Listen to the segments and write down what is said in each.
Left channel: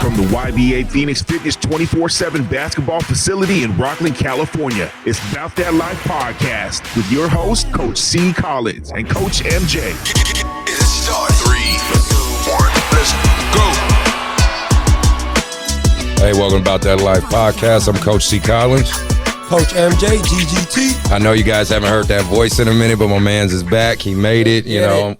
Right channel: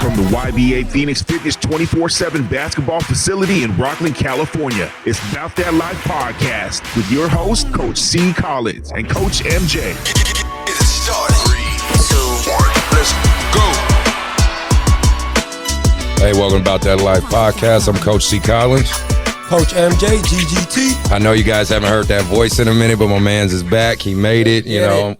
From the YBA Phoenix Fitness 24/7 basketball facility in Rockland, California, it's Bout That Life podcast with your host, Coach C. Collins and Coach MJ. It's start 3, 2, 1, let's go. Hey, welcome to Bout That Life podcast. I'm Coach C. Collins. Coach MJ, GGT. I know you guys haven't heard that voice in a minute, but my man's is back. He made it.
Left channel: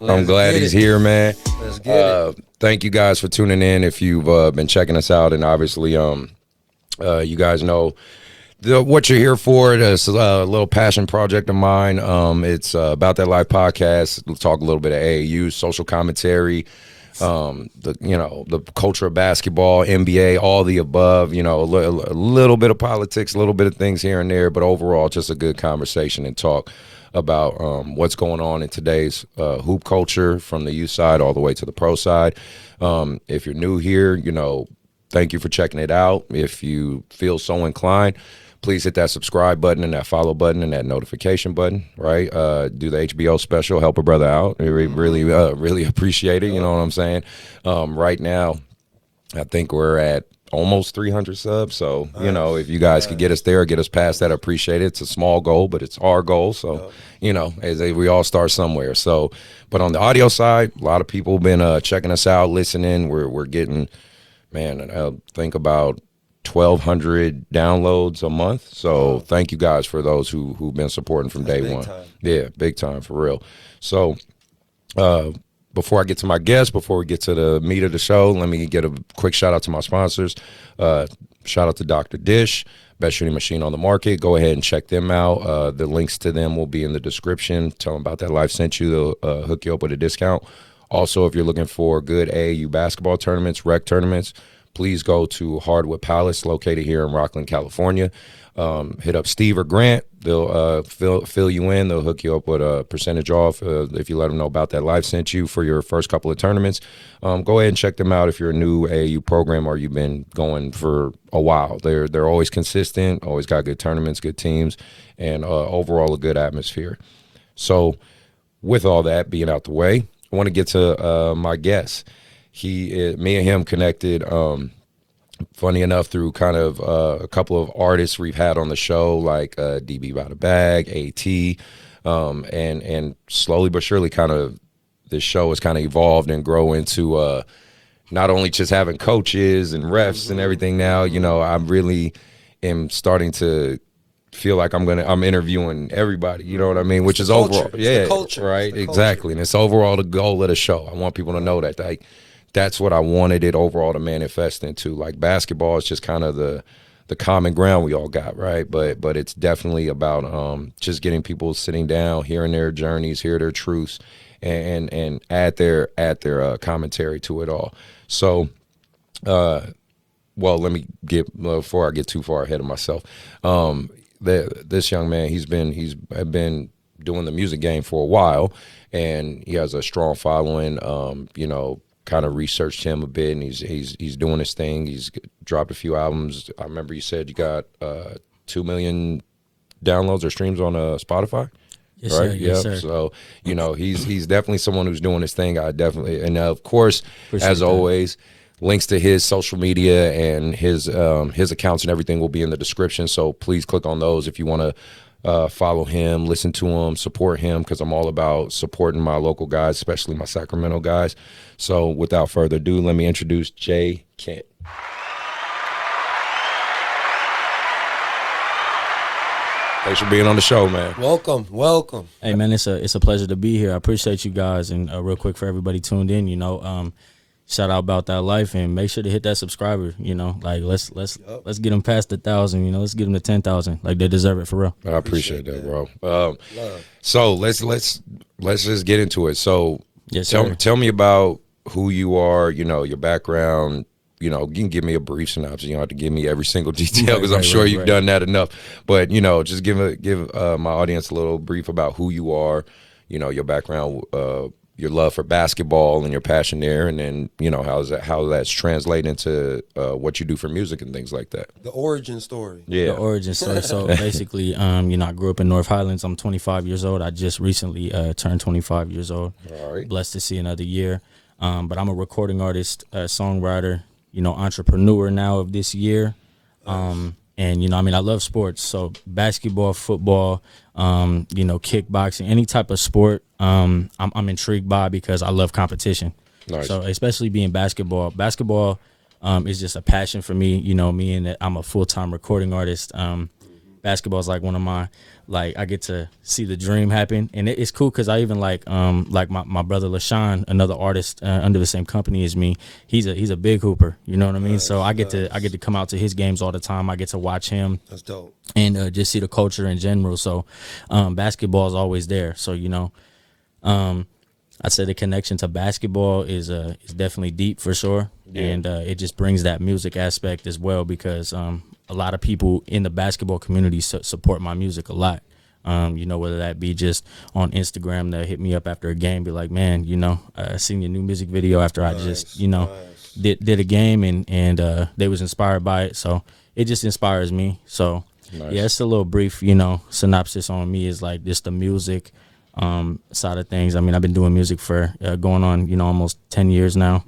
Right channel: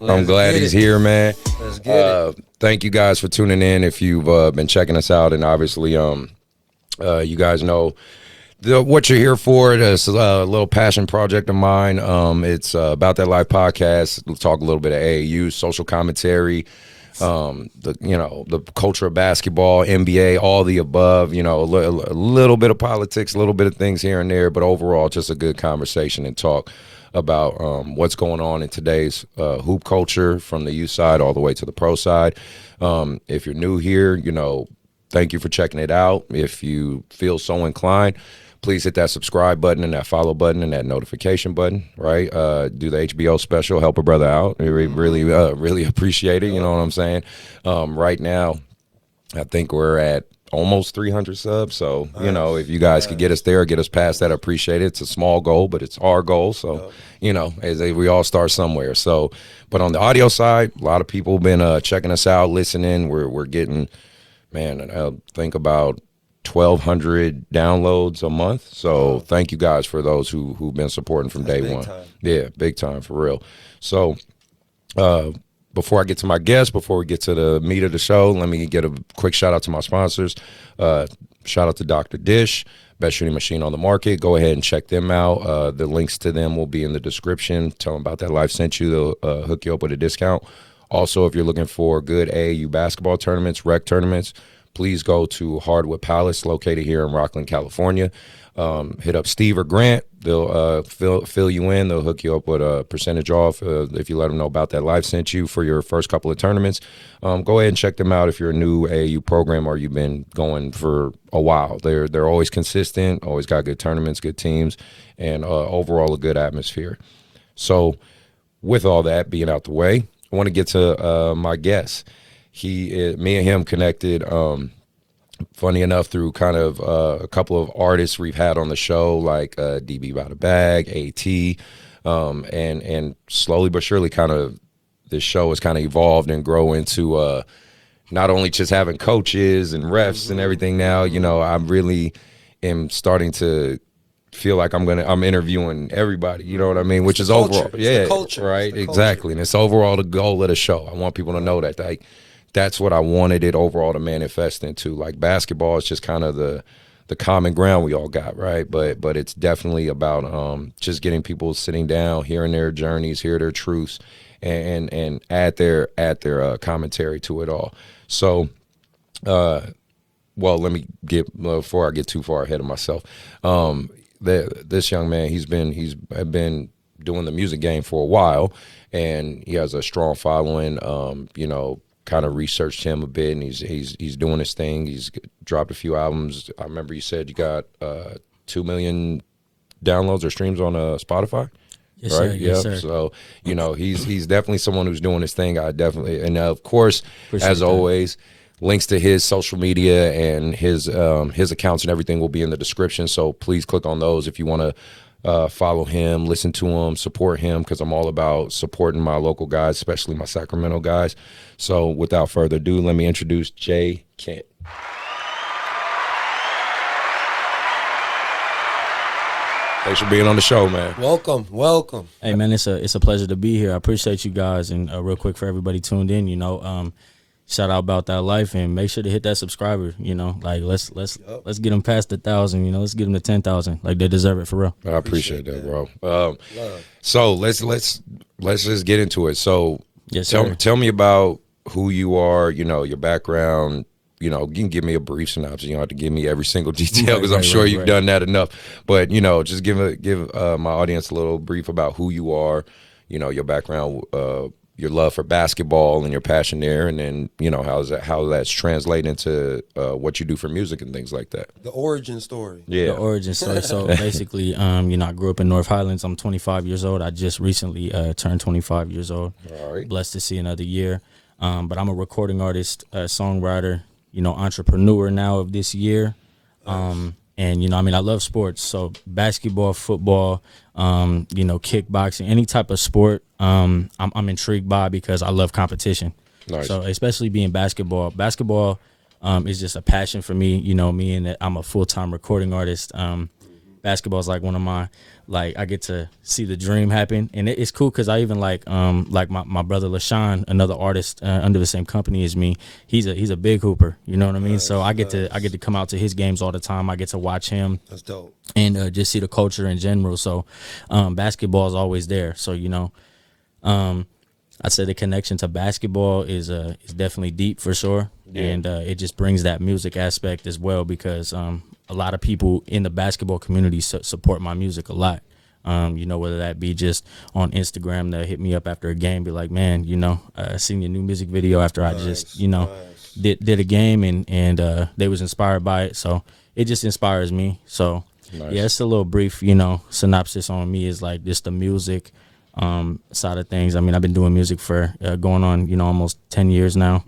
I'm glad he's here, man. Let's get it. Thank you guys for tuning in. If you've been checking us out, and obviously, you guys know what you're here for. It's a little passion project of mine. It's About That Life podcast. We'll talk a little bit of AAU, social commentary, the culture of basketball, NBA, all the above. A little bit of politics, a little bit of things here and there, but overall, just a good conversation and talk about what's going on in today's hoop culture, from the youth side all the way to the pro side. If you're new here, thank you for checking it out. If you feel so inclined, please hit that subscribe button and that follow button and that notification button, right? Do the HBO special, help a brother out. We really appreciate it, you know what I'm saying? Right now, I think we're at almost 300 subs, so if you guys could get us there, get us past that, I appreciate it. It's a small goal, but it's our goal, so we all start somewhere. So, but on the audio side, a lot of people have been checking us out, listening. We're getting, I think about 1,200 downloads a month. So thank you guys for those who've been supporting from day one. Yeah, big time, for real. So before I get to my guest, before we get to the meat of the show, let me get a quick shout out to my sponsors. Shout out to Dr. Dish, best shooting machine on the market. Go ahead and check them out. The links to them will be in the description. Tell them About That Life sent you. They'll hook you up with a discount. Also, if you're looking for good AAU basketball tournaments, rec tournaments, please go to Hardwood Palace, located here in Rockland, California. Hit up Steve or Grant. They'll fill you in. They'll hook you up with a percentage off if you let them know About That Life sent you for your first couple of tournaments. Go ahead and check them out if you're a new AAU program or you've been going for a while. They're always consistent, always got good tournaments, good teams, and overall a good atmosphere. So with all that being out the way, I want to get to my guest. Me and him connected, funny enough, through kind of a couple of artists we've had on the show, like DB by the Bag, AT, and slowly but surely kind of this show has kind of evolved and grow into not only just having coaches and refs and everything now. I really am starting to feel like I'm interviewing everybody, you know what I mean, which is overall, culture. Right, exactly, and it's overall the goal of the show. I want people to know that, like, that's what I wanted it overall to manifest into. Like, basketball is just kind of the common ground we all got, right? But it's definitely about just getting people sitting down, hearing their journeys, hear their truths, and add their commentary to it all. So, let me before I get too far ahead of myself. This young man, he's been doing the music game for a while, and he has a strong following. Kind of researched him a bit, and he's doing his thing. He's dropped a few albums. I remember you said you got 2 million downloads or streams on Spotify. Yes, right? Sir. Yes, sir. So he's definitely someone who's doing his thing. Of course, as always, links to his social media and his accounts and everything will be in the description. So please click on those if you want to follow him, listen to him, support him, because I'm all about supporting my local guys, especially my Sacramento guys. So without further ado, let me introduce Jay Kent. Thanks for being on the show, man. Welcome. Hey, man, it's a pleasure to be here. I appreciate you guys. And real quick for everybody tuned in, shout out About That Life, and make sure to hit that subscriber. You know, like let's get them past 1,000. You know, let's get them to 10,000. Like they deserve it for real. I appreciate that, bro. So let's just get into it. So Yes, sir. tell me about who you are. You know, your background. You know, you can give me a brief synopsis. You don't have to give me every single detail because I'm sure you've done that enough. But you know, just give my audience a little brief about who you are. You know, your background, your love for basketball, and your passion there, and then you know how that's translated into what you do for music and things like that. The origin story. Yeah, The origin story. So basically, you know, I grew up in North Highlands. I'm 25 years old. I just recently turned 25 years old. All right. Blessed to see another year. But I'm a recording artist, songwriter, you know, entrepreneur now of this year. And, you know, I mean, I love sports. So basketball, football, you know, kickboxing, any type of sport, I'm intrigued by because I love competition. Nice. So especially being basketball. Basketball is just a passion for me, you know, me and that I'm a full-time recording artist. Basketball is like one of my, like, I get to see the dream happen, and it's cool because I even like my brother LaShawn, another artist under the same company as me. He's a big hooper, you know what I mean. Nice, so I get to come out to his games all the time. I get to watch him. That's dope. And just see the culture in general. So basketball is always there. So you know, I'd say the connection to basketball is definitely deep for sure, and it just brings that music aspect as well because a lot of people in the basketball community support my music a lot. You know, whether that be just on Instagram, they hit me up after a game, be like, man, you know, I seen your new music video after I just, you know, did a game and they was inspired by it. So it just inspires me. So yeah, it's a little brief, you know, synopsis on me is like just the music side of things. I mean, I've been doing music for going on, you know, almost 10 years now.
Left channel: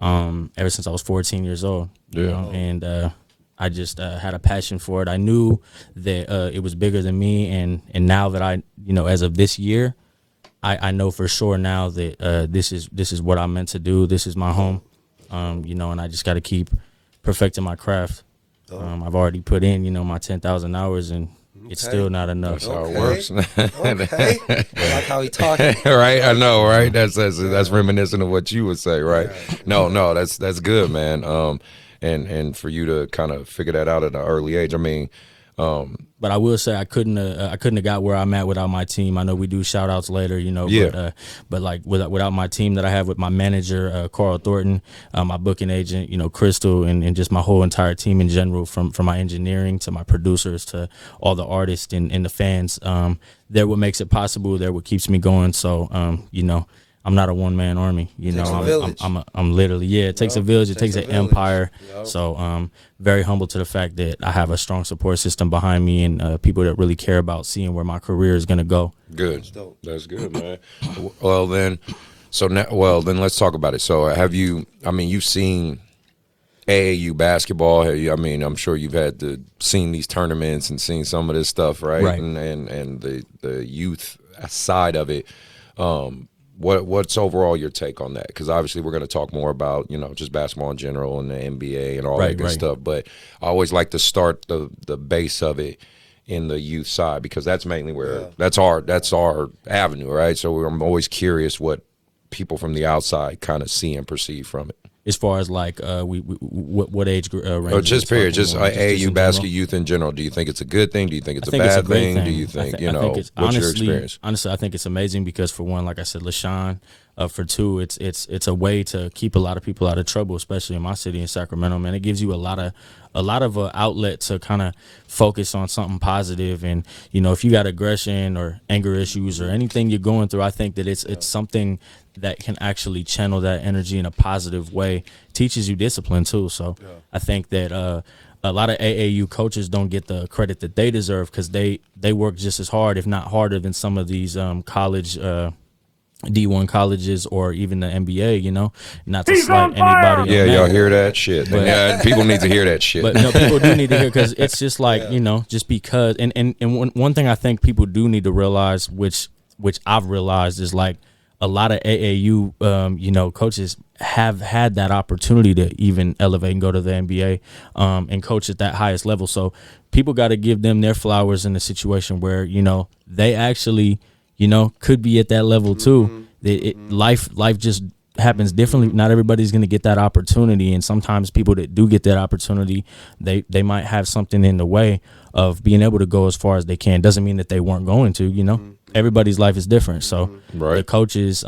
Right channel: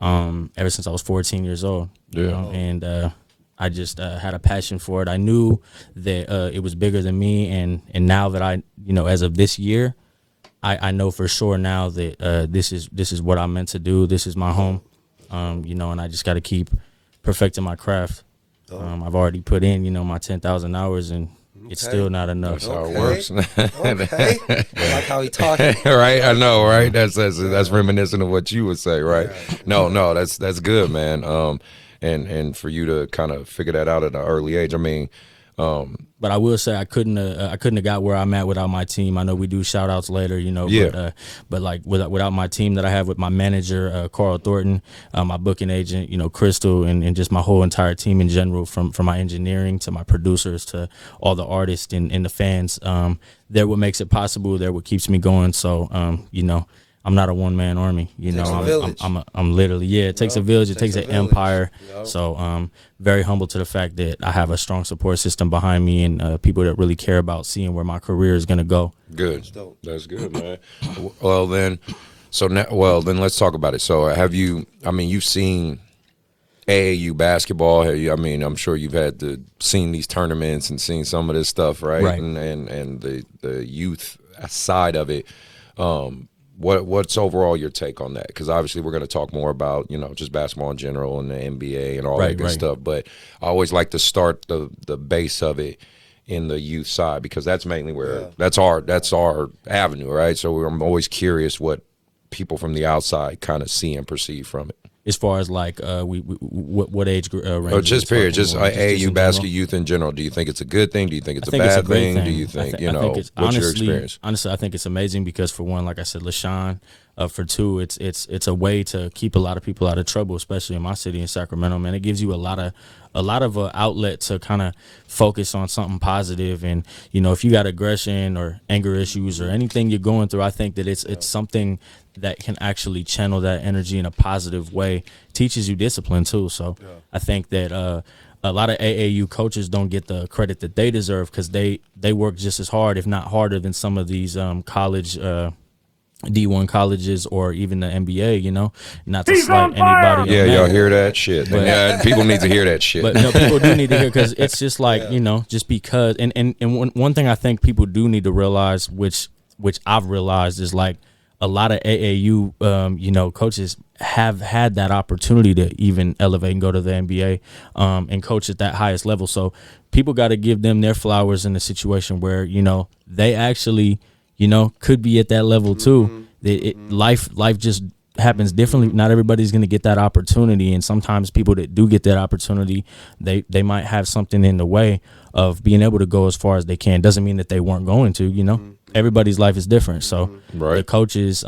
Wow. Ever since I was 14 years old. Yeah. You know, and I just had a passion for it. I knew that it was bigger than me, and now that I, you know, as of this year, I know for sure now that this is what I'm meant to do. This is my home, you know, and I just got to keep perfecting my craft. I've already put in, you know, my 10,000 hours, and it's still not enough. That's how it works. Okay. I like how he talking. Right, I know, right? That's reminiscent of what you would say, right? No, that's good, man. And for you to kind of figure that out at an early age, I mean, but I will say I couldn't have got where I'm at without my team. I know we do shout outs later, you know, but like without my team that I have with my manager, Carl Thornton, my booking agent, you know, Crystal, and just my whole entire team in general, from my engineering to my producers to all the artists and the fans. They're what makes it possible. They're what keeps me going. So, you know, I'm not a one-man army, you know. I'm literally, it takes a village. It takes an empire. Yep. So very humble to the fact that I have a strong support system behind me and people that really care about seeing where my career is going to go. Good. That's good, man. Well, then let's talk about it. So you've seen AAU basketball. I mean, I'm sure you've seen these tournaments and seen some of this stuff, right? Right. And the youth side of it. What's overall your take on that? Because obviously we're going to talk more about, you know, just basketball in general and the NBA and all that good stuff. But I always like to start the base of it in the youth side because that's mainly where that's our avenue, right? So I'm always curious what people from the outside kind of see and perceive from it. As far as like what age range? Or just period, just AAU basketball youth in general. Do you think it's a good thing? Do you think it's a bad thing? Do you think, what's your experience? Honestly, I think it's amazing because for one, like I said, LaShawn. For two, it's a way to keep a lot of people out of trouble, especially in my city in Sacramento. Man, it gives you a lot of outlet to kind of focus on something positive. And you know, if you got aggression or anger issues or anything you're going through, I think that it's something that can actually channel that energy in a positive way. Teaches you discipline too. So I think that a lot of AAU coaches don't get the credit that they deserve because they work just as hard, if not harder, than some of these college. D1 colleges or even the NBA, you know, not to slight anybody. Yeah, y'all hear that shit. But, people need to hear that shit. But no, people do need to hear because it's just like, you know, just because. And one thing I think people do need to realize, which I've realized, is like a lot of AAU, you know, coaches have had that opportunity to even elevate and go to the NBA and coach at that highest level. So people got to give them their flowers in a situation where, you know, they actually, you know, could be at that level too. Life just happens differently. Not everybody's going to get that opportunity, and sometimes people that do get that opportunity, they might have something in the way of being able to go as far as they can. Doesn't mean that they weren't going to, everybody's life is different. So the coaches,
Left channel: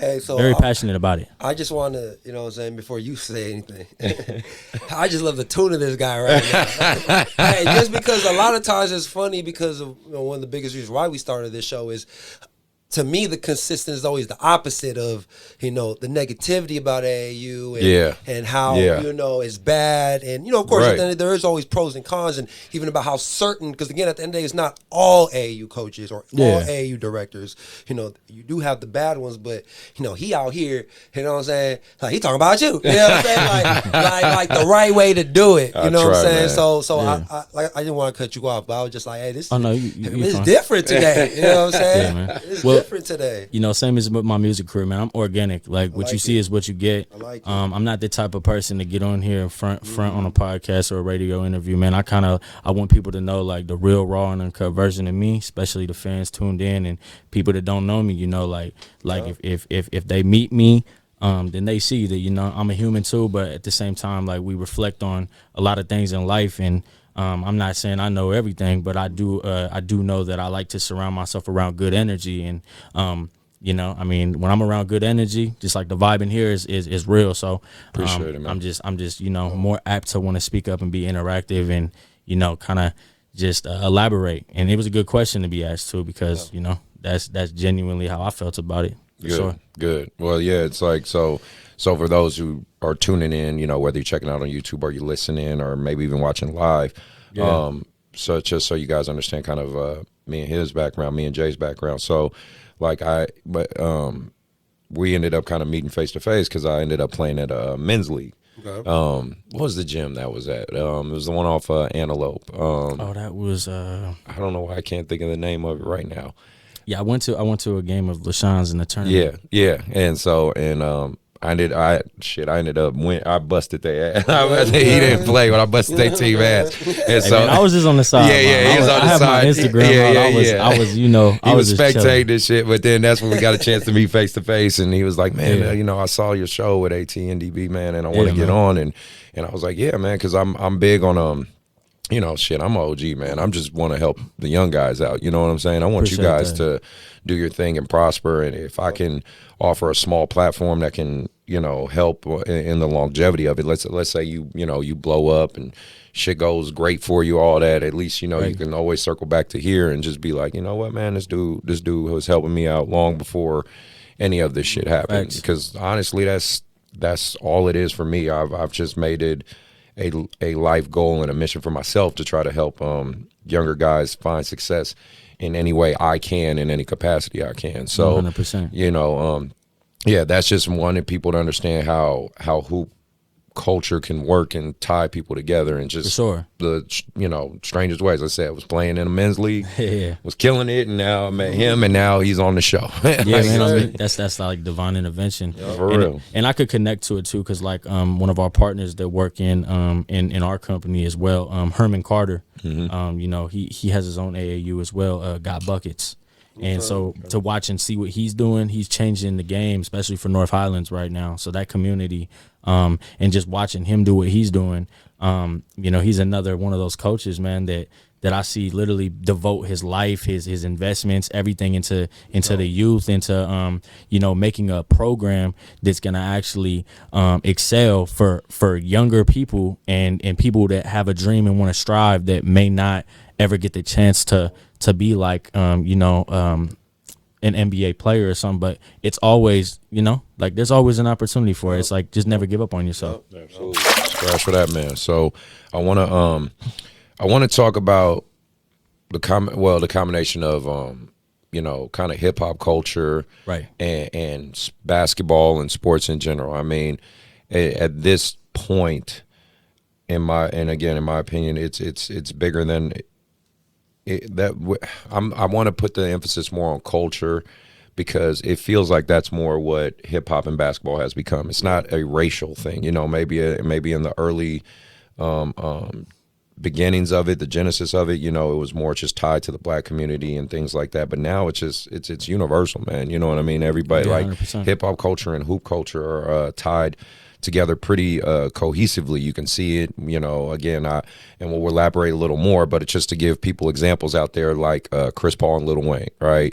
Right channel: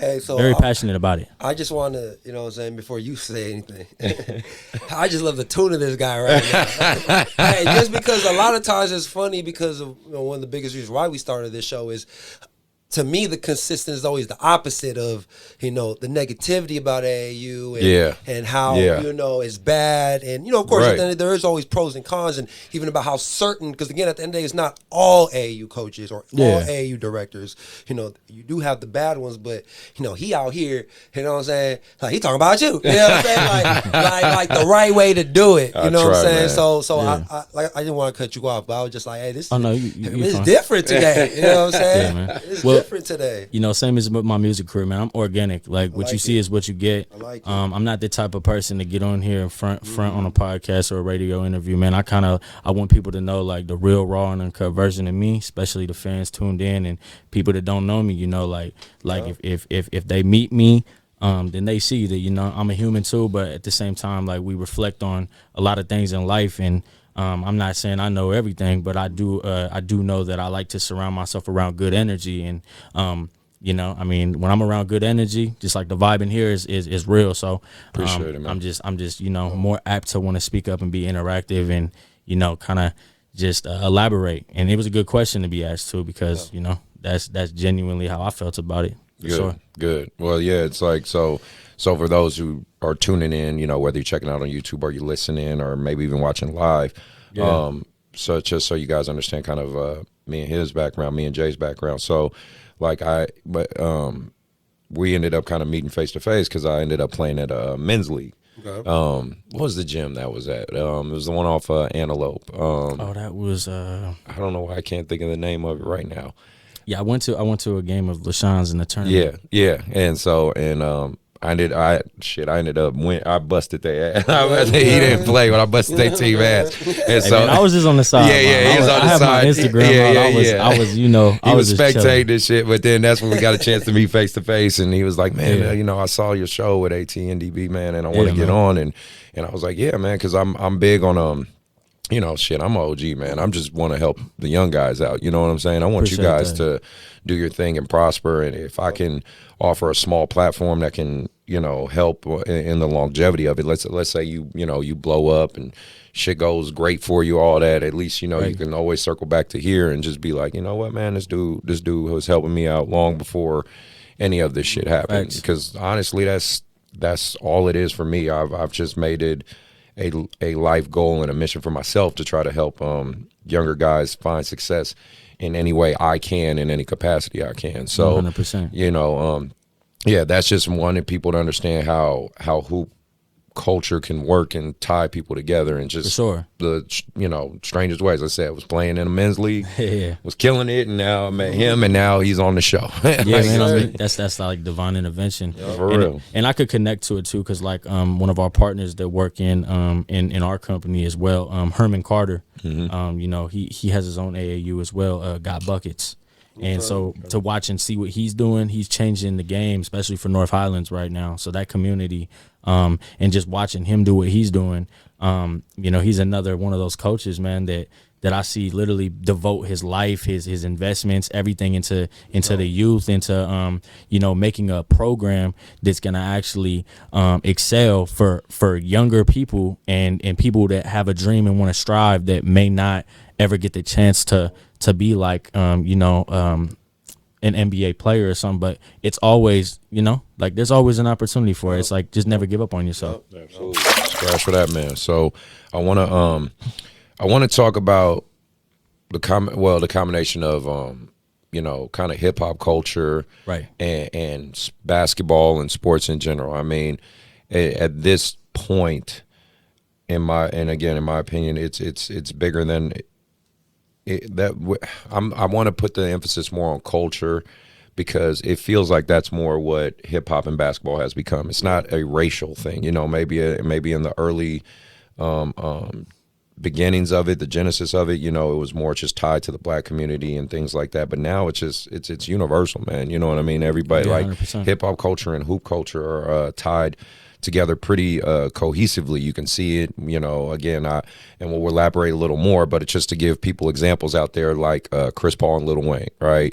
Hey, so very passionate about it. I just want to, you know what I'm saying, before you say anything, I just love the tune of this guy right now. Hey, just because a lot of times it's funny because of one of the biggest reasons why we started this show is, to me, the consistent is always the opposite of, the negativity about AAU and how, it's bad. And, of course, there is always pros and cons, and even about how certain, because, again, at the end of the day, it's not all AAU coaches or all AAU directors. You do have the bad ones, but, he out here, you know what I'm saying? Like, he talking about you. You know what I'm saying? Like the right way to do it. You know what I'm saying? Man. So I didn't want to cut you off, but I was just like, hey, this it's different today. You know what I'm saying? Yeah, man. It's different today. Same as with my music career, man. I'm organic. Like what you see is what you get. I like it. I'm not the type of person to get on here in front on a podcast or a radio interview, man. I want people to know like the real, raw, and uncut version of me, especially the fans tuned in and people that don't know me. If they meet me, then they see that I'm a human too. But at the same time, like we reflect on a lot of things in life, and I'm not saying I know everything, but I do know that I like to surround myself around good energy, and when I'm around good energy, just like the vibe in here is real. So appreciate it, man. I'm just more apt to want to speak up and be interactive and kind of just elaborate. And it was a good question to be asked too, because that's genuinely how I felt about it. Good, sure. Good. Well, yeah, it's like so for those who are tuning in, whether you're checking out on YouTube or you're listening or maybe even watching live, so just so you guys understand kind of me and his background, me and Jay's background. So we ended up kind of meeting face to face because I ended up playing at a men's league. Okay. What was the gym that was at? It was the one off Antelope. That was I don't know why I can't think of the name of it right now. Yeah, I went to a game of LaShawn's in the tournament. Yeah. I ended up I busted their ass. He didn't play, but I busted their team ass. And so I was just on the side. Yeah, he was on the side. I have my Instagram. I was he was spectating this shit, but then that's when we got a chance to meet face to face, and he was like, man, I saw your show with AT and DB, man, and I want to get on, and I was like, yeah, man, because I'm big on I'm an OG, man. I just want to help the young guys out. You know what I'm saying? I want Appreciate you guys that. to do your thing and prosper. And if I can offer a small platform that can, help in the longevity of it. Let's say you blow up and shit goes great for you, all that. At least you can always circle back to here and just be like, you know what, man, this dude was helping me out long before any of this shit happened. Because honestly, that's all it is for me. I've just made it a life goal and a mission for myself to try to help younger guys find success in any way I can, in any capacity I can. So 100%. That's just wanting people to understand how hoop culture can work and tie people together, and just the strangest ways. I said, I was playing in a men's league, was killing it, and now I met him, and now he's on the show. Man, that's like divine intervention. For real. And I could connect to it too, because like one of our partners that work in our company as well, Herman Carter. He has his own AAU as well. Got Buckets. And so to watch and see what he's doing, he's changing the game, especially for North Highlands right now. So that community, and just watching him do what he's doing, he's another one of those coaches, man, that I see literally devote his life, his investments, everything into the youth, into making a program that's gonna actually excel for younger people and people that have a dream and want to strive, that may not ever get the chance to be like an NBA player or something. But it's always like there's always an opportunity for it. It's like just never give up on yourself. Absolutely. Scratch for that, man. So I want to talk about the combination of kind of hip hop culture, right, and basketball and sports in general. I mean, at this point, in my opinion, it's bigger than I want to put the emphasis more on culture, because it feels like that's more what hip hop and basketball has become. It's not a racial thing, maybe in the early beginnings of it, the genesis of it, it was more just tied to the black community and things like that. But now it's just it's universal, man. You know what I mean? Everybody, like 100%. hip hop culture and hoop culture are tied together pretty cohesively. You can see it, again, and we'll elaborate a little more, but it's just to give people examples out there like Chris Paul and Lil Wayne, right?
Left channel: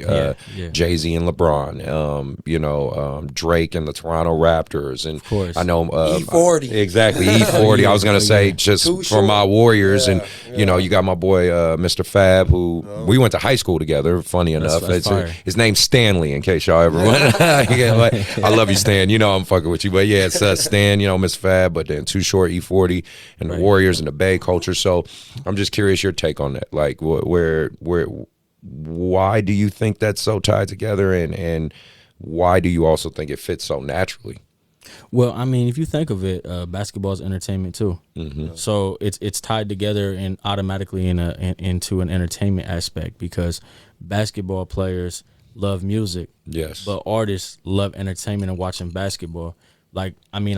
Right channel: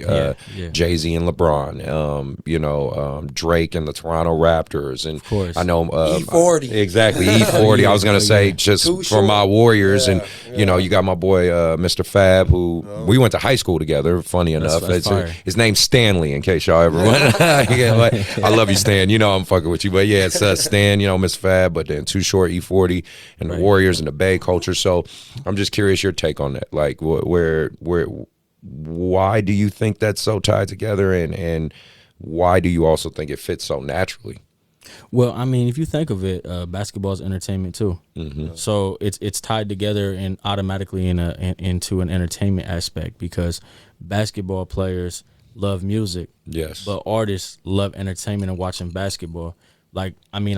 Jay-Z and LeBron, Drake and the Toronto Raptors. And of course. I know E40. Exactly, E40. I was going to say just Too for short. my Warriors, and you got my boy Mr. Fab, who we went to high school together, funny enough. That's fire. His name's Stanley, in case y'all ever went. I love you, Stan. I'm fucking with you. But yeah, it's Stan, Miss Fab, but then Too Short, E40, and the Warriors and the Bay culture. So I'm just curious your take on that. Like, why do you think that's so tied together, and why do you also think it fits so naturally? Well, I mean, if you think of it, basketball is entertainment too. Mm-hmm. So it's tied together and automatically into an entertainment aspect, because basketball players love music. Yes. But artists love entertainment and watching basketball. Like, I mean,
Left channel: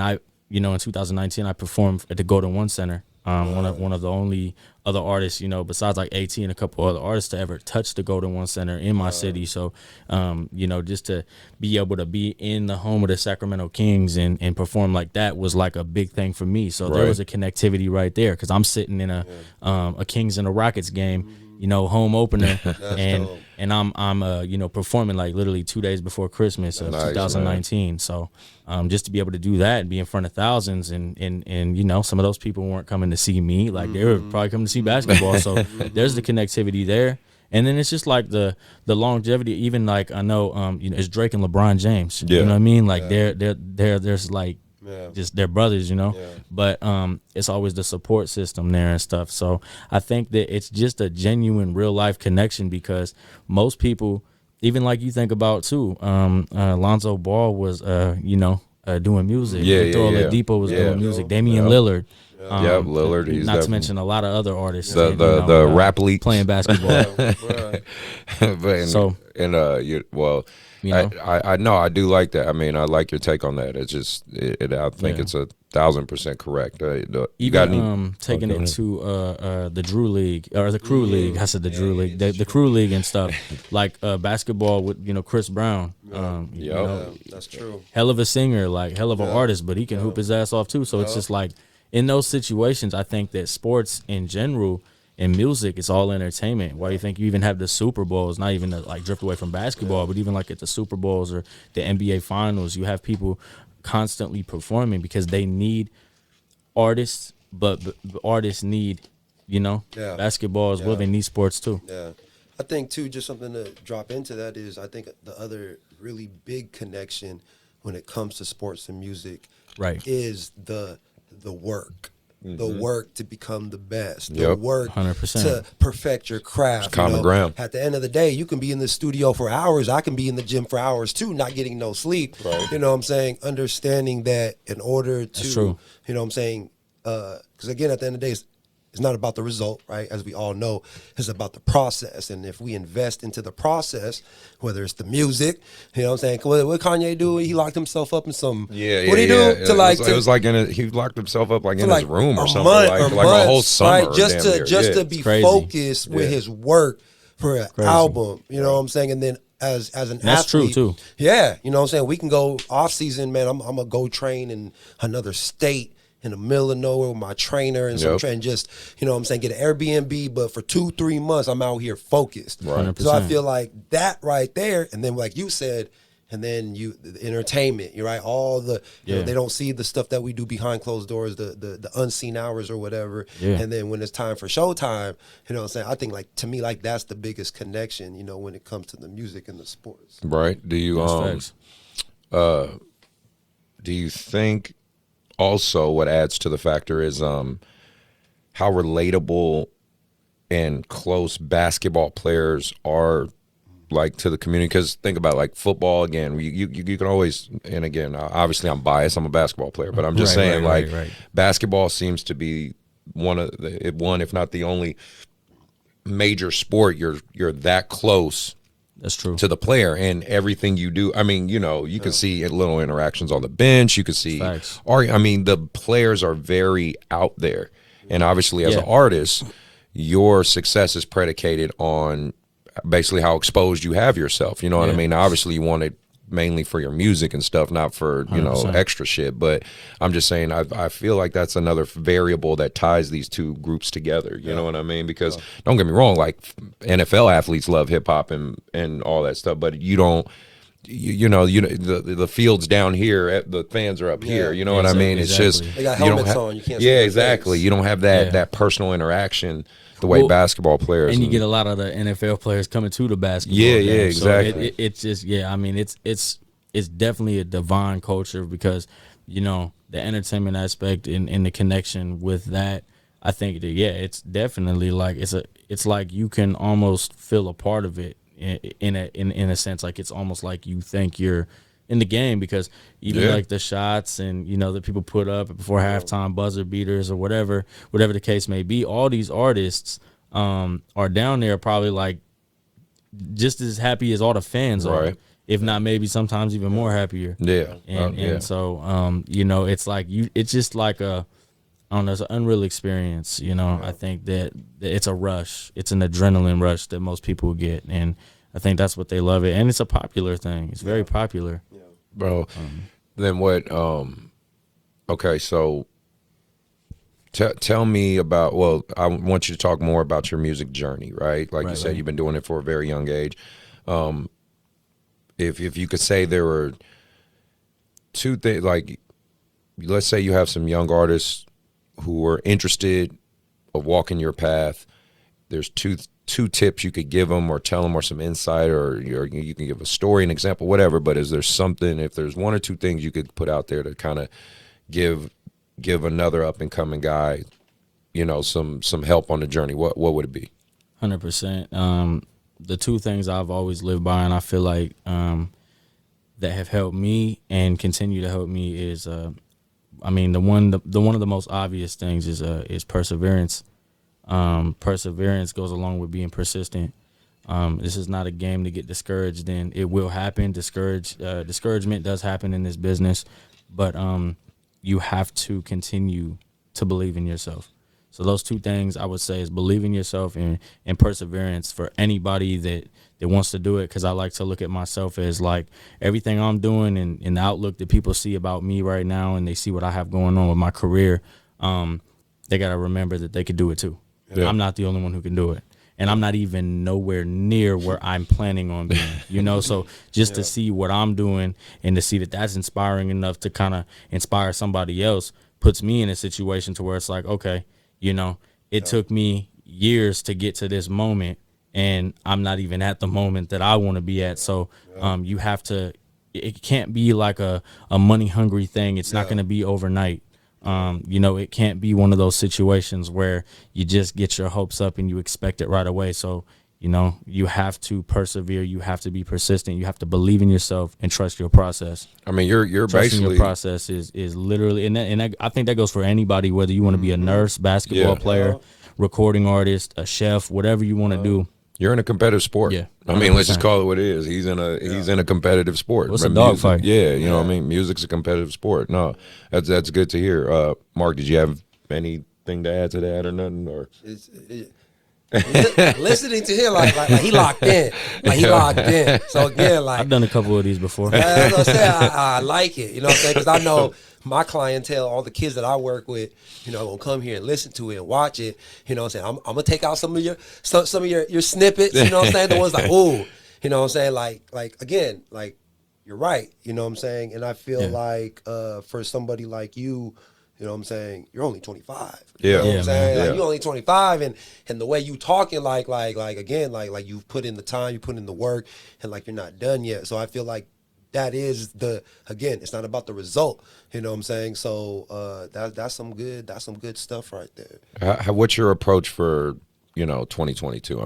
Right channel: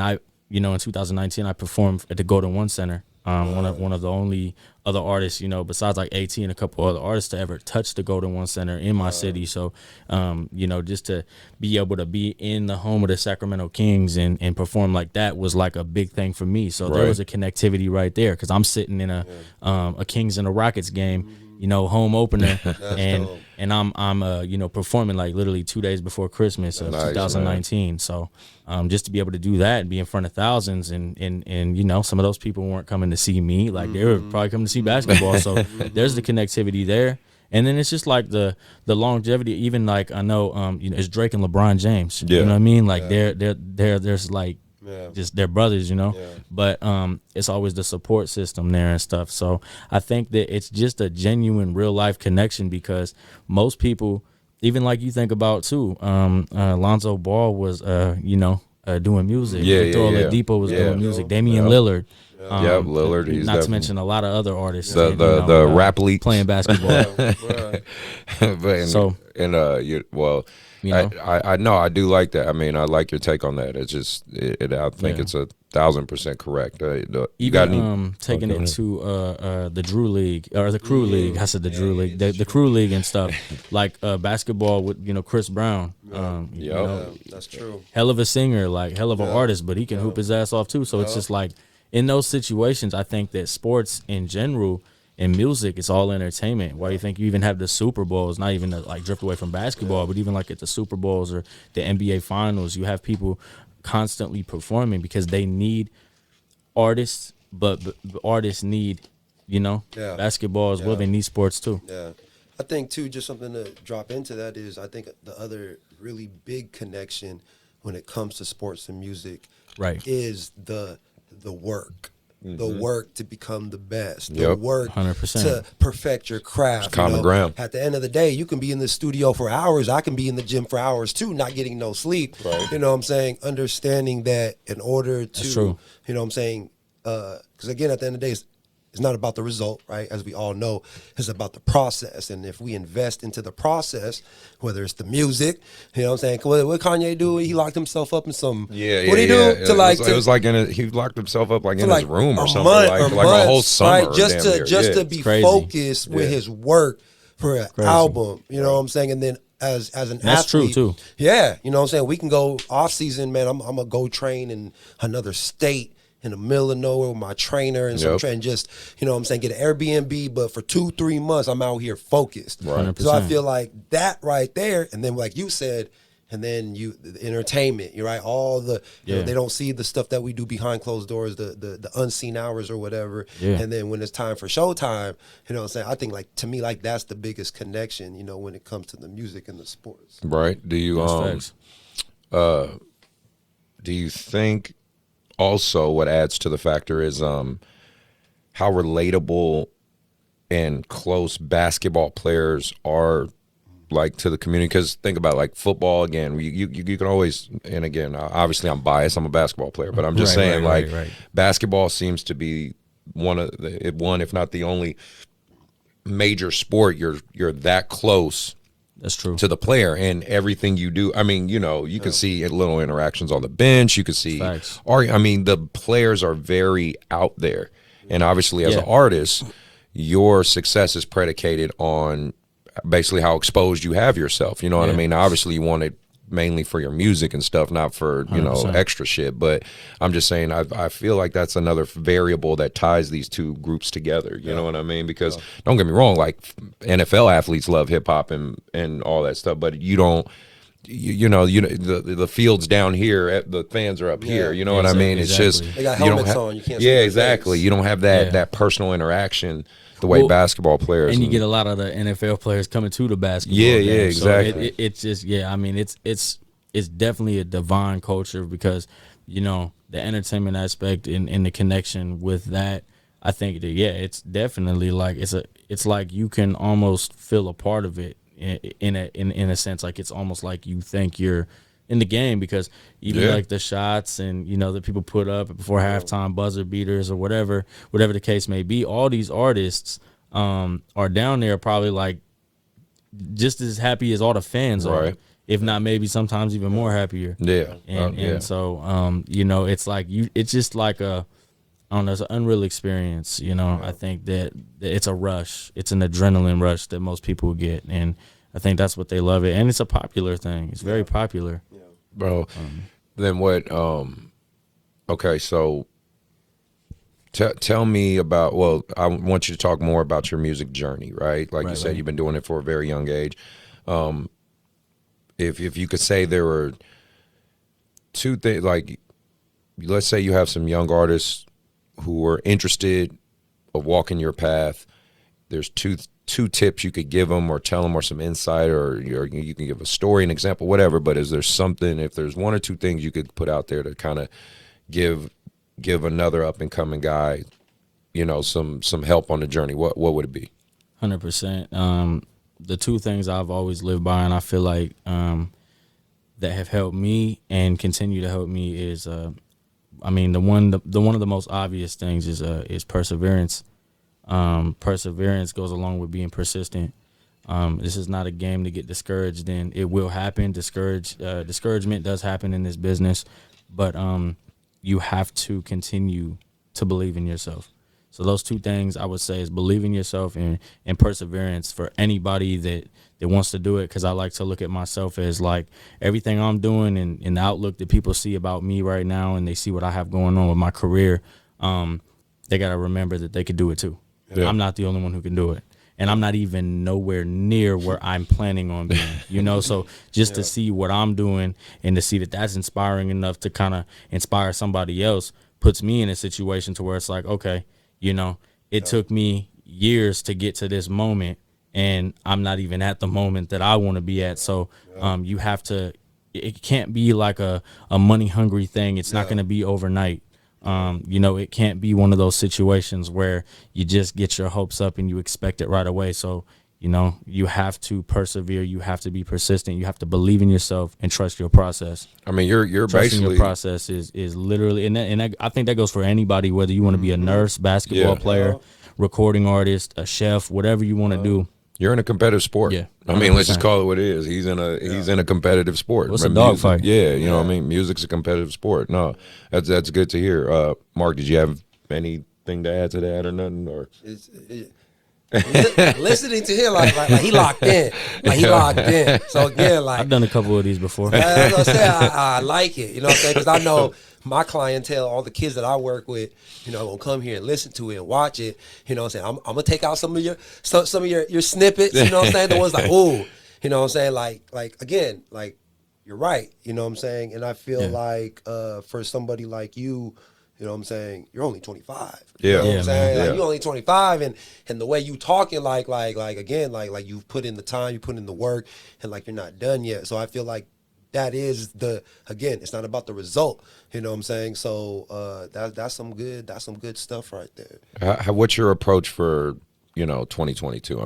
in 2019, I performed at the Golden One Center. One of the only other artists, besides like AT and a couple other artists to ever touch the Golden One Center in my city. So, just to be able to be in the home of the Sacramento Kings and perform like that was like a big thing for me. So there was a connectivity right there, because I'm sitting in a Kings and a Rockets game, home opener, and I'm performing like literally 2 days before Christmas of 2019. Man. So just to be able to do that and be in front of thousands, and some of those people weren't coming to see me, like they were probably coming to see basketball. So there's the connectivity there. And then it's just like the longevity. Even like I know it's Drake and LeBron James. You know what I mean? Like there's like just they're brothers, But it's always the support system there and stuff. So I think that it's just a genuine real life connection, because most people, even like you think about too, Lonzo Ball was doing music. Victor Oladipo was doing music. Damian Lillard. Lillard. He's not to mention a lot of other artists. The rap league playing basketball. I know, I do like that. I mean, I like your take on that. It's just, I think it's 1,000% correct. Even taking it to the Drew League or the Crew League. I said the Drew League, the Crew League and stuff, like basketball with Chris Brown. That's true. Hell of a singer, like hell of an artist, but he can hoop his ass off too. So it's just like in those situations, I think that sports in general and music, it's all entertainment. Why do you think you even have the Super Bowls? Not even to like drift away from basketball, but even like at the Super Bowls or the NBA Finals, you have people constantly performing because they need artists, but artists need, basketball as well. They need sports too. Yeah. I think too, just something to drop into that is, I think the other really big connection when it comes to sports and music is the work. The work to become the best, the work 100%. to perfect your craft. It's common ground. At the end of the day, you can be in the studio for hours. I can be in the gym for hours too, not getting no sleep. Right. You know what I'm saying? Understanding that in order to, That's true. you know what I'm saying? Because again, at the end of the day, it's not about the result, right? As we all know, it's about the process. And if we invest into the process, whether it's the music, you know what I'm saying? What Kanye do? He locked himself up in some. What did he do? It was like he locked himself up like in his room or something, like a whole summer. Right? Just to be focused with his work for an album. You know what I'm saying? And then as an athlete, that's true too. Yeah, you know what I'm saying? We can go off season, man. I'm gonna go train in another state, in the middle of nowhere with my trainer and some train, just, you know what I'm saying, get an Airbnb, but for 2-3 months I'm out here focused. Right. So I feel like that right there, and then like you said, and then the entertainment, you're right, all the you know, they don't see the stuff that we do behind closed doors, the unseen hours or whatever. And then when it's time for showtime, you know what I'm saying, I think like to me like that's the biggest connection, you know, when it comes to the music and the sports. Right. Do you think also what adds to the factor is how relatable and close basketball players are like to the community? Because think about like football again, you can always, and again, obviously I'm biased, I'm a basketball player, but I'm just saying basketball seems to be one if not the only major sport you're that close. That's true. To the player and everything you do. I mean, you know, you can see little interactions on the bench. You can see, the players are very out there. And obviously, as an artist, your success is predicated on basically how exposed you have yourself. You know what I mean? Now, obviously, you want it mainly for your music and stuff, not for, you know, 100%. Extra shit. But I'm just saying, I feel like that's another variable that ties these two groups together. You know what I mean? Because don't get me wrong, like NFL athletes love hip hop and all that stuff, but you don't. You know, the field's down here, the fans are up here. You know what I mean? It's just they got helmets on. You can't. Yeah, exactly. You don't have that personal interaction the way basketball players. And you get a lot of the NFL players coming to the basketball. Yeah, game. yeah, exactly. So it's just I mean, it's definitely a divine culture because you know the entertainment aspect and the connection with that. I think that it's definitely like it's like you can almost feel a part of it. In a sense, like it's almost like you think you're in the game because even like the shots and you know that people put up before halftime buzzer beaters or whatever the case may be, all these artists are down there probably like just as happy as all the fans are, if not maybe sometimes even more happier. And so you know it's like it's just like I don't know, it's an unreal experience, you know. I think that it's a rush. It's an adrenaline rush that most people get, and I think that's what they love it. And it's a popular thing. It's very popular. Yeah. Bro, then what, okay, so tell me about, well, I want you to talk more about your music journey, right? Like you said, you've been doing it for a very young age. If you could say there were two things, like let's say you have some young artists who are interested of walking your path, there's two tips you could give them or tell them or some insight or you can give a story, an example, whatever, but is there something, if there's one or two things you could put out there to kind of give another up-and-coming guy, you know, some help on the journey, what would it be? 100%. The two things I've always lived by and I feel like that have helped me and continue to help me is I mean, one of the most obvious things is perseverance. Perseverance goes along with being persistent. This is not a game to get discouraged in. It will happen. Discouragement does happen in this business, but you have to continue to believe in yourself. So those two things I would say is believe in yourself and perseverance for anybody that wants to do it, because I like to look at myself as like everything I'm doing and the outlook that people see about me right now and they see what I have going on with my career, they got to remember that they could do it too. Yeah. I'm not the only one who can do it. And I'm not even nowhere near where I'm planning on being, you know? So just to see what I'm doing and to see that that's inspiring enough to kind of inspire somebody else puts me in a situation to where it's like, okay, you know, it took me years to get to this moment and I'm not even at the moment that I want to be at. So you have to, it can't be like a money hungry thing. It's not going to be overnight. You know, it can't be one of those situations where you just get your hopes up and you expect it right away. So, you know, you have to persevere. You have to be persistent. You have to believe in yourself and trust your process. I mean, you're Trusting basically your process is literally, and I think that goes for anybody, whether you want to be a nurse, basketball player, recording artist, a chef, whatever you want to do. You're in a competitive sport. Yeah, I mean, let's just call it what it is. He's in a competitive sport. What's a dog fight? Yeah, you know what I mean? Music's a competitive sport. No, that's good to hear. Mark, did you have anything to add to that or nothing? Or listening to him like he locked in. Like he locked in. So again, like I've done a couple of these before. As I said, I like it. You know what I'm saying? Because I know my clientele, all the kids that I work with, you know, gonna come here and listen to it and watch it. You know what I'm saying? I'm gonna take out some of your snippets. You know what I'm saying? The ones like, ooh, you know what I'm saying? Like again, like you're right. You know what I'm saying? And I feel like for somebody like you. You know what I'm saying? You're only 25. You know what I'm saying? Like, you're only 25 and the way you talking like again, like you've put in the time, you put in the work and like you're not done yet. So I feel like that is again, it's not about the result. You know what I'm saying? So that's some good stuff right there. What's your approach for, you know, 2022?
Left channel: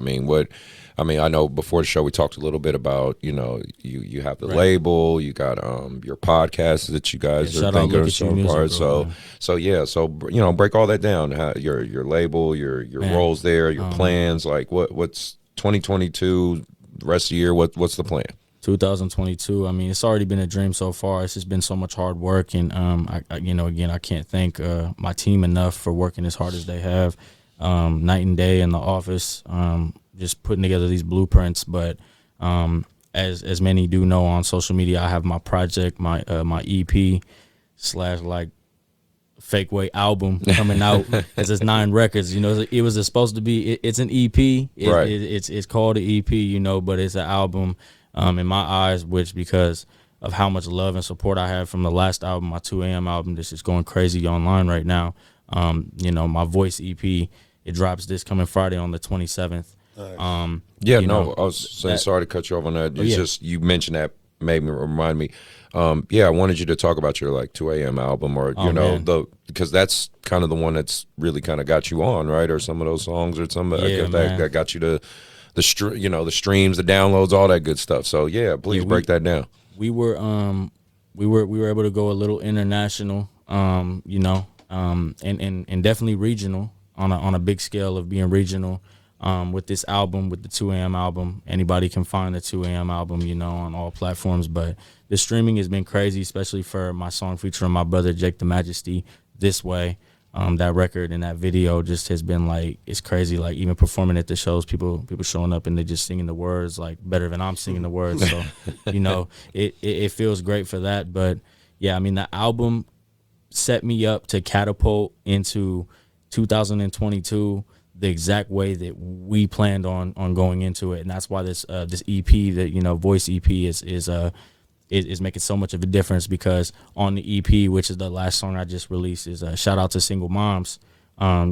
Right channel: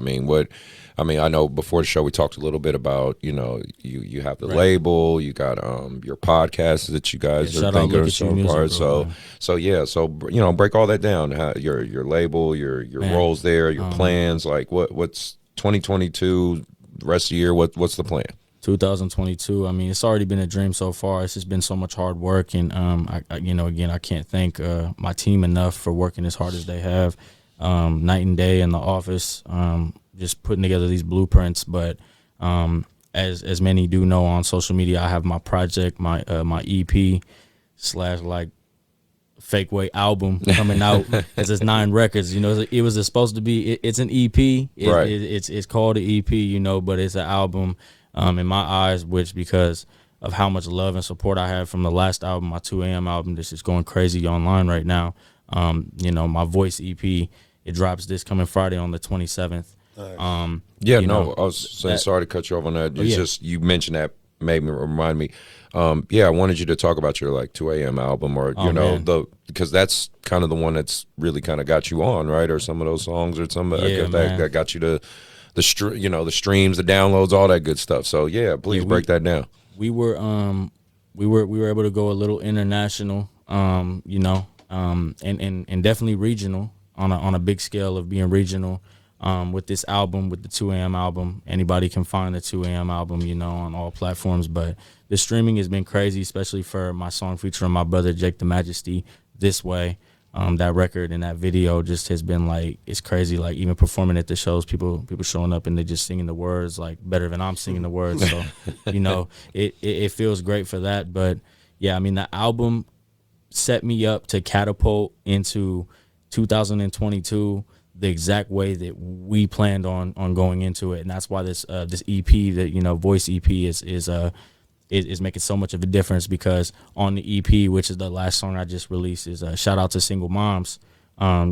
I know before the show we talked a little bit about, you know, you have the label, you got your podcast that you guys are thinking of so far. So you know, break all that down. Your label, your roles there, your plans. Like what's 2022, the rest of the year? What's the plan? 2022. I mean, it's already been a dream so far. It's just been so much hard work, and I can't thank my team enough for working as hard as they have, night and day in the office, just putting together these blueprints. But as many do know on social media, I have my project, my EP / like fake way album coming out. It's 9 records. It was supposed to be. It's an EP. Right. It's called an EP. But it's an album. In my eyes, which because of how much love and support I had from the last album, my 2 a.m. album, this is going crazy online right now. My Voice EP, it drops this coming Friday on the 27th. I was saying, sorry to cut you off on that. You mentioned that, made me remind me. I wanted you to talk about your 2 a.m. album, or because that's kind of the one that's really kind of got you on, right? Or some of those songs, or some that got you to the streams, the downloads, all that good stuff. So please break that down. We were able to go a little international, and definitely regional on a big scale of being regional. With this album, with the 2 a.m. album, anybody can find the 2 a.m. album, on all platforms. But the streaming has been crazy, especially for my song featuring my brother Jake the Majesty, This Way. That record and that video just has been it's crazy. Even performing at the shows, people showing up and they just singing the words better than I'm singing the words. So, it feels great for that. But the album set me up to catapult into 2022 the exact way that we planned on going into it, and that's why this EP, that Voice EP is making so much of a difference, because on the EP, which is the last song I just released, is a shout out to single moms. I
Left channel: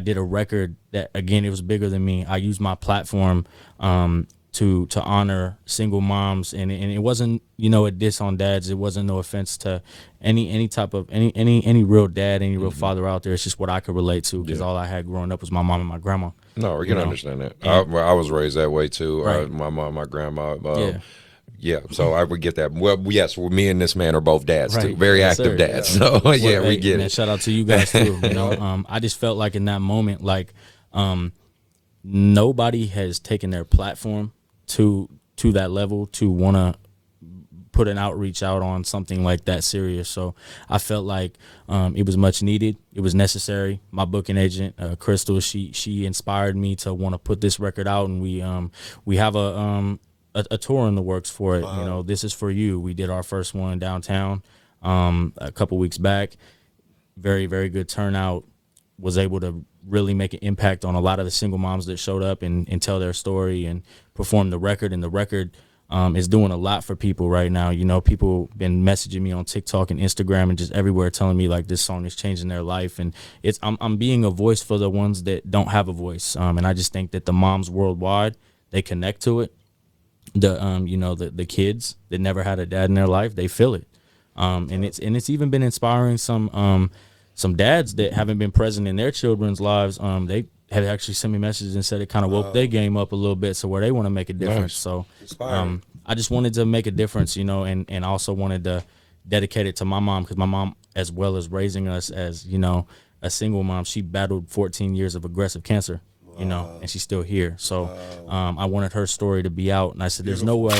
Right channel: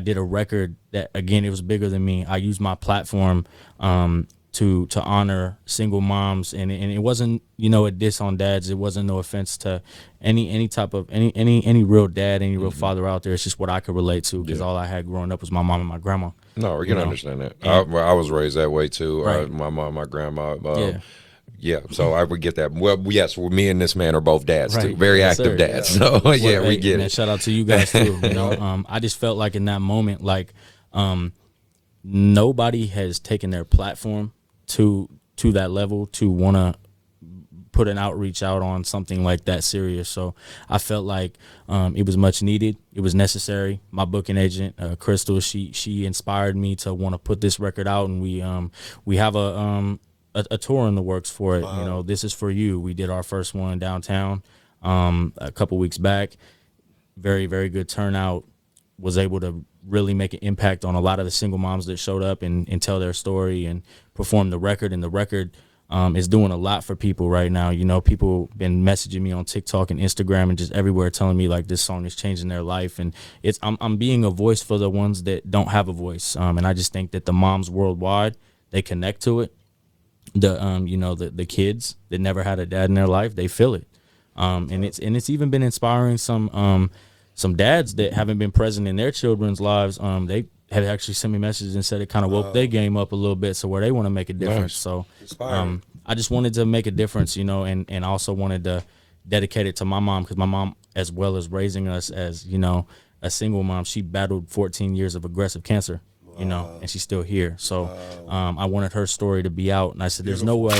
did a record that, again, it was bigger than me. I used my platform to honor single moms, and it wasn't a diss on dads. It wasn't no offense to any type of any real dad, any real father out there. It's just what I could relate to, because all I had growing up was my mom and my grandma. No, we can understand that. I was raised that way too. Right. My mom, my grandma. So I would get that. Well, yes, me and this man are both dads too, very active dads. So we get it. Shout out to you guys too. I just felt like in that moment, nobody has taken their platform to that level to want to put an outreach out on something like that serious. So I felt like it was much needed. It was necessary. My booking agent, Crystal, she inspired me to want to put this record out, and we have a tour in the works for it. Wow. This is for you. We did our first one downtown a couple weeks back. Very, very good turnout. Was able to really make an impact on a lot of the single moms that showed up and tell their story and perform the record. And the record is doing a lot for people right now. People been messaging me on TikTok and Instagram and just everywhere telling me this song is changing their life. And I'm being a voice for the ones that don't have a voice. And I just think that the moms worldwide, they connect to it. The kids that never had a dad in their life, they feel it. And it's even been inspiring some dads that haven't been present in their children's lives. They have actually sent me messages and said it kind of woke their game up a little bit, so where they want to make a difference. Nice. So I just wanted to make a difference, and also wanted to dedicate it to my mom, because my mom, as well as raising us as, a single mom, she battled 14 years of aggressive cancer, and she's still here. So I wanted her story to be out, and I said, there's no way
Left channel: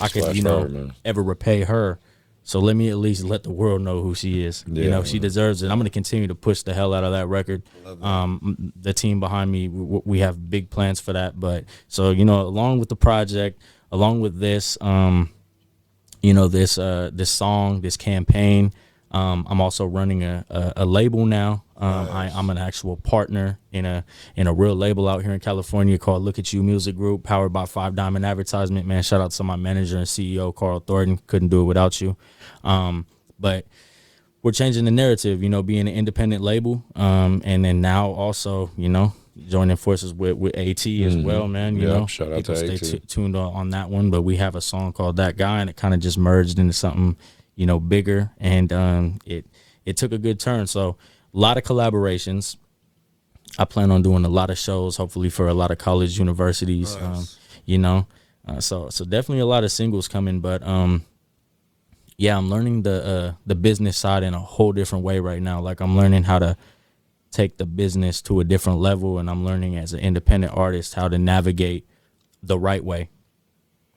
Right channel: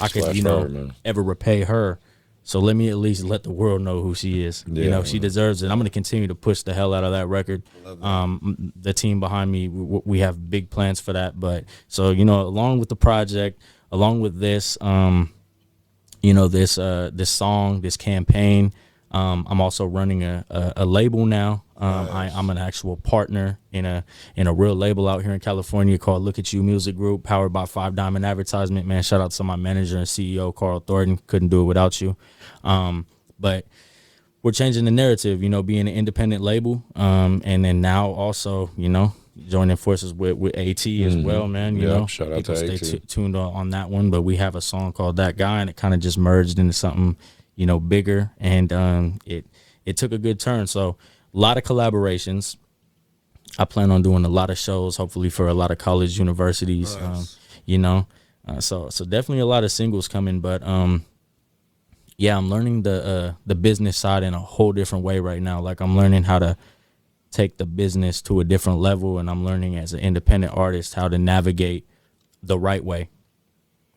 I could, ever repay her. So let me at least let the world know who she is. She deserves it. I'm going to continue to push the hell out of that record. The team behind me, we have big plans for that. But so, along with the project, along with this, this song, this campaign, I'm also running a label now. I'm an actual partner in a real label out here in California called Look at You Music Group, powered by 5 Diamond Advertisement. Man, shout out to my manager and CEO, Carl Thornton. Couldn't do it without you. But we're changing the narrative, being an independent label. And then now also, joining forces with AT as well, man. Shout out to stay AT. Tuned on that one. But we have a song called That Guy, and it kind of just merged into something, bigger. And it took a good turn. So a lot of collaborations. I plan on doing a lot of shows, hopefully for a lot of college universities. Nice. So definitely a lot of singles coming. But I'm learning the business side in a whole different way right now. I'm learning how to take the business to a different level, and I'm learning as an independent artist how to navigate the right way.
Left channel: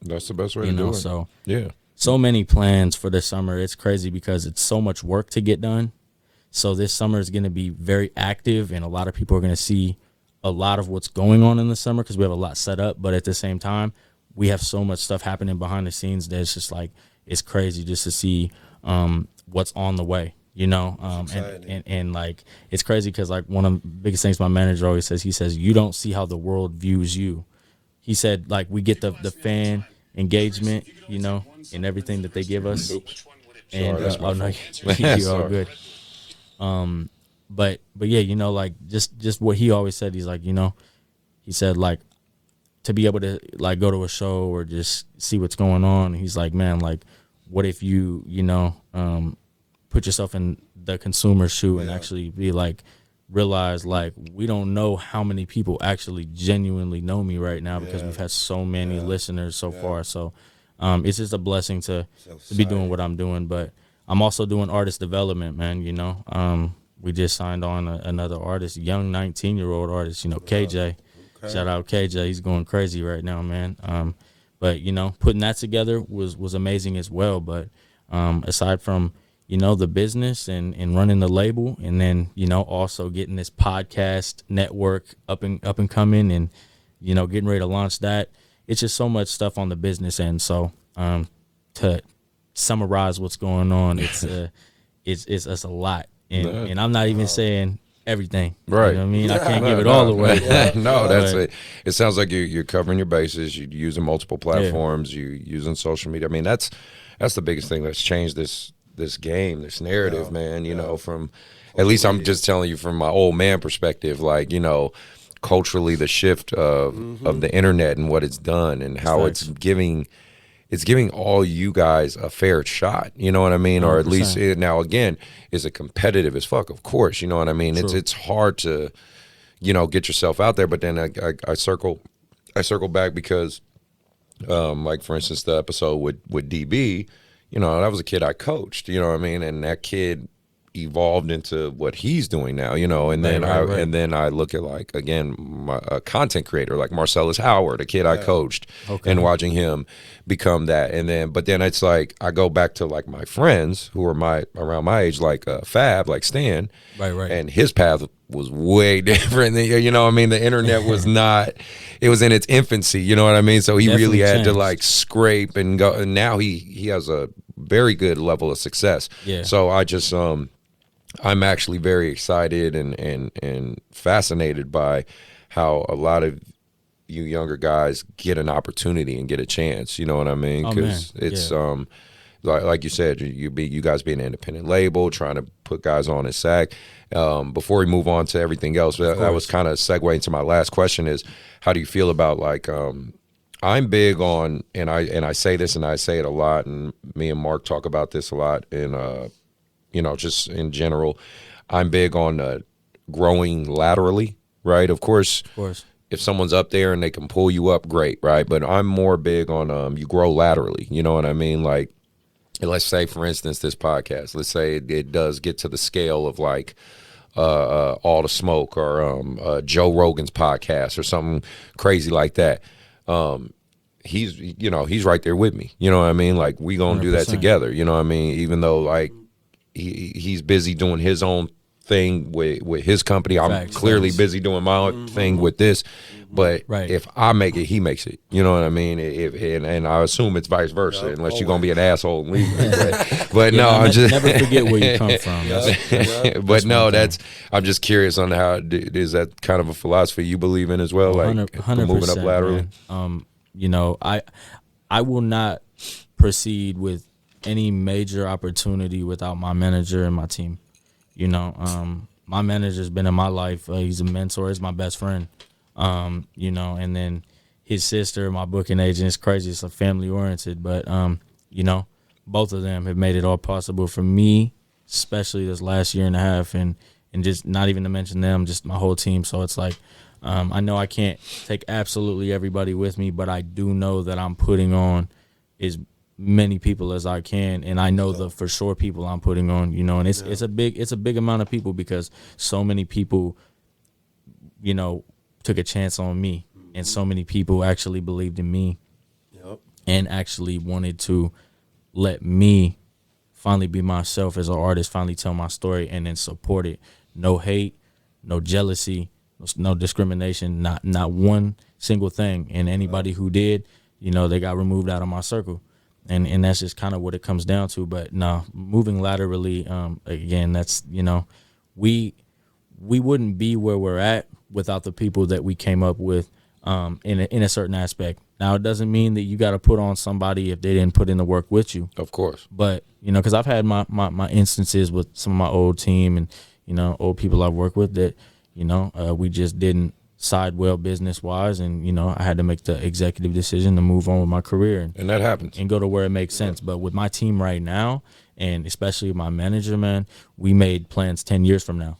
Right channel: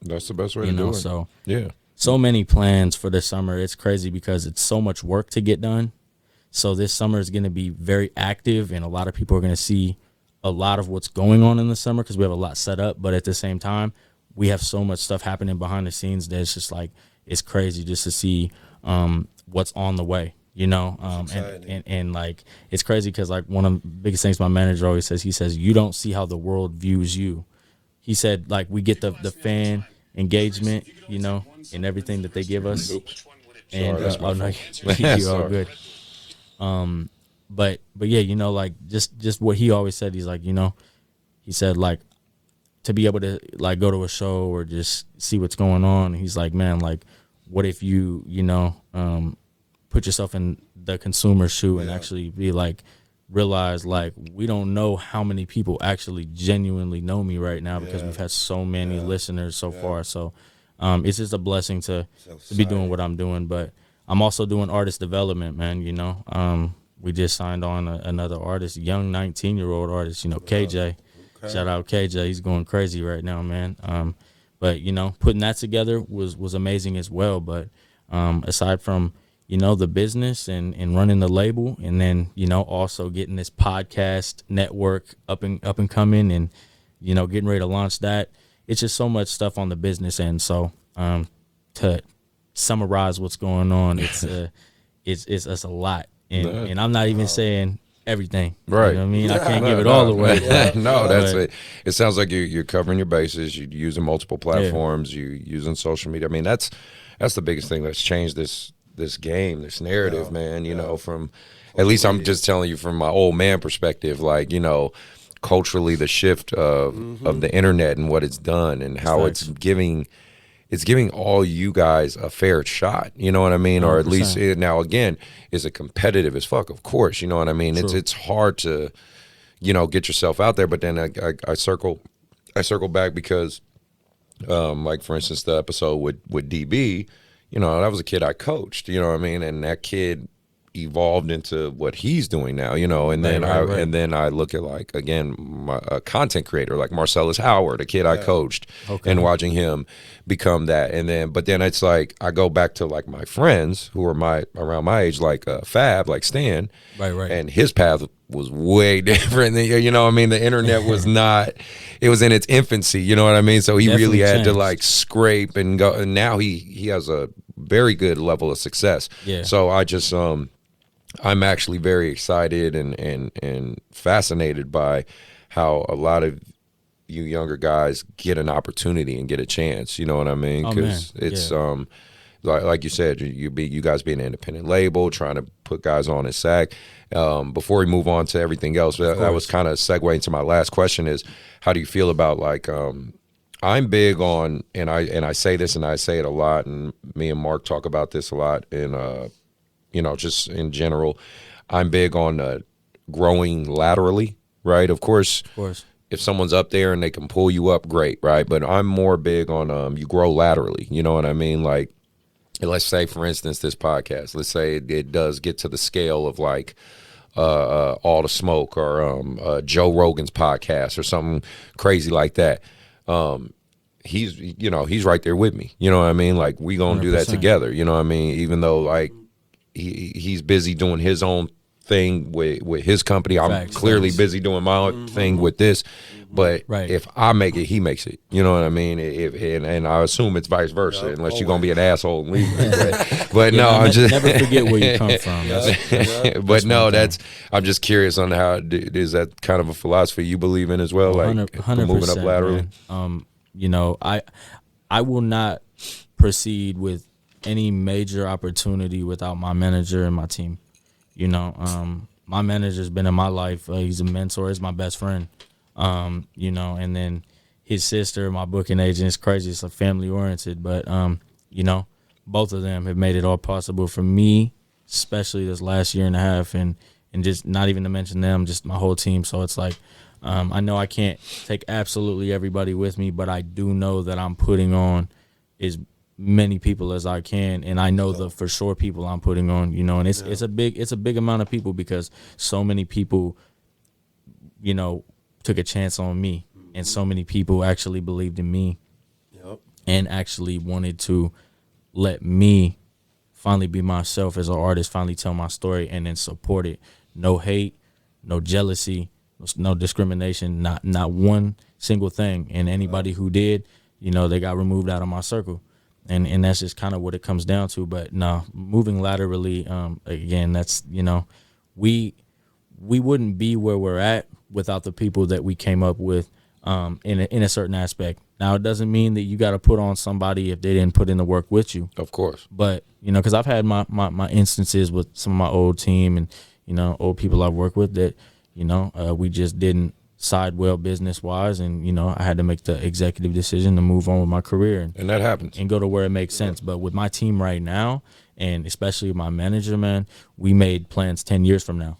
That's the best way You to know, do it. so Yeah. so many plans for this summer. It's crazy because it's so much work to get done. So this summer is going to be very active, and a lot of people are going to see a lot of what's going on in the summer because we have a lot set up. But at the same time, we have so much stuff happening behind the scenes that it's just like it's crazy just to see what's on the way. You know, and like it's crazy because like one of the biggest things my manager always says, he says, you don't see how the world views you. He said, like, we get the fan engagement, you know, and everything that they give us. And that's my oh no, fault. you're all Sorry. good. But yeah, you know, like just what he always said. He's like, you know, he said like to be able to like go to a show or just see what's going on. He's like, man, like, what if you know, put yourself in the consumer's shoe and actually be like, realize like we don't know how many people actually genuinely know me right now because we've had so many listeners so far. So it's just a blessing to be doing what I'm doing. But I'm also doing artist development, man. You know, we just signed on another artist, young 19-year-old artist. You know, KJ. Shout out KJ. He's going crazy right now, man. But you know, putting that together was amazing as well. But aside from you know, the business and running the label, and then, you know, also getting this podcast network up and coming and, you know, getting ready to launch that. It's just so much stuff on the business end. So to summarize what's going on, it's a lot. And I'm not even saying everything. Right. You know what I mean? I can't give it all away. No, that's But- it. It sounds like you're covering your bases. You're using multiple platforms. You're using social media. I mean, that's the biggest thing that's changed this game, this narrative, man, you know, from at least I'm just telling you from my old man perspective, like, you know, culturally the shift of the internet and what it's done and how it's giving all you guys a fair shot, you know what I mean? 100%. Or at least now again, is it competitive as fuck? Of course, you know what I mean? True. It's hard to, you know, get yourself out there, but then I circle back because like for instance the episode with DB, you know, that was a kid I coached, you know what I mean? And that kid evolved into what he's doing now, you know, and then right. And then I look at like, again, a content creator like Marcellus Howard, a kid I coached and watching him become that. And then, but then it's like, I go back to like my friends who are around my age, like Fab, like Stan, right. And his path was way different than, you know what I mean? The internet was not, it was in its infancy, you know what I mean? So he definitely really had to like scrape and go, and now he has a very good level of success. Yeah. So I just, I'm actually very excited and fascinated by how a lot of you younger guys get an opportunity and get a chance, you know what I mean? Because it's, like you said, you guys be an independent label, trying to put guys on at SAC. Before we move on to everything else, that was kind of segueing to my last question is, how do you feel about like, I'm big on, and I say this and I say it a lot, and me and Mark talk about this a lot, and you know, just in general, I'm big on growing laterally, right? Of course. If someone's up there and they can pull you up, great, right? But I'm more big on you grow laterally, you know what I mean? Like, let's say, for instance, this podcast, let's say it does get to the scale of like All the Smoke or Joe Rogan's podcast or something crazy like that. He's right there with me, you know what I mean? Like, we gonna 100%. Do that together, you know what I mean? Even though like he's busy doing his own thing with his company, I'm clearly busy doing my own thing with this. But if I make it, he makes it. You know what I mean? And I assume it's vice versa, unless you're gonna be an asshole and leave. But no, I'm just never forget where you come from. But no, I'm just curious on how is that kind of a philosophy you believe in as well, like 100%, moving up laterally. You know, I will not proceed with any major opportunity without my manager and my team. You know, my manager's been in my life. He's a mentor. He's my best friend. You know, and then his sister, my booking agent, is crazy. It's a family oriented, but you know, both of them have made it all possible for me, especially this last year and a half, and just not even to mention them, just my whole team. So it's like, I know I can't take absolutely everybody with me, but I do know that I'm putting on as many people as I can, and I know the for sure people I'm putting on, you know, and it's a big amount of people because so many people, you know, took a chance on me, and so many people actually believed in me. and actually wanted to let me finally be myself as an artist, finally tell my story, and then support it. No hate, no jealousy, no discrimination, not one single thing. And anybody who did, you know, they got removed out of my circle. And that's just kind of what it comes down to. But no, moving laterally, again, that's, you know, we wouldn't be where we're at without the people that we came up with in a certain aspect. Now, it doesn't mean that you got to put on somebody if they didn't put in the work with you. Of course. But, you know, because I've had my instances with some of my old team and, you know, old people I've worked with that, you know, we just didn't side well business-wise. And, you know, I had to make the executive decision to move on with my career. And that happens. And go to where it makes sense. But with my team right now, and especially my manager, man, we made plans 10 years from now.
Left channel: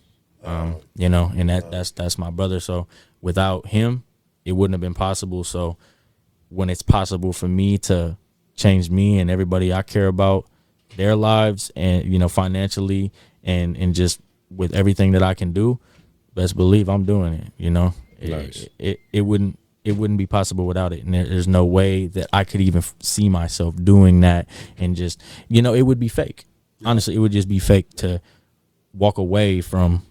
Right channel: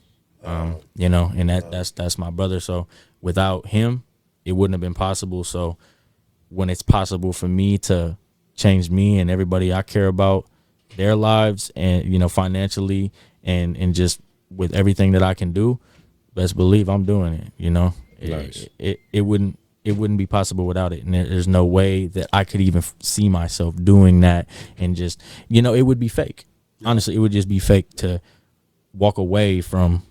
You know, and that's my brother. So without him, it wouldn't have been possible. So when it's possible for me to change me and everybody I care about, their lives, and, you know, financially and just with everything that I can do, best believe I'm doing it. You know, Nice. It wouldn't be possible without it. And there's no way that I could even see myself doing that. And just, you know, it would be fake. Honestly, it would just be fake to walk away from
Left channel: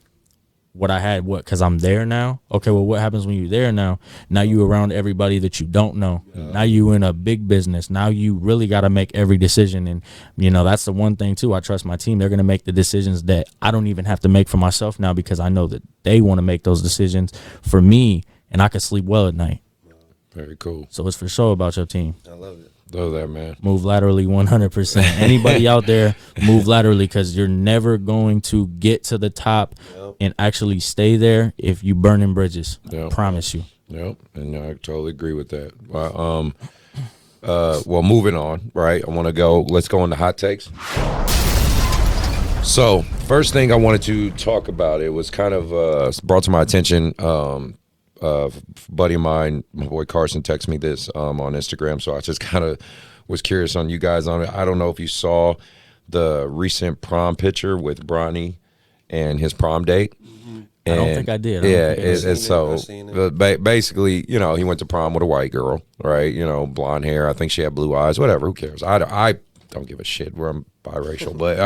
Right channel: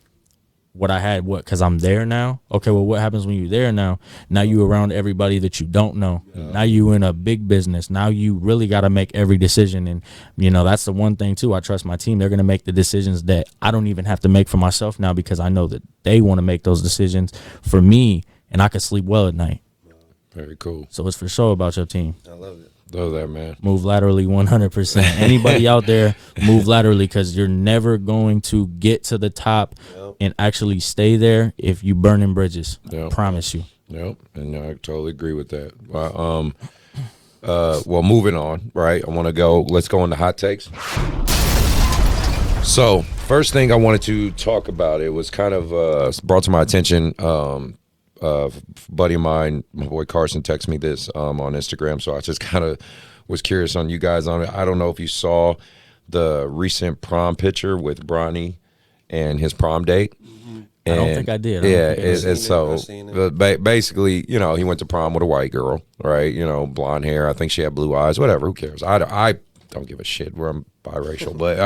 what I had, because I'm there now. Okay, well, what happens when you're there now? Now you around everybody that you don't know. Yeah. Now you in a big business. Now you really got to make every decision. And, you know, that's the one thing, too. I trust my team. They're going to make the decisions that I don't even have to make for myself now, because I know that they want to make those decisions for me, and I can sleep well at night. Very cool. So it's for sure about your team. I love it. Love that, man. Move laterally 100%. Anybody out there, move laterally, because you're never going to get to the top and actually stay there if you burning bridges. I promise you. Yep, and I totally agree with that. Well, moving on, right? Let's go into hot takes. So, first thing I wanted to talk about, it was kind of brought to my attention. Buddy of mine, my boy Carson, texted me this on Instagram, so I just kind of was curious on you guys on it. I don't know if you saw the recent prom picture with Bronny and his prom date. I don't think I did. Basically, you know, he went to prom with a white girl, right? You know, blonde hair. I think she had blue eyes. Whatever. Who cares? I don't give a shit where I'm biracial, but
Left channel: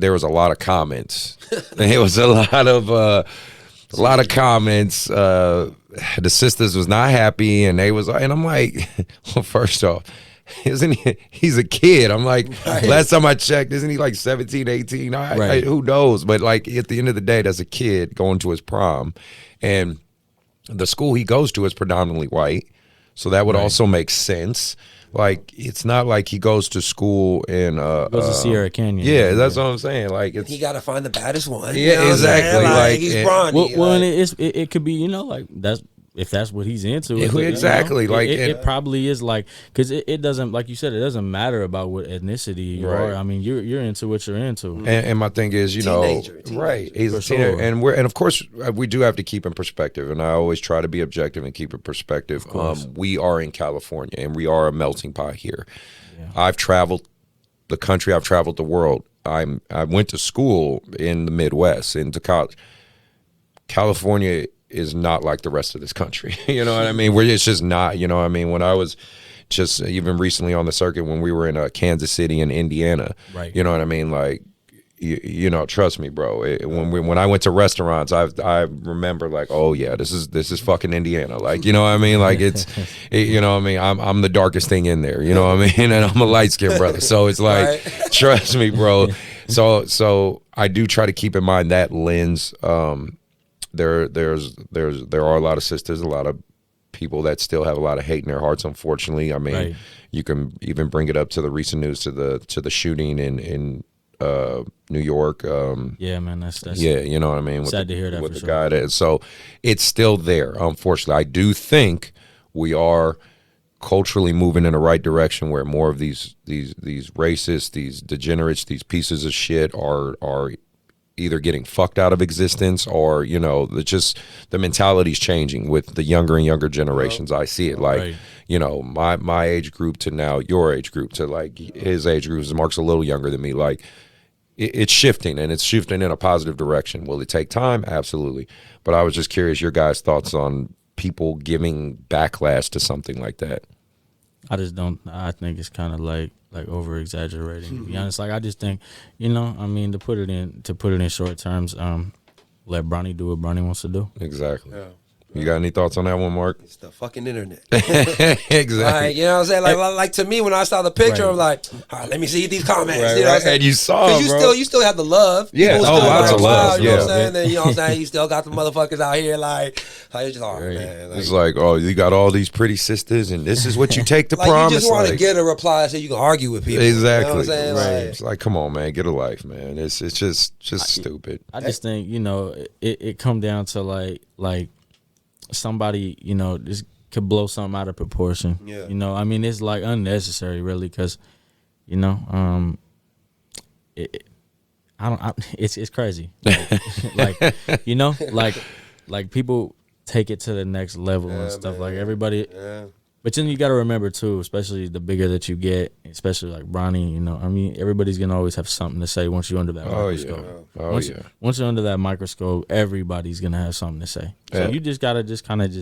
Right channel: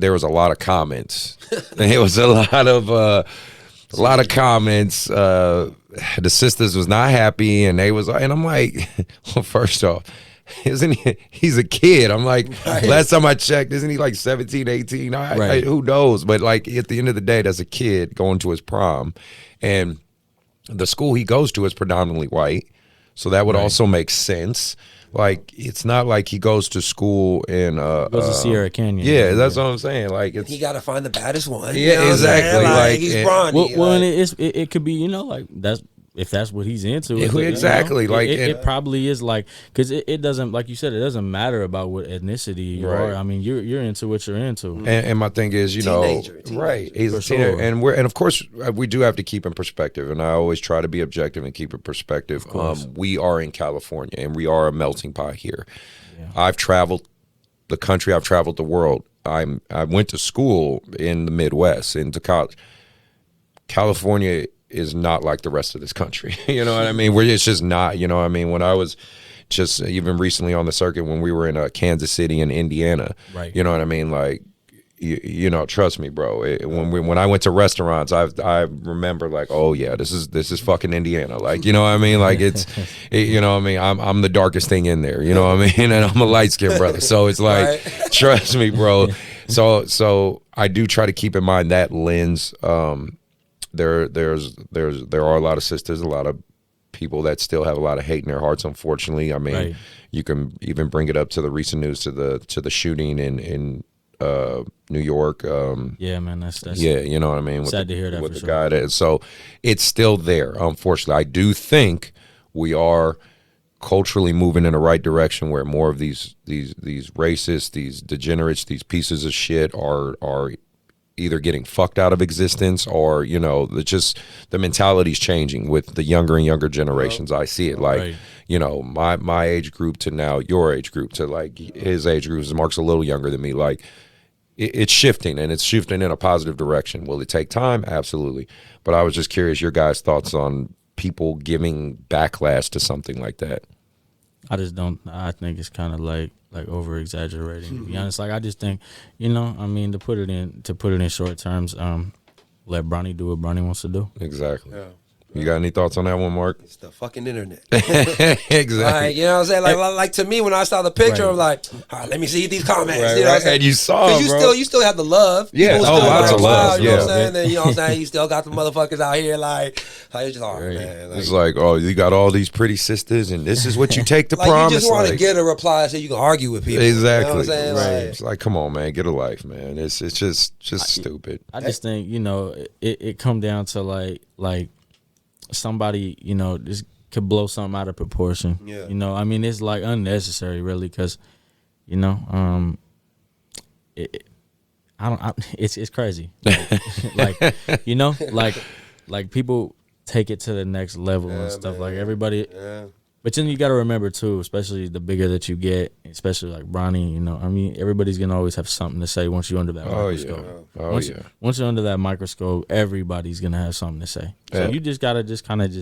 there was a lot of comments. It was a lot of comments. The sisters was not happy, and I'm like, well, first off, he's a kid. I'm like, last time I checked, isn't he like 17, 18? Who knows? But like, at the end of the day, that's a kid going to his prom, and the school he goes to is predominantly white, so that would also make sense. Like, it's not like he goes to school in goes to Sierra Canyon. Yeah, that's what I'm saying. Like, he got to find the baddest one. Yeah, you know exactly. Like he's Bronny. Well, and it could be, you know, like if that's what he's into. Exactly. You know, like it probably is, like, because it doesn't, like you said, it doesn't matter about what ethnicity you are. I mean, you're into what you're into. And my thing is, teenager. Right? He's a teenager, and of course we do have to keep in perspective. And I always try to be objective and keep in perspective. We are in California, and we are a melting pot here. Yeah. I've traveled the country. I've traveled the world. I went to school in the Midwest, into college. California is not like the rest of this country. You know what I mean? It's just not, you know what I mean? When I was just even recently on the circuit, when we were in Kansas City and Indiana, right? You know what I mean? Like, you know, trust me, bro. When I went to restaurants, I remember like, oh yeah, this is fucking Indiana. Like, you know what I mean? Like you know what I mean? I'm the darkest thing in there. You know what I mean? And I'm a light skinned brother, so it's like, trust me, bro. So I do try to keep in mind that lens. There are a lot of sisters, a lot of people that still have a lot of hate in their hearts, unfortunately. I mean, you can even bring it up to the recent news, to the shooting in New York. Yeah, man, that's you know what I mean. Sad to hear that. With the guy that, so it's still there. Unfortunately, I do think we are culturally moving in the right direction, where more of these racists, these degenerates, these pieces of shit are either getting fucked out of existence, or, you know, the mentality's changing with the younger and younger generations. I see it, like, you know, my age group to now your age group to like his age group. Mark's a little younger than me. Like, it's shifting, and it's shifting in a positive direction. Will it take time? Absolutely. But I was just curious your guys' thoughts on people giving backlash to something like that. I just don't. I think it's kind of like over exaggerating. To be honest, like I just think, I mean, to put it in short terms, let Bronny do what Bronny wants to do. Exactly. Yeah. You got any thoughts on that one, Mark? It's the fucking internet. Exactly. Like, you know what I'm saying? Like to me, when I saw the picture, I'm like, all right, let me see these comments. Right, you know what I'm saying? And you saw, bro. You still have the love. Yeah. People Oh, still lots like, of love. You know what I'm Yeah. saying? Then, you know what I'm saying? You still got the motherfuckers out here like it's just hard, man. It's like, oh, you got all these pretty sisters, and this is what you take to like prom. you just want to get a reply so you can argue with people. Exactly. You know what I'm saying? Right. Like, It's like, come on, man, get a life, man. It's just stupid. I just think it come down to like somebody just could blow something out of proportion. Yeah. I mean, it's like unnecessary, really, because it's crazy. Like people take it to the next level and stuff. Man. Like everybody. Yeah. But then you got to remember too, especially the bigger that you get, especially like Bronny. I mean, everybody's gonna always have something to say once you're under that microscope. Once you're under that microscope, everybody's gonna have something to say. So you just gotta kind of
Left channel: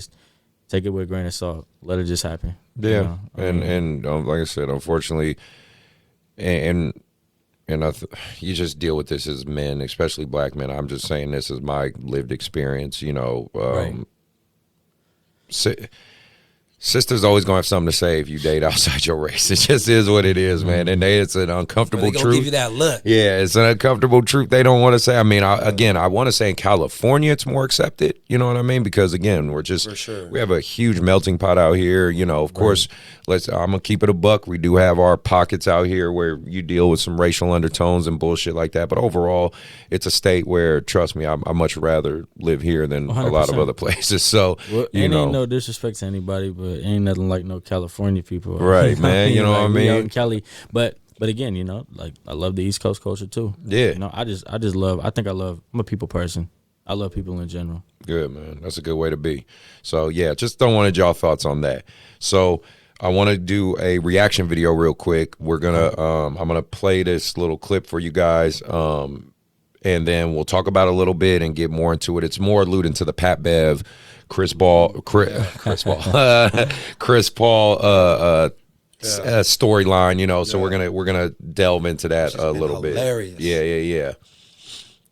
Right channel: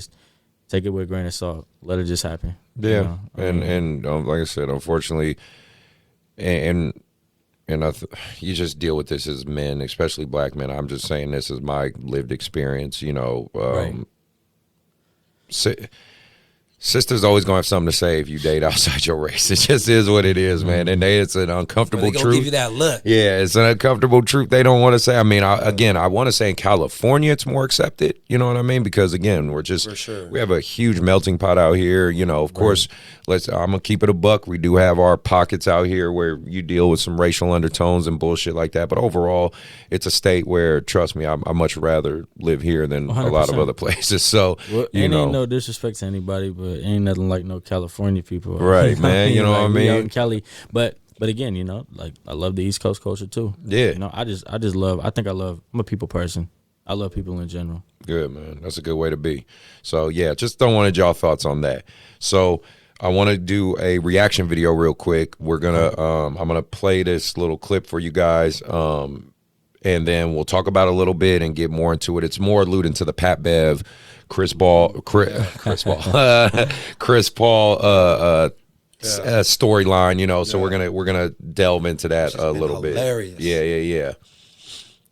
take it with a grain of salt. Let it just happen. Yeah, and like I said, unfortunately, and you just deal with this as men, especially black men. I'm just saying this is my lived experience. Right. Sisters always gonna have something to say if you date outside your race. It just is what it is, man. And it's an uncomfortable truth. Give you that look. Yeah, it's an uncomfortable truth they don't want to say. I mean, I want to say in California it's more accepted. You know what I mean? Because again, we're just we have a huge melting pot out here. Of course, I'm gonna keep it a buck. We do have our pockets out here where you deal with some racial undertones and bullshit like that. But overall, it's a state where, trust me, I much rather live here than 100%. A lot of other places. So ain't no disrespect to anybody, but ain't nothing like no California people, right, man? You know what I mean? Out in Cali, but again, like I love the East Coast culture too. Yeah, I just love. I'm a people person. I love people in general. Good, man. That's a good way to be. So yeah, just don't want y'all thoughts on that. So I want to do a reaction video real quick. We're gonna I'm gonna play this little clip for you guys. And then we'll talk about it a little bit and get more into it. It's more alluding to the Pat Bev, Chris Paul storyline, so we're gonna delve into that a little bit. Hilarious. Yeah.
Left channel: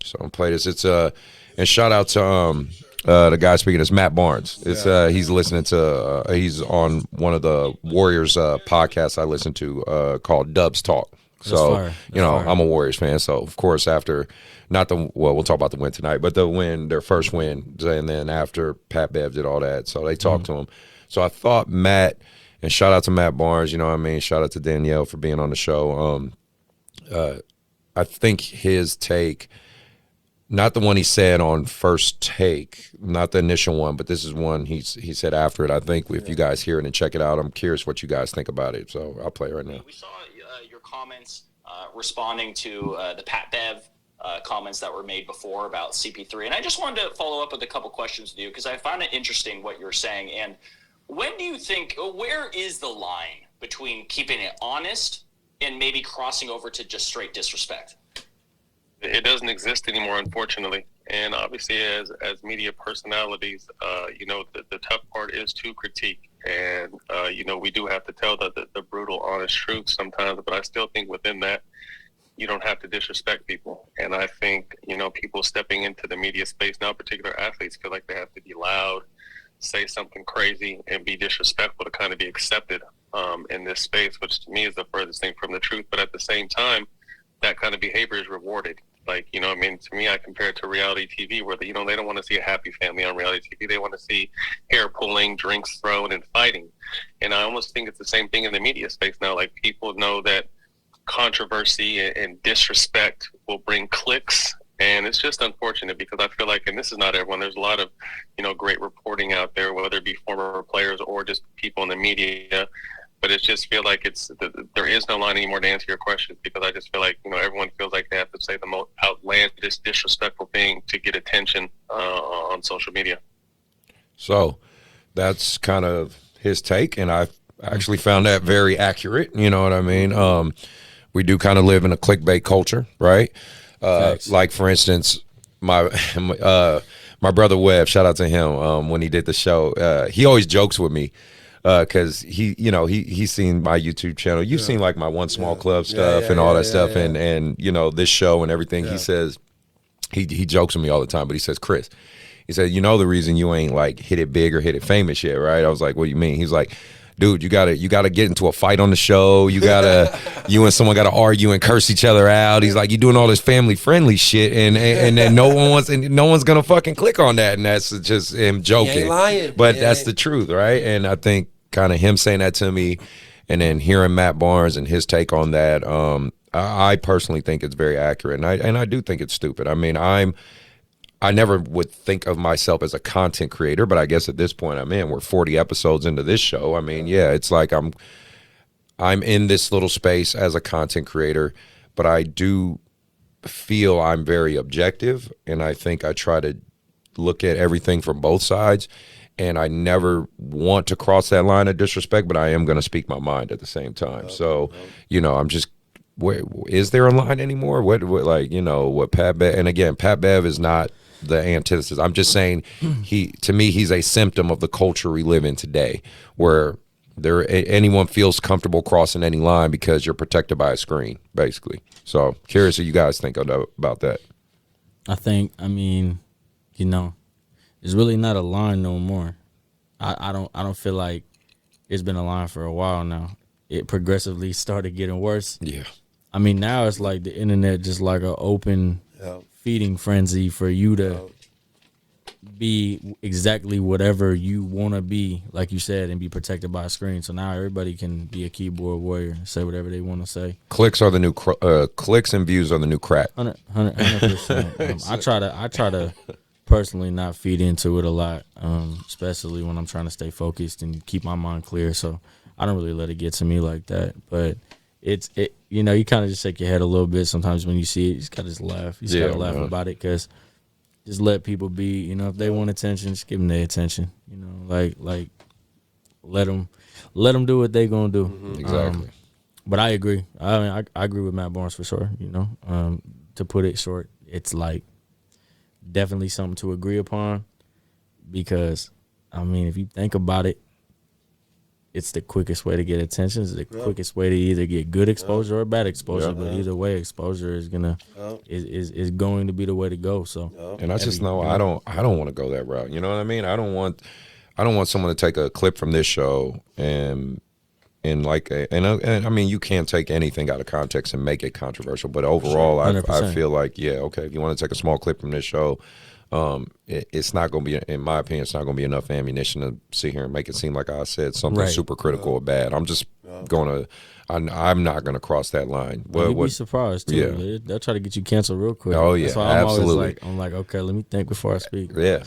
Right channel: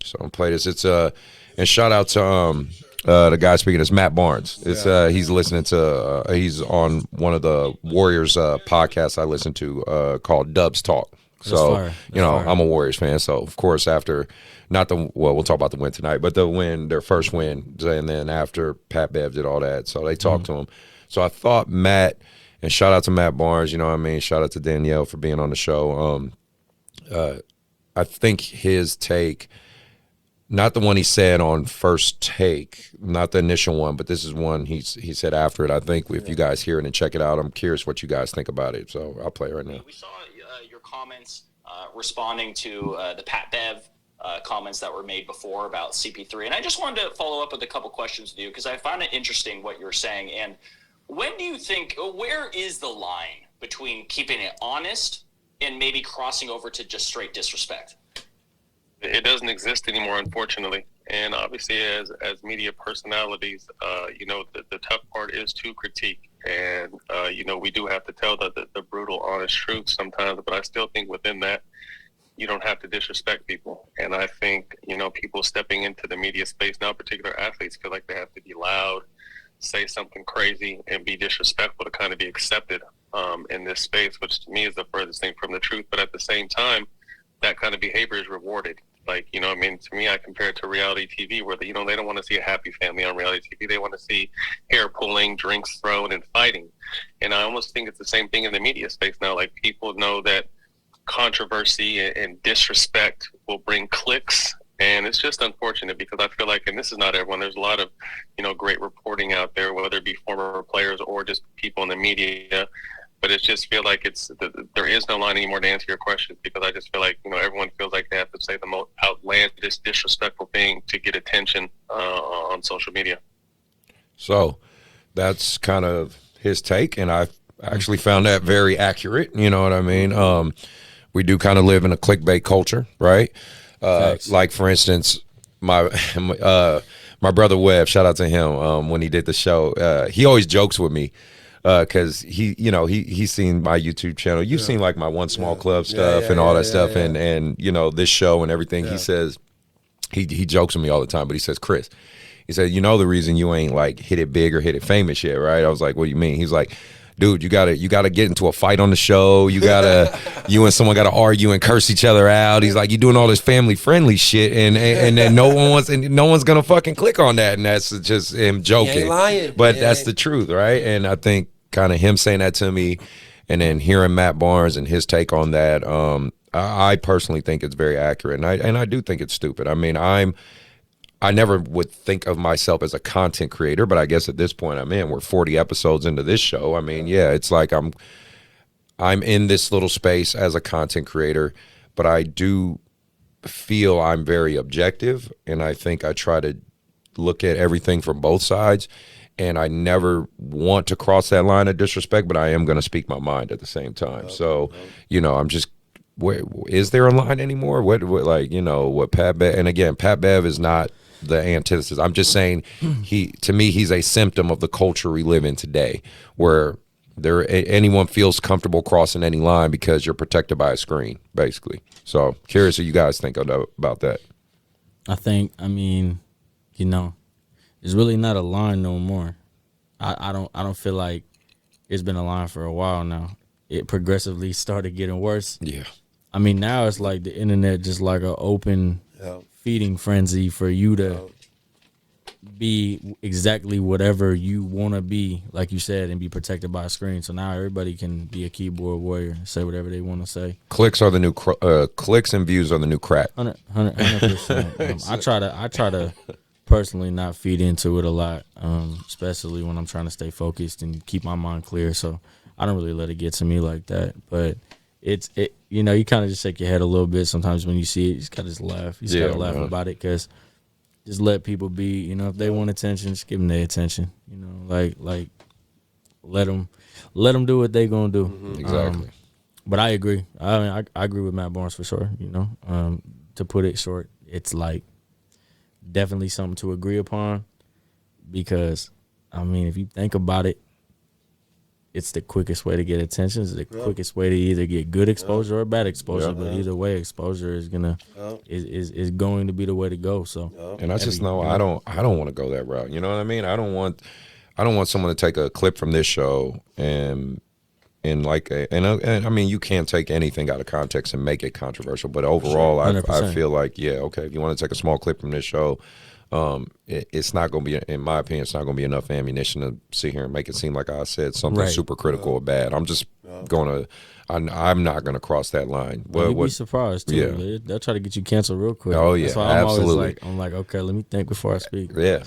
So I'm gonna play this. It's and shout out to the guy speaking is Matt Barnes. It's he's listening to he's on one of the Warriors podcasts I listen to called Dubs Talk. So I'm a Warriors fan. So of course after we'll talk about the win tonight, but their first win, and then after Pat Bev did all that, so they talked to him. So I thought Matt, and shout out to Matt Barnes, shout out to Danielle for being on the show. I think his take, not the one he said on First Take, not the initial one, but this is one he said after it. I think if you guys hear it and check it out, I'm curious what you guys think about it. So I'll play it right now. We saw your comments responding to the Pat Bev comments that were made before about CP3. And I just wanted to follow up with a couple questions with you because I found it interesting what you're saying. And when do you think, where is the line between keeping it honest and maybe crossing over to just straight disrespect? It doesn't exist anymore, unfortunately. And obviously, as media personalities, the tough part is to critique. And, we do have to tell the brutal, honest truth sometimes. But I still think within that, you don't have to disrespect people. And I think, people stepping into the media space now, particular athletes, feel like they have to be loud, say something crazy, and be disrespectful to kind of be accepted in this space, which to me is the furthest thing from the truth. But at the same time, that kind of behavior is rewarded. Like, to me, I compare it to reality TV where, they don't want to see a happy family on reality TV. They want to see hair pulling, drinks thrown, and fighting. And I almost think it's the same thing in the media space now. Like, people know that controversy and disrespect will bring clicks. And it's just unfortunate because I feel like, and this is not everyone, there's a lot of, great reporting out there, whether it be former players or just people in the media. But it just feel like there is no line anymore to answer your questions because I just feel like, everyone feels like they have to say the most outlandish, disrespectful thing to get attention on social media. So that's kind of his take, and I actually found that very accurate. You know what I mean? We do kind of live in a clickbait culture, right? Like, for instance, my brother Webb, shout out to him, when he did the show, he always jokes with me. because he's seen my YouTube channel. You've seen like my One Small Club stuff and all that stuff, and this show and everything. He says he jokes with me all the time, but he says, Chris, he said, the reason you ain't like hit it big or hit it famous yet, right? I was like, what do you mean? He's like, dude, you gotta get into a fight on the show. You and someone gotta argue and curse each other out. He's like, you doing all this family friendly shit, and then no one's gonna fucking click on that, and that's just him joking. He ain't lying, but that's the truth, right? And I think kind of him saying that to me, and then hearing Matt Barnes and his take on that, I personally think it's very accurate, and I do think it's stupid. I mean, I never would think of myself as a content creator, but I guess at this point we're 40 episodes into this show. I mean, yeah, it's like I'm in this little space as a content creator, but I do feel I'm very objective, and I think I try to look at everything from both sides, and I never want to cross that line of disrespect, but I am going to speak my mind at the same time. So, I'm just, where, is there a line anymore? What Pat Bev, and again, Pat Bev is not the antithesis. I'm just saying to me, he's a symptom of the culture we live in today, where anyone feels comfortable crossing any line because you're protected by a screen, basically. So curious what you guys think about that. I mean, it's really not a line no more. I don't feel like it's been a line for a while now. It progressively started getting worse. Yeah. I mean, now it's like the internet just like an open feeding frenzy for you to be exactly whatever you want to be, like you said, and be protected by a screen. So now everybody can be a keyboard warrior and say whatever they want to say. Clicks are the new clicks and views are the new crack. 100%. I try to personally not feed into it a lot, especially when I'm trying to stay focused and keep my mind clear. So I don't really let it get to me like that. But you kind of just shake your head a little bit sometimes when you see it. You just gotta laugh. You just gotta laugh about it, because just let people be. If they want attention, just give them their attention. Like let them do what they gonna do. Mm-hmm. Exactly. But I agree. I mean, I agree with Matt Barnes for sure. To put it short, it's like definitely something to agree upon, because I mean, if you think about it, it's the quickest way to get attention. It's the quickest way to either get good exposure or bad exposure. But either way, exposure is is going to be the way to go. So, and I just know I don't want to go that route. You know what I mean? I don't want someone to take a clip from this show and I mean, you can't take anything out of context and make it controversial. But overall, I feel like if you want to take a small clip from this show, it's not going to be, in my opinion, it's not going to be enough ammunition to sit here and make it seem like I said something super critical or bad. I'm just I'm not going to cross that line. You'd be surprised too. Yeah. They'll try to get you canceled real quick. Oh yeah, that's why absolutely. I'm like, okay, let me think before I speak. Yeah,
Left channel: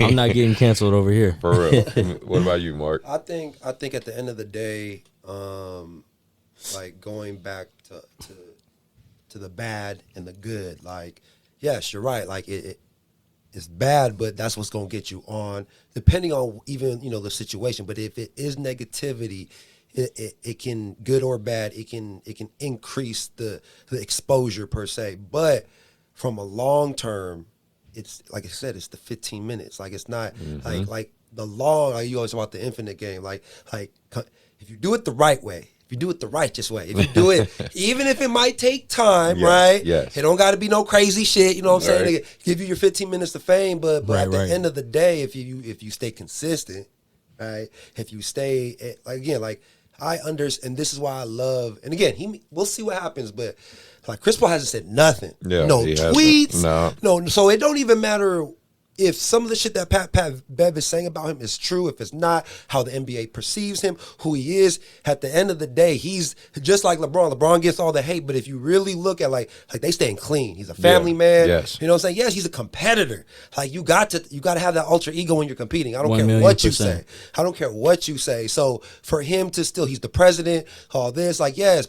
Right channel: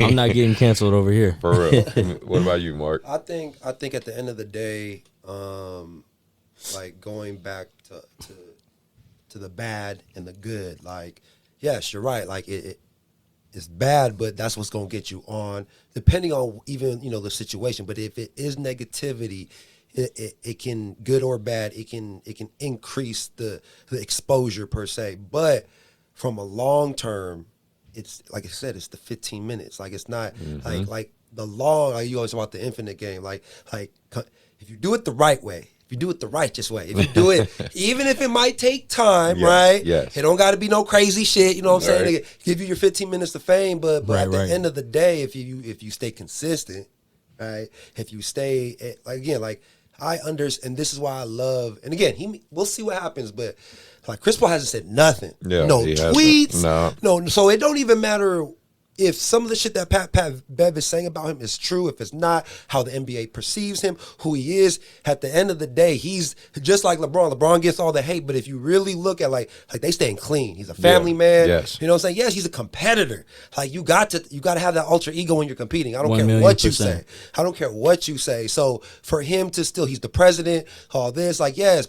I'm not getting canceled over here. For real. What about you, Mark? I think at the end of the day, like going back to the bad and the good, like, yes, you're right. Like it's bad, but that's what's gonna get you on, depending on even the situation. But if it is negativity, it can, good or bad, it can increase the exposure per se. But from a long term, it's like I said, it's the 15 minutes. Like it's not like the long. Like you always talk about the infinite game. Like if you do it the right way. If you do it the righteous way, if you do it, even if it might take time, right? Yes. It don't got to be no crazy shit. You know what I'm saying? Give you your 15 minutes of fame, but at the end of the day, if you stay consistent, right? If you stay like I understand, and this is why I love. And again, we'll see what happens, but like Chris Paul hasn't said nothing. Yeah, no tweets. No. So it don't even matter. If some of the shit that Pat Bev is saying about him is true, if it's not, how the NBA perceives him, who he is, at the end of the day, he's just like LeBron. LeBron gets all the hate, but if you really look at like they staying clean. He's a family man. Yes. You know what I'm saying? Yes, he's a competitor. Like you got to have that alter ego when you're competing. I don't care what you say. I don't care what you say. So for him to still, he's the president, all this, like, yes.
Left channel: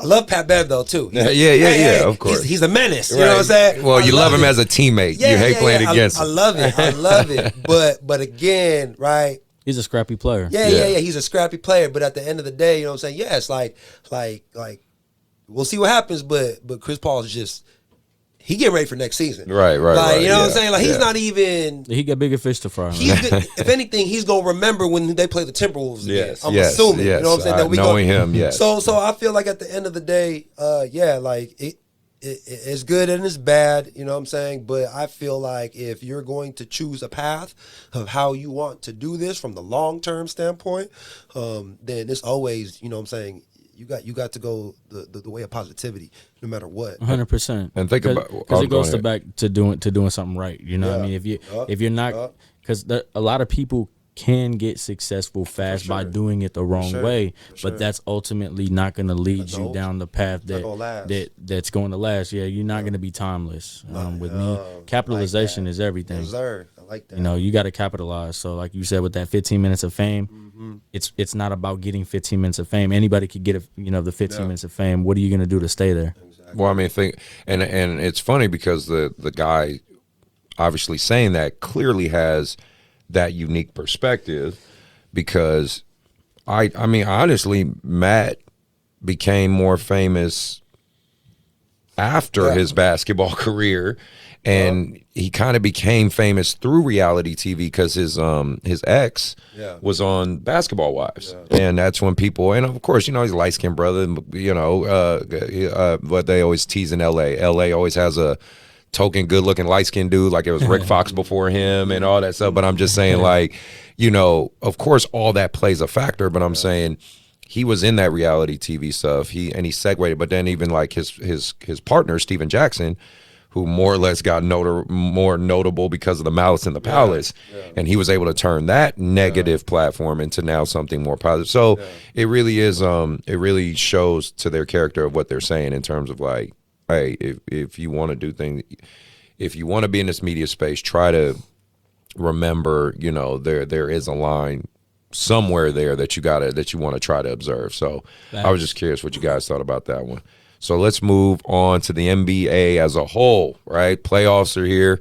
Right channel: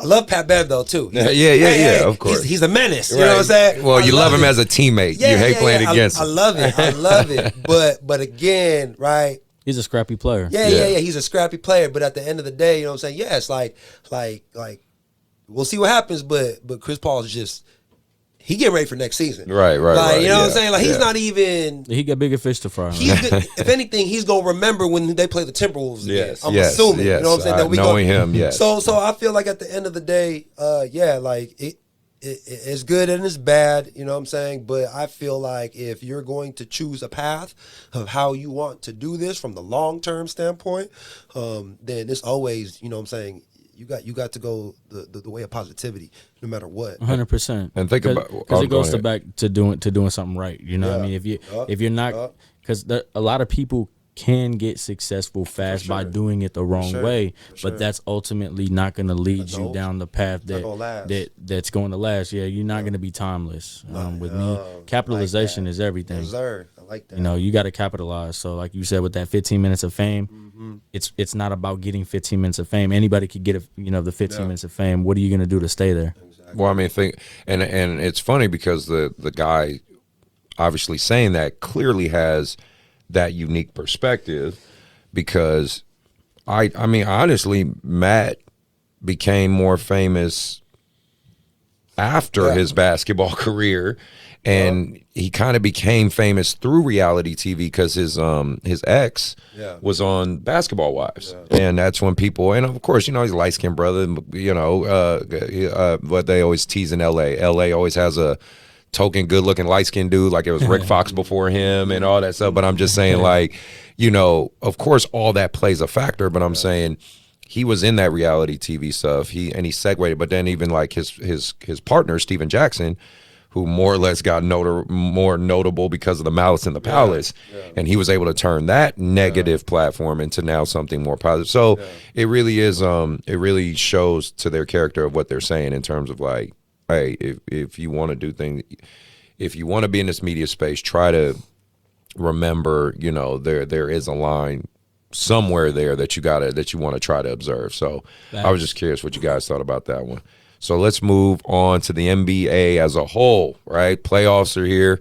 I love Pat Bev though too. Yeah, of course. He's a menace. You know what I'm saying? Well, you love him as a teammate. You hate playing against him. I love it. But again, right? He's a scrappy player. Yeah. He's a scrappy player. But at the end of the day, you know what I'm saying? Yeah, it's like we'll see what happens. But Chris Paul is just, he getting ready for next season. Right. Like, you know what I'm yeah, saying? Like, he's yeah. not even. He got bigger fish to fry. If anything, he's gonna remember when they play the Timberwolves again. Yes, I'm yes, assuming. yes. You know what I'm saying? That we Knowing go, him, yes. So I feel like at the end of the day, like it's good and it's bad. You know what I'm saying? But I feel like if you're going to choose a path of how you want to do this from the long term standpoint, then it's always, you know what I'm saying, you got to go the way of positivity, no matter what. 100%. And think about because it goes ahead. back to doing something right. You know what I mean? If you're not, because a lot of people can get successful fast by doing it the wrong way, but that's ultimately not going to lead you down the path that's going to last. Yeah, you're not going to be timeless. With me, capitalization is everything. Yes, sir. I like that. You know, you got to capitalize. So, like you said, with that 15 minutes of fame, it's not about getting 15 minutes of fame. Anybody could get the 15 minutes of fame. What are you going to do to stay there? Well, I mean, and it's funny because the guy obviously saying that clearly has that unique perspective, because I mean, honestly, Matt became more famous after his basketball career, and he kind of became famous through reality TV because his ex was on Basketball Wives, and that's when people, and of course, you know, he's a light-skinned brother, you know, but they always tease in LA always has a token good-looking light-skinned dude, like it was Rick Fox before him and all that stuff. But I'm just saying, like, you know, of course all that plays a factor, but I'm saying he was in that reality TV stuff. He segued, but then even like his partner Steven Jackson, who more or less got more notable because of the Malice in the Palace, and he was able to turn that negative platform into now something more positive. So it really is, it really shows to their character of what they're saying in terms of like, hey, if you want to do things, if you want to be in this media space, try to remember, you know, there is a line somewhere there that you want to try to observe. So I was just curious what you guys thought about that one. So let's move on to the NBA as a whole, right? Playoffs are here.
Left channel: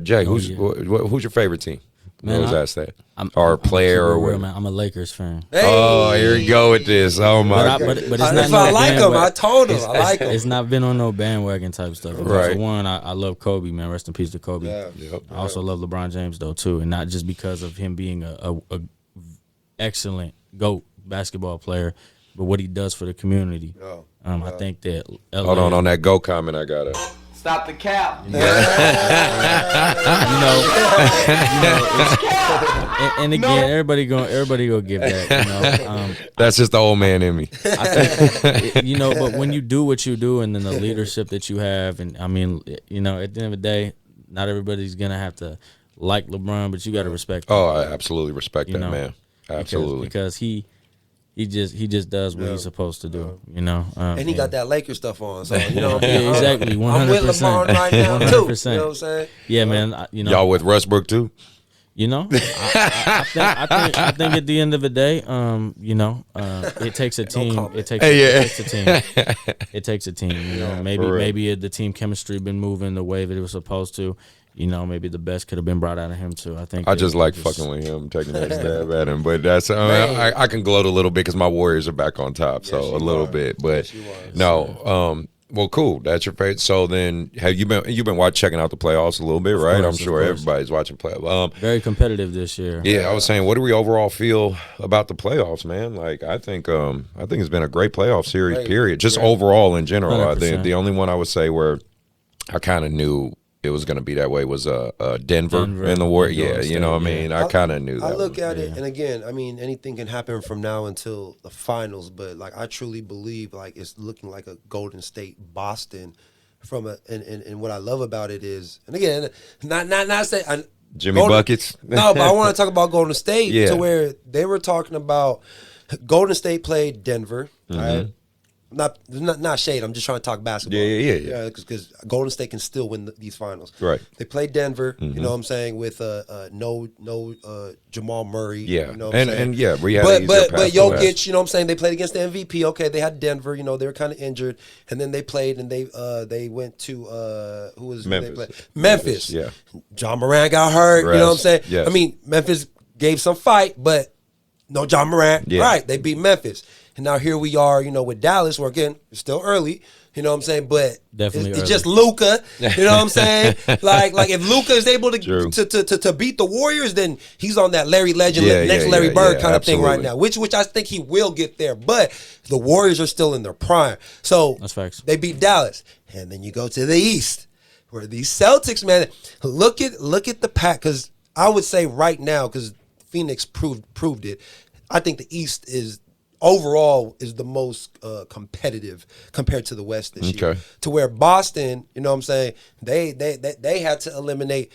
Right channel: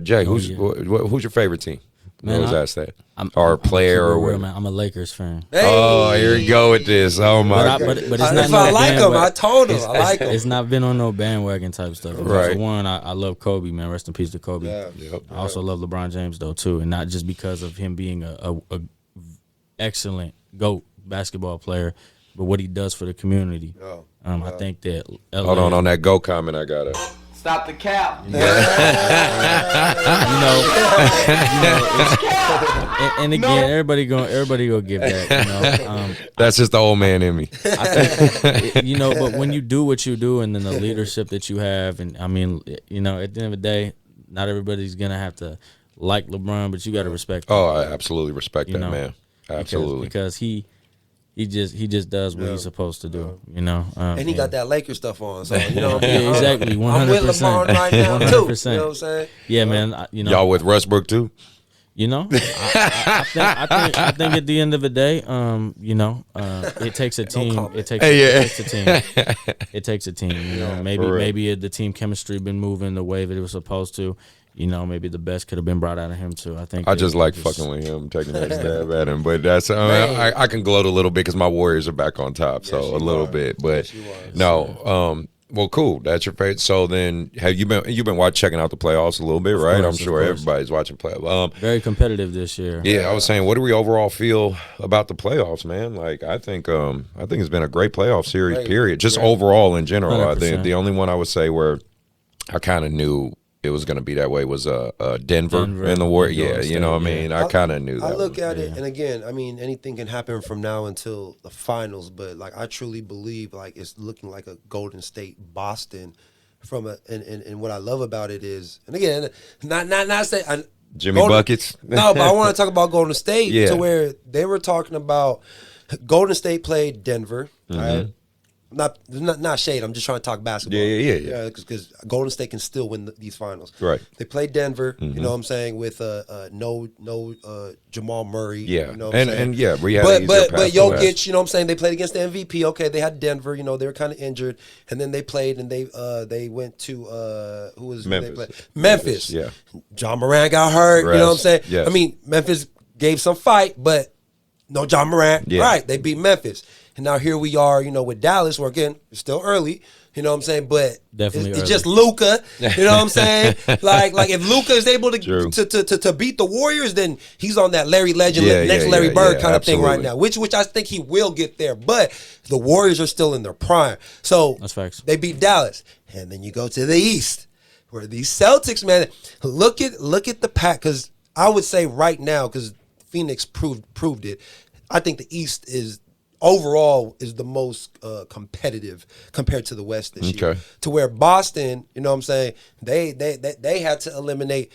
Jay, who's your favorite team? I always ask that. Or player or what? I'm a Lakers fan. Hey. Oh, here we go with this. Oh my! But it's not If I like him, I told him I like him. It's not been on no bandwagon type stuff. Right. For one, I love Kobe, man. Rest in peace to Kobe. I also love LeBron James though too, and not just because of him being a excellent GOAT basketball player, but what he does for the community. I think that LA, Hold on that go comment. I got it. Stop the cap. and again, everybody go give that. You know, That's just the old man in me. I think, you know, but when you do what you do, and then the leadership that you have, and I mean, you know, at the end of the day, not everybody's gonna have to like LeBron, but you got to respect him. Oh, I absolutely respect You that, know, man. Absolutely. because he just does what he's supposed to do. You know, And he got that Lakers stuff on, so you know. Yeah, exactly. 100%. I'm with LeBron right now too. 100%. You know what I'm saying? Yeah, man. You know, Y'all with Westbrook too? You know, I think at the end of the day, you know, it takes a team. It takes a team. It takes a team. You know, maybe the team chemistry been moving the way that it was supposed to. You know, maybe the best could have been brought out of him too. I think I just like fucking with him, taking that stab at him. But that's I can gloat a little bit because my Warriors are back on top, so a little bit. But no, well, cool. That's your favorite. So then, have you been checking out the playoffs a little bit, right? I'm sure everybody's watching playoffs. Very competitive this year. Yeah, I was saying, what do we overall feel about the playoffs, man? Like, I think it's been a great playoff series. Period. Just overall in general. 100%. I think the only one I would say where I kind of knew it was going to be that way was Denver and the Warriors. Yeah, you know what I mean? I kind of knew that. I look at it, and again, I mean, anything can happen from now until the finals, but like I truly believe like it's looking like a Golden State Boston and what I love about it is, and again, not say Jimmy Buckets. No, but I want to talk about Golden State to where they were talking about Golden State played Denver, right? Not shade. I'm just trying to talk basketball. Yeah. Because Golden State can still win these finals. Right. They played Denver. You know what I'm saying, with no Jamal Murray. Yeah. You know what I'm saying? And yeah, reality. But Jokic. You know what I'm saying. They played against the MVP. Okay, they had Denver. You know, they were kind of injured, and then they played and they went to who was Memphis. Memphis. Yeah. John Morant got hurt. You know what I'm saying? Yes. I mean, Memphis gave some fight, but no John Morant. Yeah. Right. They beat Memphis. And now here we are, you know, with Dallas, where again, it's still early, You know what I'm saying? But Definitely it's early. just Luka. You know what I'm saying? like if Luka is able True. to beat the Warriors, then he's on that Larry Legend, Yeah, next yeah, Larry yeah, Bird yeah, kind of thing right absolutely. now. Which I think he will get there. But the Warriors are still in their prime. So That's facts. they beat Dallas, and then you go to the East, where these Celtics, man, look at the pack. Because I would say right now, because Phoenix proved it, I think the East is overall is the most competitive compared to the West this year. Okay. To where Boston, you know what I'm saying, they had to eliminate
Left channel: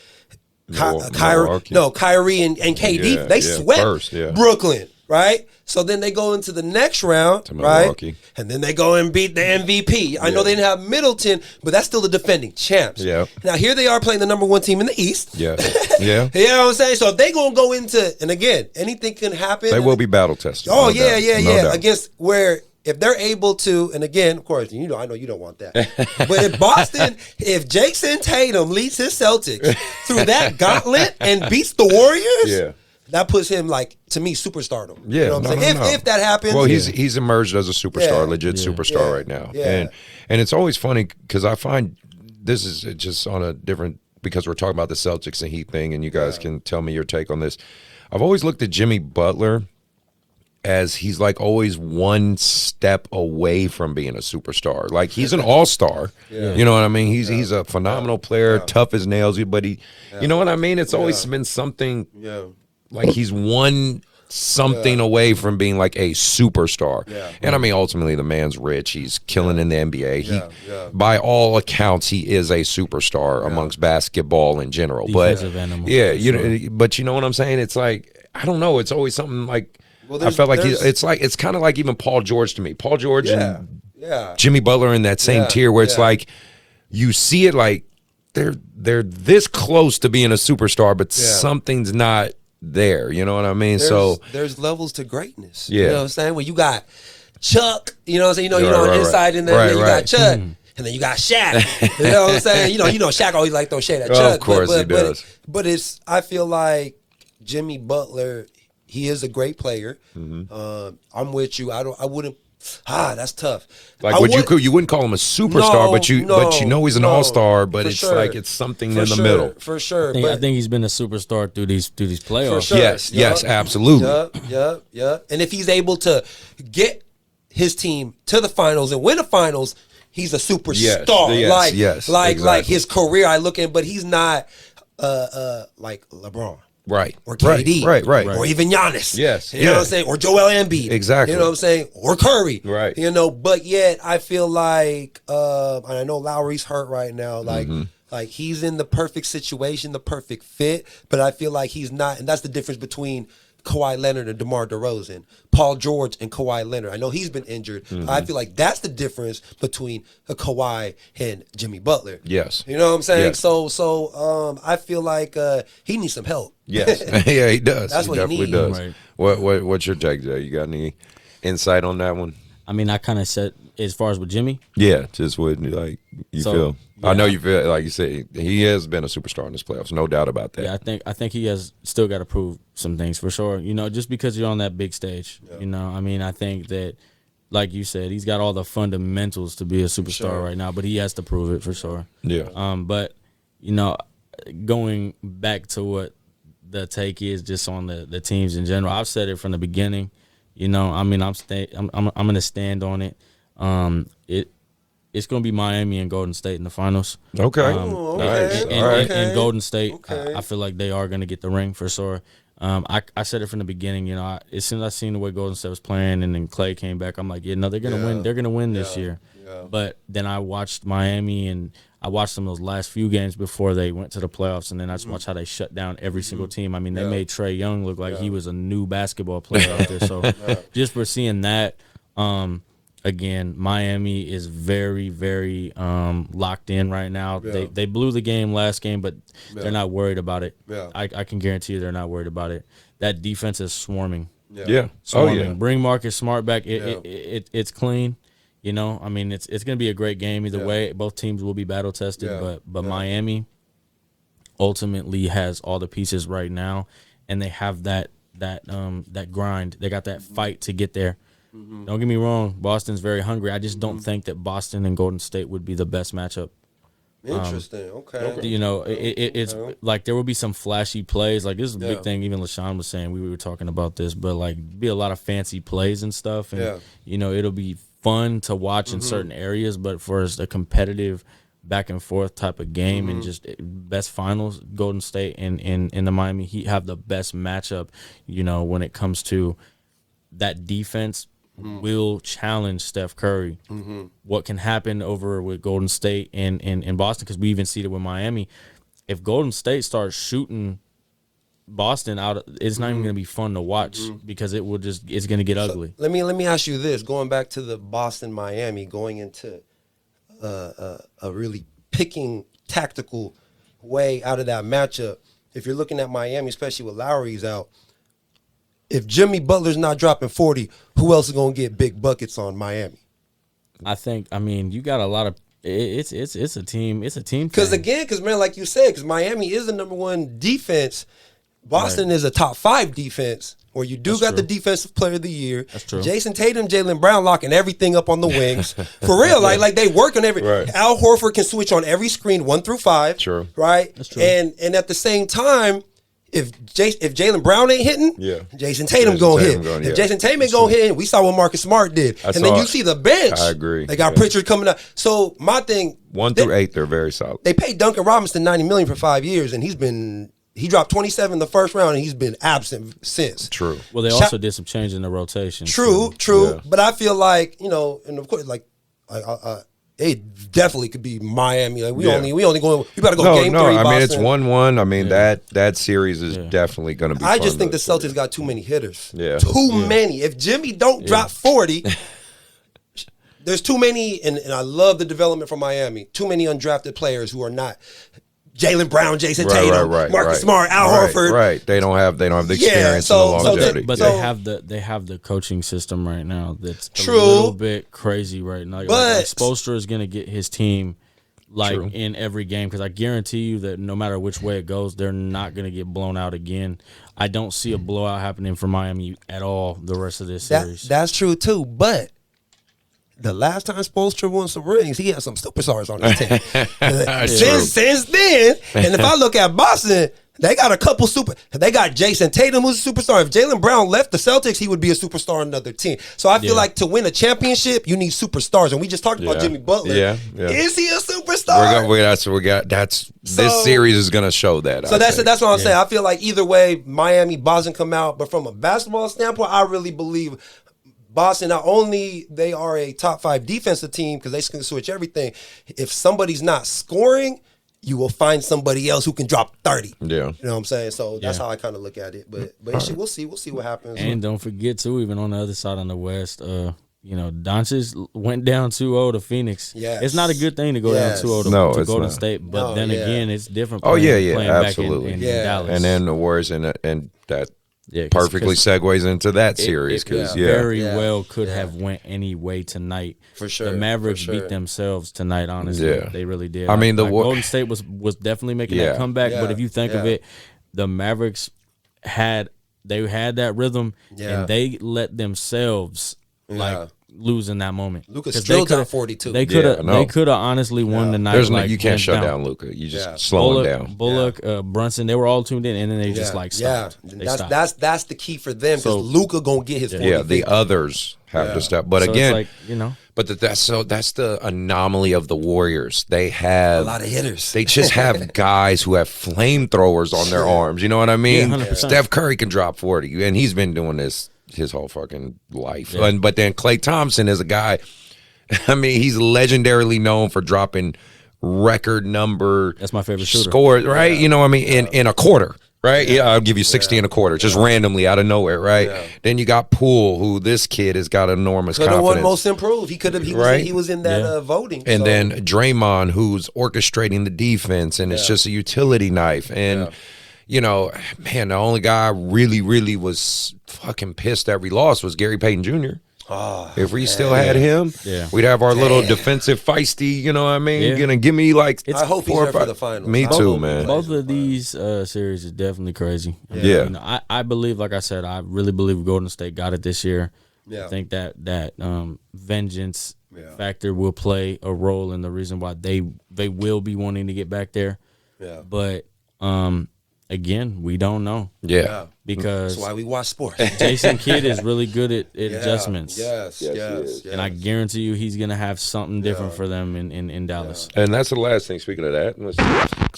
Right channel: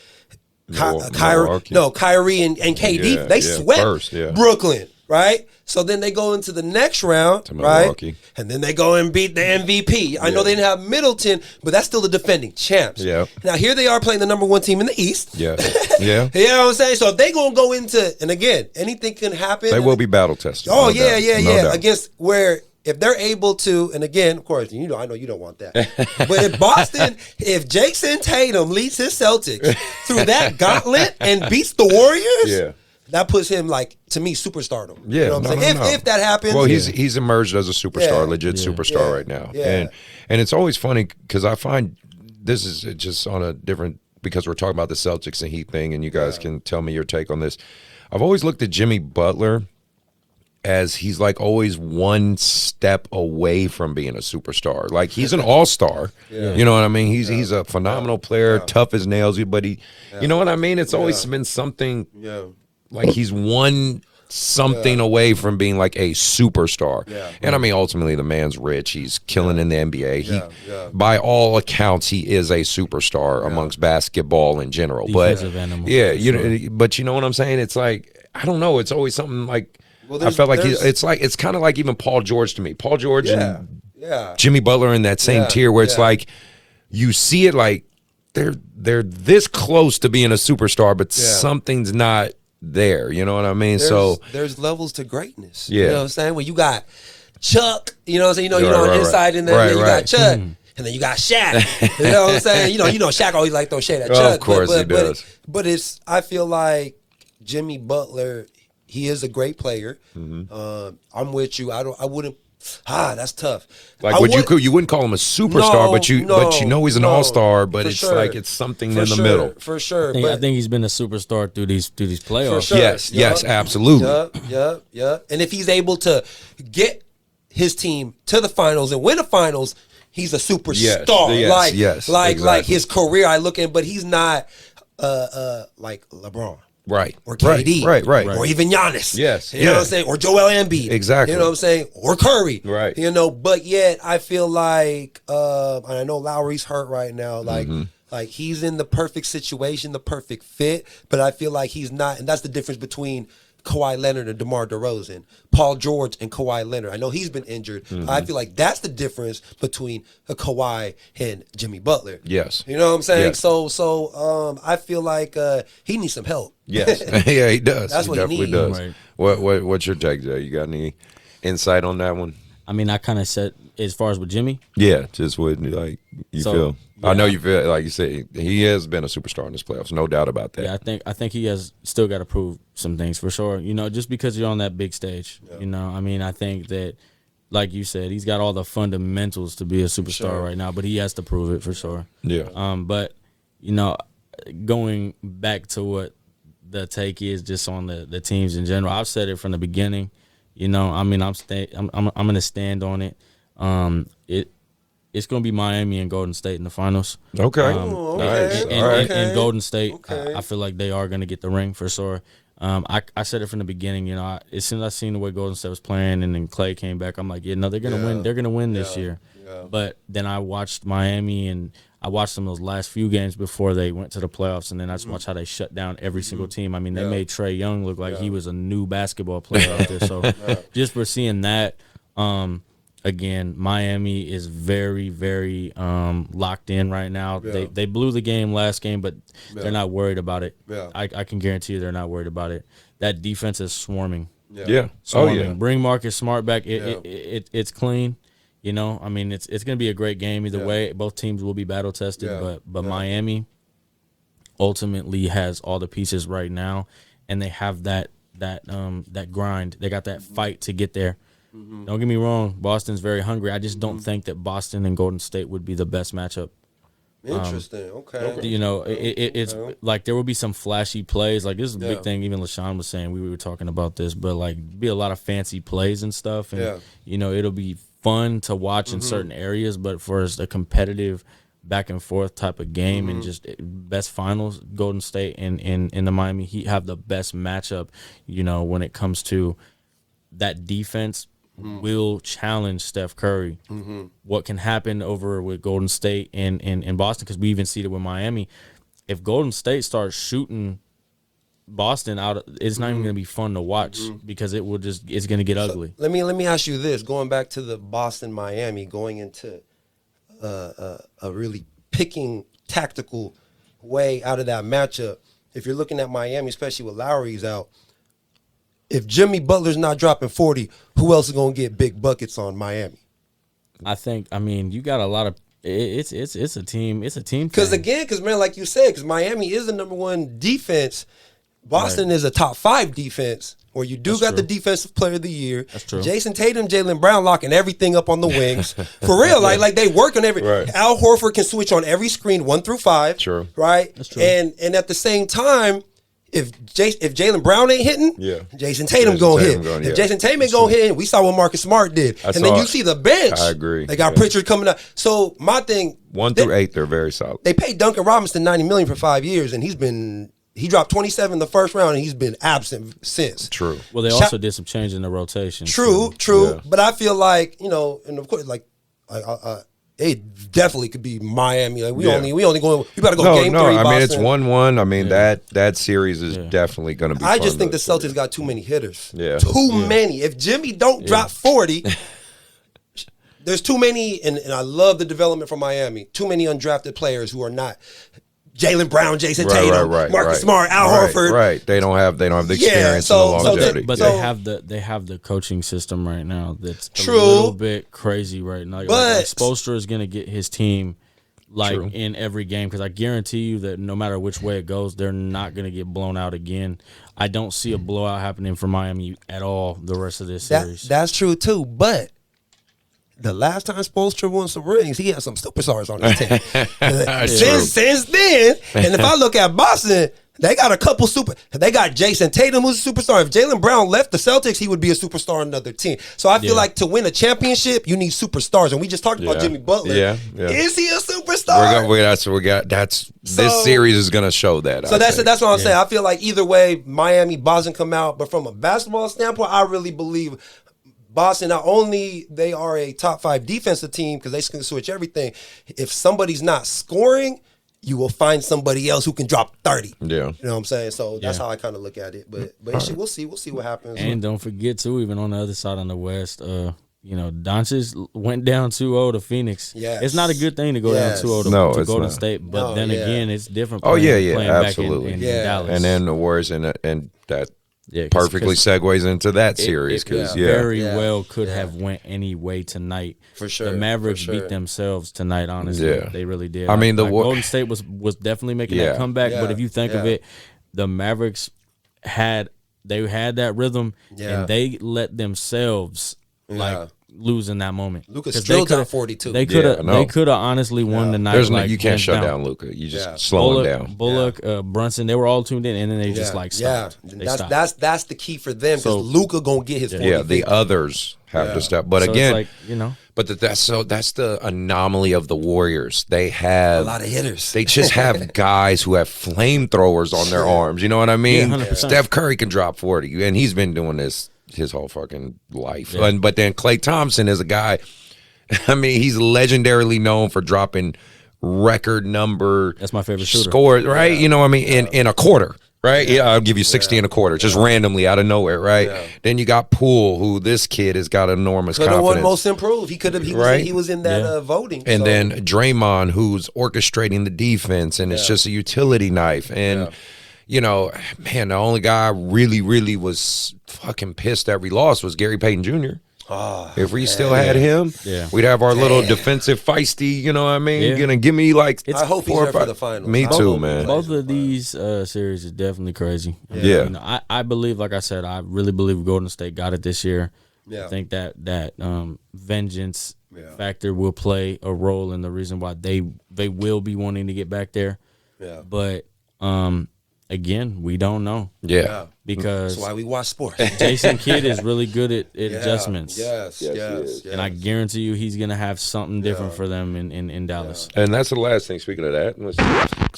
Kyrie and KD. Yeah, They yeah, swept first, yeah. Brooklyn, right? So then they go into the next round, To right? Milwaukee. And then they go and beat the MVP. I know they didn't have Middleton, but that's still the defending champs. Yeah. Now here they are playing the number 1 team in the East. Yeah. Yeah. You know what I'm saying? So if they gonna go into, and again, anything can happen. They will be battle tested. Oh no yeah, doubt. No doubt. Against where if they're able to, and again, of course, I know you don't want that. But if Boston, if Jason Tatum leads his Celtics through that gauntlet and beats the Warriors, Yeah. that puts him like to me superstardom. Yeah, you know what I'm saying? If that happens, well, he's emerged as a superstar, Yeah. legit superstar right now, Yeah. and it's always funny because I find this is just on a different because we're talking about the Celtics and Heat thing, and you guys can tell me your take on this. I've always looked at Jimmy Butler as he's like always one step away from being a superstar. Like he's an all-star. You know what I mean? He's a phenomenal player, tough as nails, but he you know what I mean? It's always been something like he's one something away from being like a superstar. And I mean ultimately the man's rich. He's killing in the NBA. He by all accounts he is a superstar amongst basketball in general. Defensive but animal, yeah, for you sure. know, but you know what I'm saying? It's like I don't know, it's always something like I there's- felt like there's- it's kind of like even Paul George to me. Paul George and yeah. Jimmy Butler in that same Yeah, tier where it's yeah. like you see it like they're this close to being a superstar, but something's not there. You know what I mean? There's levels to greatness. Yeah. You know what I'm saying? When you got Chuck, you know what I'm saying? You know, Right, right, inside right. in there, Right, you right. got Chuck. And then you got Shaq. You know what I'm saying? You know, Shaq always like throw shade at Chuck. Of course he does. But it's I feel like Jimmy Butler, he is a great player. Mm-hmm. I'm with you. I wouldn't. That's tough. like I you wouldn't call him a superstar, but you know he's an all-star, but for it's sure. like it's something For in the sure, middle. for sure. I think he's been a superstar through these playoffs. For sure. Yes, absolutely. Yup. And if he's able to get his team to the finals and win the finals, he's a superstar. Yes, like exactly. his career, I look at, but he's not like LeBron. Right. Or KD. Right. Or even Giannis. Yes, You know what I'm saying? Or Joel Embiid. Exactly. You know what I'm saying? Or Curry. Right. You know, but yet I feel like, and I know Lowry's hurt right now, like, Mm-hmm. like he's in the perfect situation, the perfect fit, but I feel like he's not, and that's the difference between Kawhi Leonard and DeMar DeRozan, Paul George and Kawhi Leonard. I know he's been injured. Mm-hmm. I feel like that's the difference between a Kawhi and Jimmy Butler. Yes. You know what I'm saying? Yes. So I feel like he needs some help. Yes. Yeah, he does. That's he what he definitely needs. does. Right. What's your take, Jay? You got any insight on that one? I mean, I kind of said as far as with Jimmy. Yeah, just what like you So, feel. yeah. I know you feel like you said he has been a superstar in this playoffs, no doubt about that. Yeah, I think he has still got to prove some things for sure. You know, just because you're on that big stage. You know, I mean, I think that, like you said, he's got all the fundamentals to be a superstar right now, but he has to prove it for sure. Yeah. But you know, going back to what the take is just on the teams in general, I've said it from the beginning. You know, I mean, I'm gonna stand on it. It's gonna be Miami and Golden State in the finals. Okay. okay. Nice. All right. And Golden State, Okay. I feel like they are gonna get the ring for sure. I said it from the beginning. You know, as soon as I seen the way Golden State was playing, and then Clay came back, I'm like, yeah, no, they're gonna win. They're gonna win this year. But then I watched Miami, and I watched them those last few games before they went to the playoffs, and then I just watched how they shut down every single team. I mean, they made Trae Young look like he was a new basketball player out there. So just for seeing that, again, Miami is very, very locked in right now. They blew the game last game, but they're not worried about it. I can guarantee you they're not worried about it. That defense is swarming. Yeah. Oh Swarming. yeah. Bring Marcus Smart back. It's clean. You know, I mean, it's going to be a great game either way. Both teams will be battle tested, but Miami ultimately has all the pieces right now, and they have that grind. They got that fight to get there. Don't get me wrong, Boston's very hungry. I just don't think that Boston and Golden State would be the best matchup. Interesting. Okay. You know, it's like there will be some flashy plays. Like this is a big thing. Even LaShawn was saying we were talking about this, but like be a lot of fancy plays and stuff. And you know, it'll be fun to watch in certain areas. But for a competitive back and forth type of game and just best finals, Golden State and the Miami Heat have the best matchup. You know, when it comes to that defense. Will challenge Steph Curry. What can happen over with Golden State and Boston, because we even see it with Miami. If Golden State starts shooting Boston out, it's not even going to be fun to watch because it's going to get ugly. Let me ask you this: going back to the Boston Miami, going into a really picking tactical way out of that matchup. If you're looking at Miami, especially with Lowry's out. If Jimmy Butler's not dropping 40, who else is going to get big buckets on Miami? I mean, you got a lot of it's a team. It's a team. Because man, like you said, because Miami is the number one defense. Boston is a top 5 defense. Where you got true. the defensive player of the year. That's true. Jason Tatum, Jaylen Brown locking everything up on the wings. For real. Like they work on every Al Horford can switch on every screen 1 through 5. True. Right? That's true. And at the same time, if Jaylen Brown ain't hitting, Jason Tatum gonna hit. If Jason Tatum ain't gonna hit, we saw what Marcus Smart did. And then you see the bench. I agree. They got Pritchard coming up. So my thing, 1 through 8, they're very solid. they paid Duncan Robinson $90 million for 5 years, and he dropped 27 in the first round, and he's been absent since. True. Well, they also did some change in the rotation. True. Yeah. But I feel like, you know, and of course, like it definitely could be Miami. Like we only going. We better go game 3. I mean, Boston. it's 1-1. I mean that series is definitely going to be. I fun just think to the Celtics got too many hitters. Yeah. Too many. If Jimmy don't drop 40, there's too many. And I love the development from Miami. Too many undrafted players who are not Jaylen Brown, Jason Tatum, Marcus Smart, Al Horford. Right. They don't have the experience and the longevity. But they have the coaching system right now that's a little bit crazy right now. Like Spoelstra is going to get his team in every game, because I guarantee you that no matter which way it goes, they're not going to get blown out again. I don't see a blowout happening for Miami at all the rest of this series. That's true too, but the last time Spoelstra won some rings, he had some superstars on his team. Since then, and if I look at Boston, they got a couple they got Jason Tatum, who's a superstar. If Jaylen Brown left the Celtics, he would be a superstar on another team. So I feel like to win a championship, you need superstars. And we just talked about Jimmy Butler. Yeah. Is he a superstar? This series is going to show that. So that's what I'm saying. I feel like either way, Miami, Boston come out. But from a basketball standpoint, I really believe Boston, not only they are a top 5 defensive team because they can switch everything. If somebody's not scoring, you will find somebody else who can drop 30. Yeah. You know what I'm saying? So that's how I kind of look at it. But we'll see what happens. And don't forget too, even on the other side on the West, Doncic went down 2-0 to Phoenix. Yes. It's not a good thing to go down 2-0 to Golden State, but then again, it's different. Playing absolutely. Back in Dallas. And then the Warriors and that perfectly segues into that series because very well could have went any way tonight. For sure. The Mavericks beat themselves tonight. Honestly, they really did. I mean, Golden State was definitely making that comeback. But if you think of it, the Mavericks had that rhythm, and they let themselves lose in that moment. Luka still got 42. They could have honestly won the night. You can't shut down Luka. You just slow him down. Bullock, Brunson, they were all tuned in, and then they just stopped. That's the key for them because Luka gonna get his 40. Yeah, the others have to step. But so again, but that's the anomaly of the Warriors. They have a lot of hitters. They just have guys who have flamethrowers on their arms. You know what I mean? 100%. Steph Curry can drop 40, and he's been doing this his whole fucking life. But then Klay Thompson is a guy, I mean, he's legendarily known for dropping record number that's my favorite shooter. Scores, right? You know what I mean? In a quarter, right? Yeah, I'll give you 60 in a quarter, just randomly out of nowhere, right? Yeah. Then you got Poole, who this kid has got enormous confidence. Could have won most improved. He was in that voting. And then Draymond, who's orchestrating the defense, and it's just a utility knife. And you know, man, the only guy I really was fucking pissed that we lost was Gary Payton Jr. If we still had him, we'd have our little defensive feisty, you know what I mean? Gonna give me like I hope he's there for the finals. Me too, man. Both of these series is definitely crazy. Yeah. I believe, like I said, I really believe Golden State got it this year. Yeah. I think that vengeance Yeah. factor will play a role in the reason why they will be wanting to get back there. Yeah. But again, we don't know Yeah. because That's why we watch sports. Jason Kidd is really good at adjustments. Yes, Yes, he yes, is. yes. And I guarantee you he's going to have something different for them in Dallas. And that's the last thing. Speaking of that, let's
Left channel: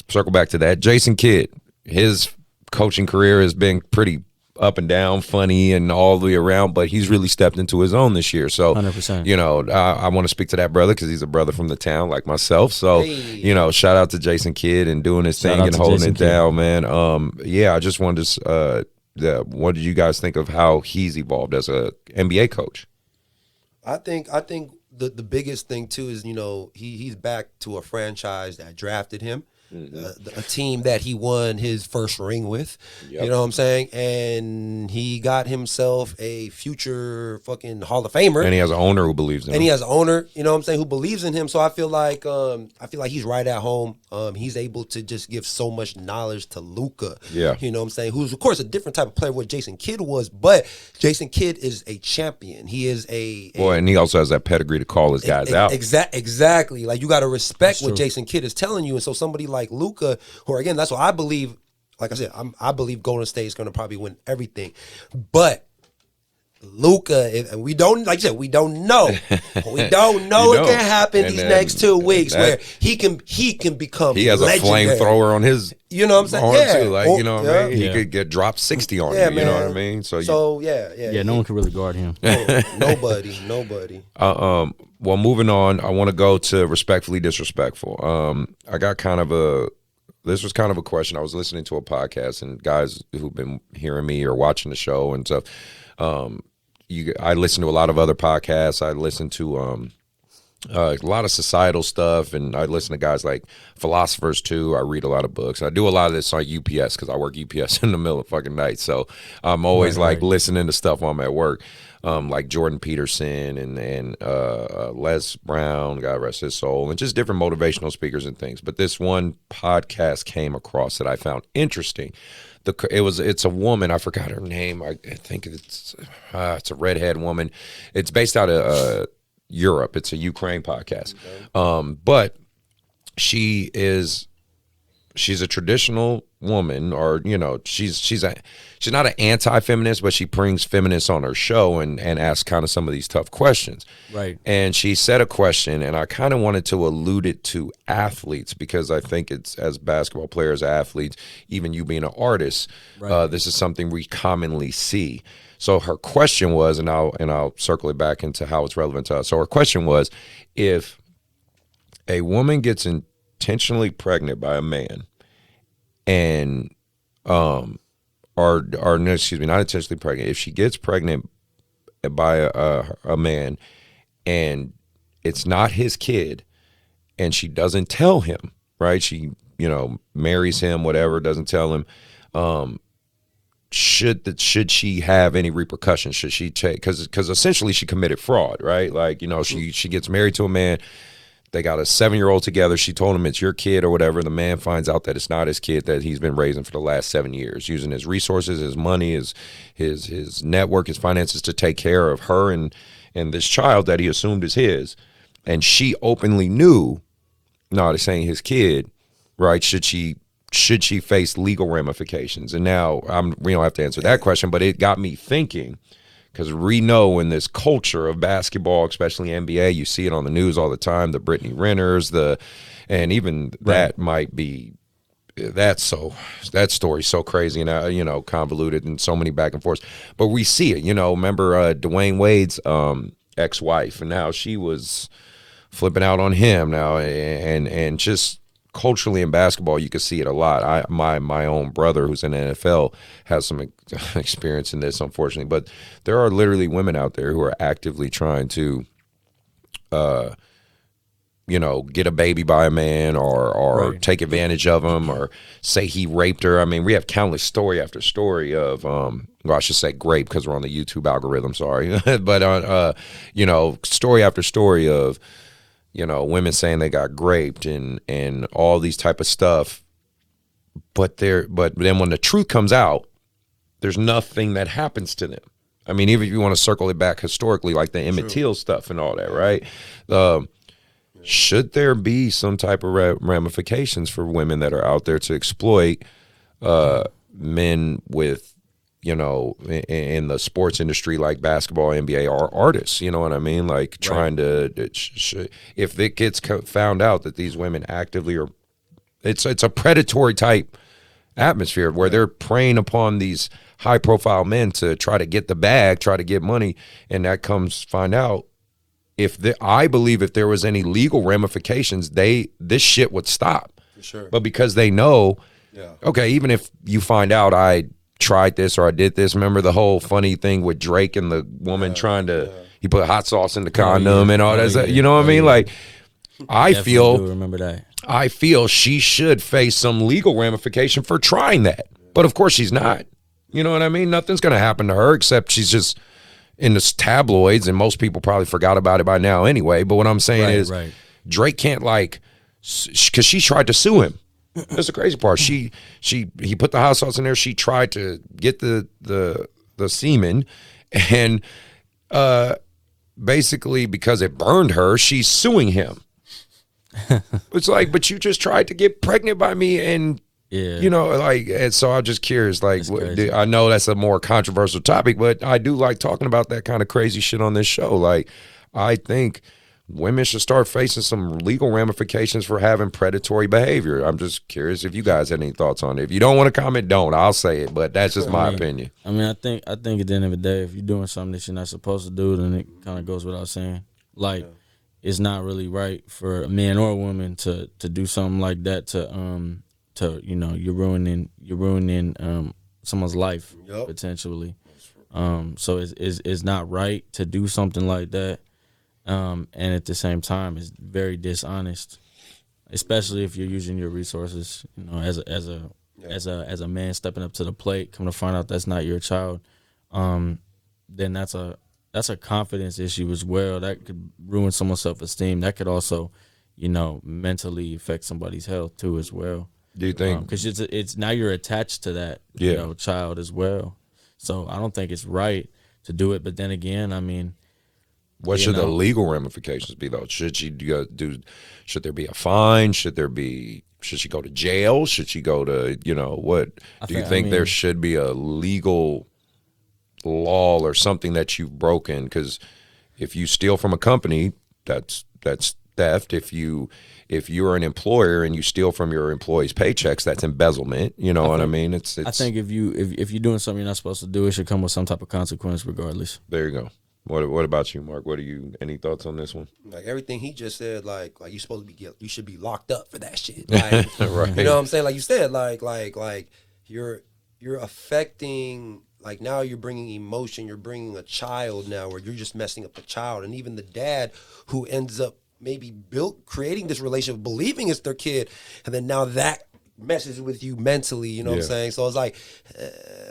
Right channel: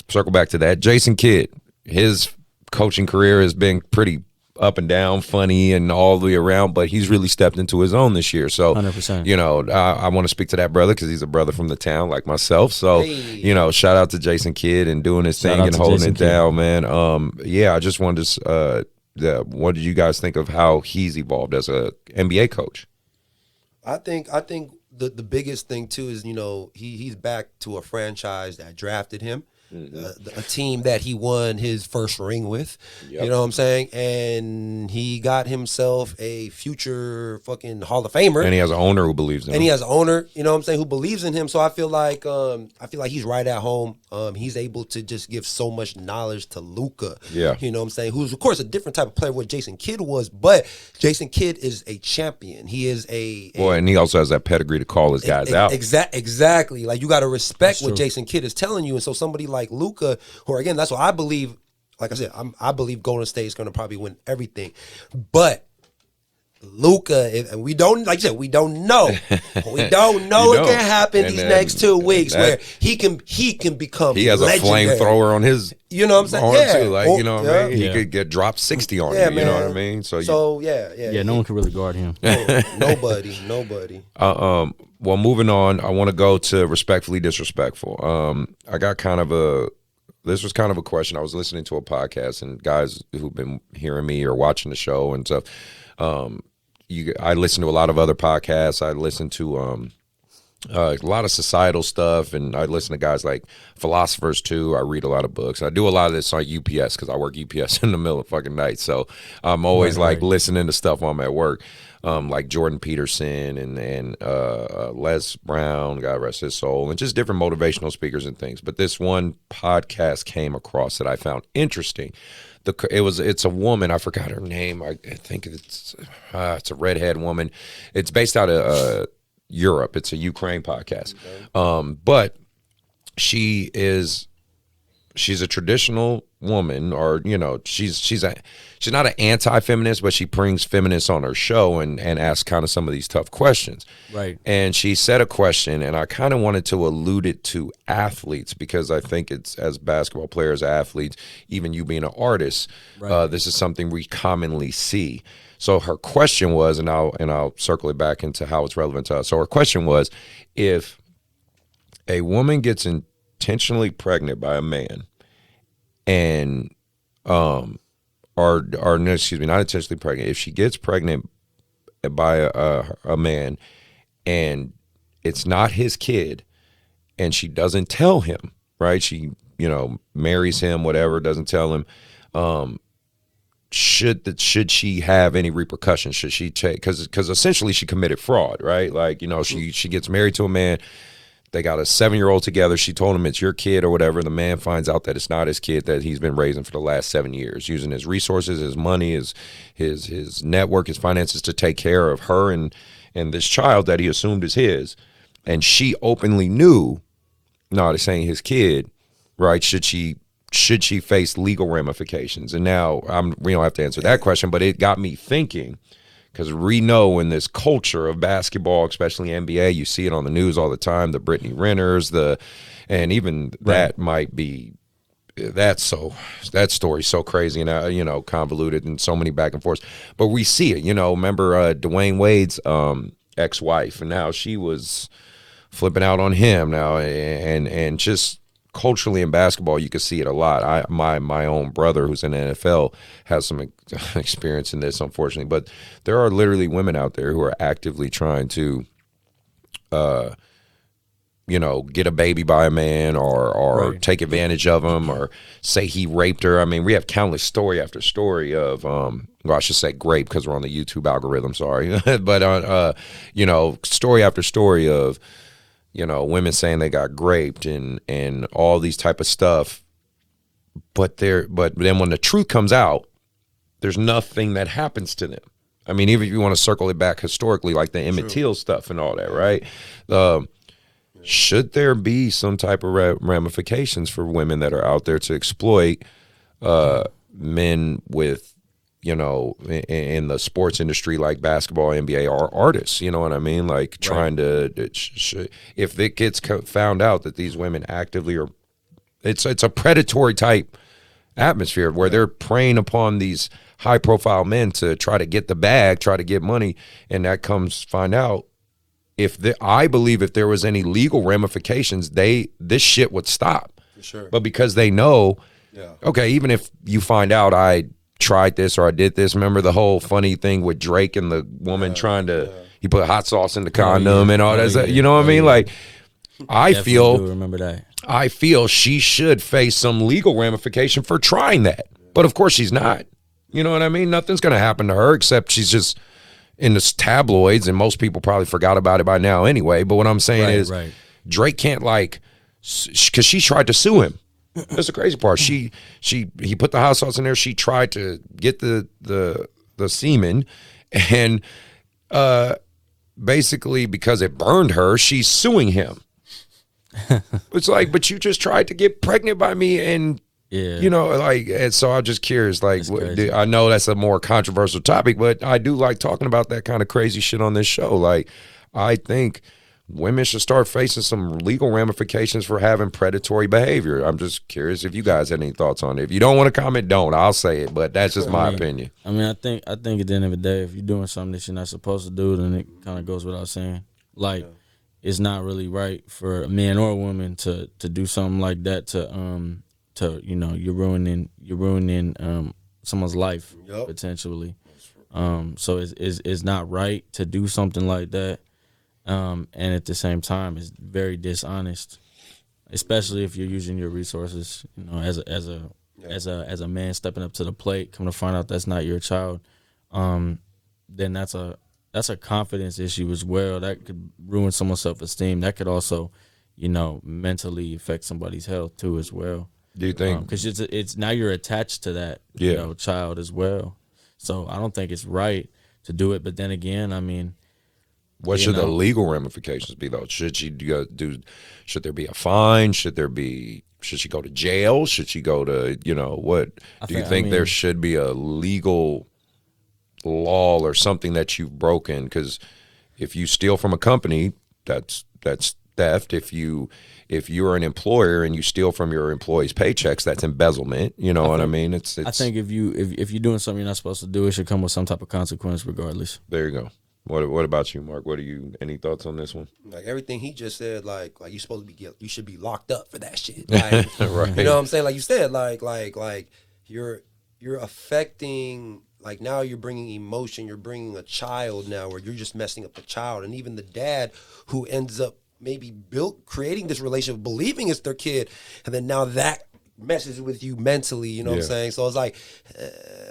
circle back to that. Jason Kidd, his coaching career has been pretty up and down, funny, and all the way around, but he's really stepped into his own this year. So, 100%. you know, I want to speak to that brother because he's a brother from the town like myself. So, you know, shout out to Jason Kidd and doing his thing and holding it down, man. Yeah, I just wanted to, what did you guys think of how he's evolved as a NBA coach? I think the biggest thing too is, you know, he's back to a franchise that drafted him. A team that he won his first ring with, you know what I'm saying? And he got himself a future fucking Hall of Famer. And he has an owner who believes in him. And he has an owner, you know what I'm saying, who believes in him. So I feel like he's right at home. He's able to just give so much knowledge to Luka. Yeah. You know what I'm saying? Who's of course a different type of player what Jason Kidd was, but Jason Kidd is a champion. He is a Boy, and he also has that pedigree to call his guys out. Exactly. Like you gotta respect what Jason Kidd is telling you. And so somebody like Luka, who again, that's what I believe. Like I said, I believe Golden State is going to probably win everything, but Luka, and we don't, like you said, we don't know. We don't know what can happen these next 2 weeks where he can become. He has legendary. a flamethrower on his. You know what I'm saying? Horn Yeah. too. Like, you know what I mean? He could get dropped 60 on you. You know what I mean? So yeah. No one can really guard him. Nobody. Well, moving on, I want to go to respectfully disrespectful. I got this was kind of a question. I was listening to a podcast, and guys who've been hearing me or watching the show and stuff. I listen to a lot of other podcasts. I listen to a lot of societal stuff, and I listen to guys like philosophers too. I read a lot of books. I do a lot of this on UPS because I work UPS in the middle of fucking night. So I'm always listening to stuff while I'm at work. Like Jordan Peterson and Les Brown, God rest his soul, and just different motivational speakers and things. But this one podcast came across that I found interesting. It's a woman. I forgot her name. I think it's a redhead woman. It's based out of Europe. It's a Ukraine podcast. Okay. But she's a traditional woman, or you know, she's not an anti-feminist, but she brings feminists on her show and asks kind of some of these tough questions. Right. And she said a question, and I kind of wanted to allude it to athletes because I think it's, as basketball players, athletes, even you being an artist, this is something we commonly see. So her question was, and I'll circle it back into how it's relevant to us. So her question was, if a woman gets intentionally pregnant by a man, and not intentionally pregnant, if she gets pregnant by a man and it's not his kid, and she doesn't tell him, right? She, you know, marries him, whatever, doesn't tell him. Should she have any repercussions? Should she take, because essentially she committed fraud, right? Like, you know, she gets married to a man. They got a 7-year-old together. She told him it's your kid or whatever. The man finds out that it's not his kid that he's been raising for the last 7 years, using his resources, his money, his network, his finances to take care of her and this child that he assumed is his. And she openly knew, no, this ain't his kid, right? Should she face legal ramifications? And now we don't have to answer that question, but it got me thinking. Because we know in this culture of basketball, especially NBA, you see it on the news all the time, the Brittany Renners, and even that might be, that story's so crazy and, you know, convoluted and so many back and forths. But we see it, you know, remember Dwayne Wade's ex-wife, and now she was flipping out on him now, and just culturally in basketball, you can see it a lot. My own brother, who's in the NFL, has some experience in this, unfortunately. But there are literally women out there who are actively trying to, you know, get a baby by a man or take advantage of him or say he raped her. I mean, we have countless story after story of, well, I should say grape because we're on the YouTube algorithm, sorry. But, you know, story after story of, you know, women saying they got raped and all these type of stuff. But then when the truth comes out, there's nothing that happens to them. I mean, even if you want to circle it back historically, like the Emmett Till stuff and all that, right? Should there be some type of ramifications for women that are out there to exploit men with, you know, in the sports industry like basketball, NBA, are artists? You know what I mean? Like trying to, if it gets found out that these women actively are, it's a predatory type atmosphere where they're preying upon these high profile men to try to get the bag, try to get money, and that comes find out. I believe if there was any legal ramifications, this shit would stop. For sure. But because they know, okay, even if you find out I tried this or I did this, remember the whole funny thing with Drake and the woman trying to, he put hot sauce in the condom and all that. You know what I mean? Like, I feel, remember that. I feel she should face some legal ramification for trying that. But of course she's not. You know what I mean? Nothing's going to happen to her except she's just in the tabloids, and most people probably forgot about it by now anyway. But what I'm saying is Drake can't, like, because she tried to sue him. That's the crazy part. He put the hot sauce in there. She tried to get the semen, and basically because it burned her, she's suing him. It's like, but you just tried to get pregnant by me, and you know, like, and so I'm just curious, like, I know that's a more controversial topic, but I do like talking about that kind of crazy shit on this show. Like, I think women should start facing some legal ramifications for having predatory behavior. I'm just curious if you guys had any thoughts on it. If you don't want to comment, don't. I'll say it, but that's just my opinion. I mean, I think at the end of the day, if you're doing something that you're not supposed to do, then it kind of goes without saying. Like, it's not really right for a man or a woman to do something like that to you know, you're ruining someone's life potentially. So it's not right to do something like that. And at the same time, it's very dishonest, especially if you're using your resources, you know, as a man stepping up to the plate, come to find out that's not your child. Then that's a confidence issue as well. That could ruin someone's self-esteem. That could also, you know, mentally affect somebody's health too as well. Do you think? Because it's now you're attached to that you know, child as well. So I don't think it's right to do it. But then again, I mean, what should the legal ramifications be though? Should she should there be a fine? Should she go to jail? Should she go to, you know, what? Do you think there should be a legal law or something that you've broken? Because if you steal from a company, that's theft. If you're an employer and you steal from your employees' paychecks, that's embezzlement. You know what I mean? It's I think if you're doing something you're not supposed to do, it should come with some type of consequence regardless. There you go. What about you, Mark? Any thoughts on this one? Like everything he just said, like you supposed to be you should be locked up for that shit. Like, right. You know what I'm saying? Like you said, like you're affecting. Like now you're bringing emotion. You're bringing a child now, where you're just messing up a child, and even the dad who ends up maybe creating this relationship, believing it's their kid, and then now that messes with you mentally, you know what I'm saying? So it's like,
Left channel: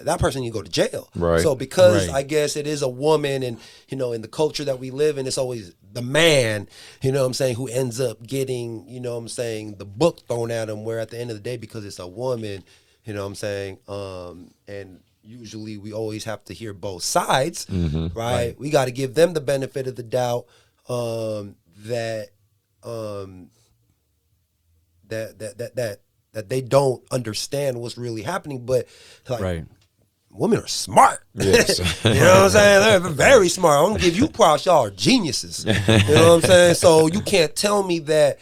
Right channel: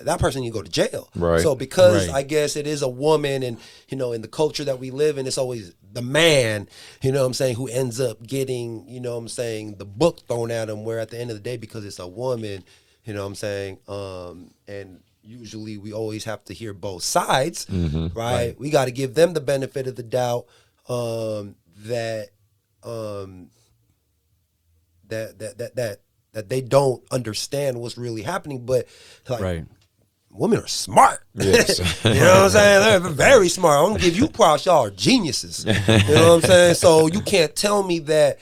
that person you go to jail. Right. So because I guess it is a woman, and, you know, in the culture that we live in, it's always the man, you know what I'm saying, who ends up getting, you know what I'm saying, the book thrown at him, where at the end of the day, because it's a woman, you know what I'm saying, and usually we always have to hear both sides, right? We got to give them the benefit of the doubt, that they don't understand what's really happening, but like women are smart. Yes. You know what I'm saying? They're very smart. I'm gonna give you props. Y'all are geniuses. You know what I'm saying? So you can't tell me that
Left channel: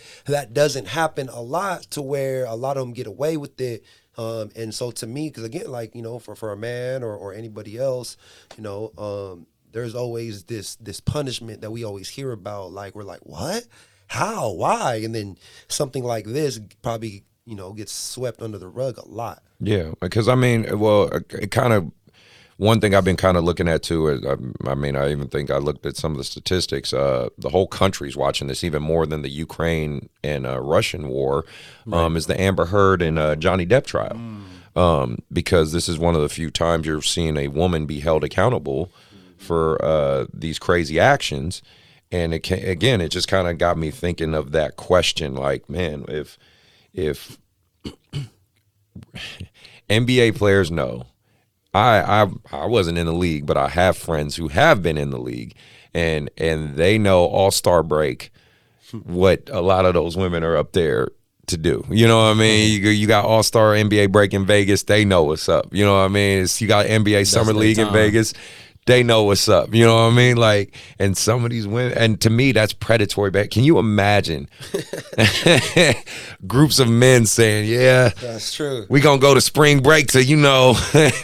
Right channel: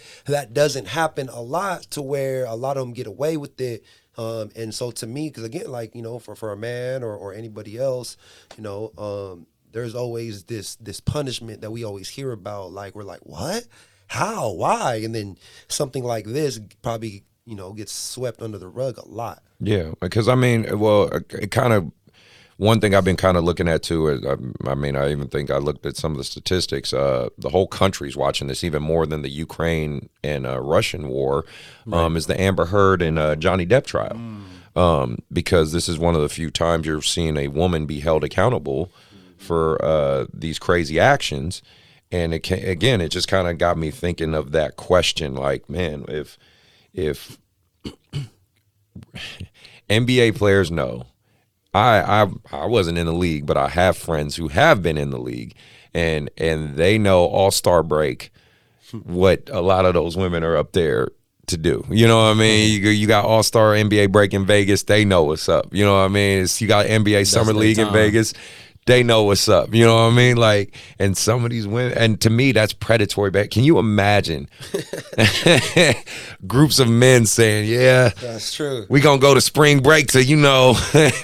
doesn't happen a lot, to where a lot of them get away with it. And so to me, because again, like, you know, for a man or anybody else, you know, there's always this punishment that we always hear about. Like, we're like, what? How? Why? And then something like this probably, you know, gets swept under the rug a lot. Yeah, because I mean, well, it kind of, one thing I've been kind of looking at too is, I mean, I even think I looked at some of the statistics. The whole country's watching this even more than the Ukraine and Russian war, is the Amber Heard and Johnny Depp trial. Because this is one of the few times you're seeing a woman be held accountable for these crazy actions. And again, it just kind of got me thinking of that question, like, man, if NBA players know I wasn't in the league, but I have friends who have been in the league, and they know All-Star break what a lot of those women are up there to do. You know what I mean? You got All-Star NBA break in Vegas, they know what's up. You know what I mean? You got NBA Summer League in Vegas, they know what's up. You know what I mean? Like, and some of these women, and to me, that's predatory. Back. Can you imagine groups of men saying, "Yeah, that's true. We gonna go to spring break to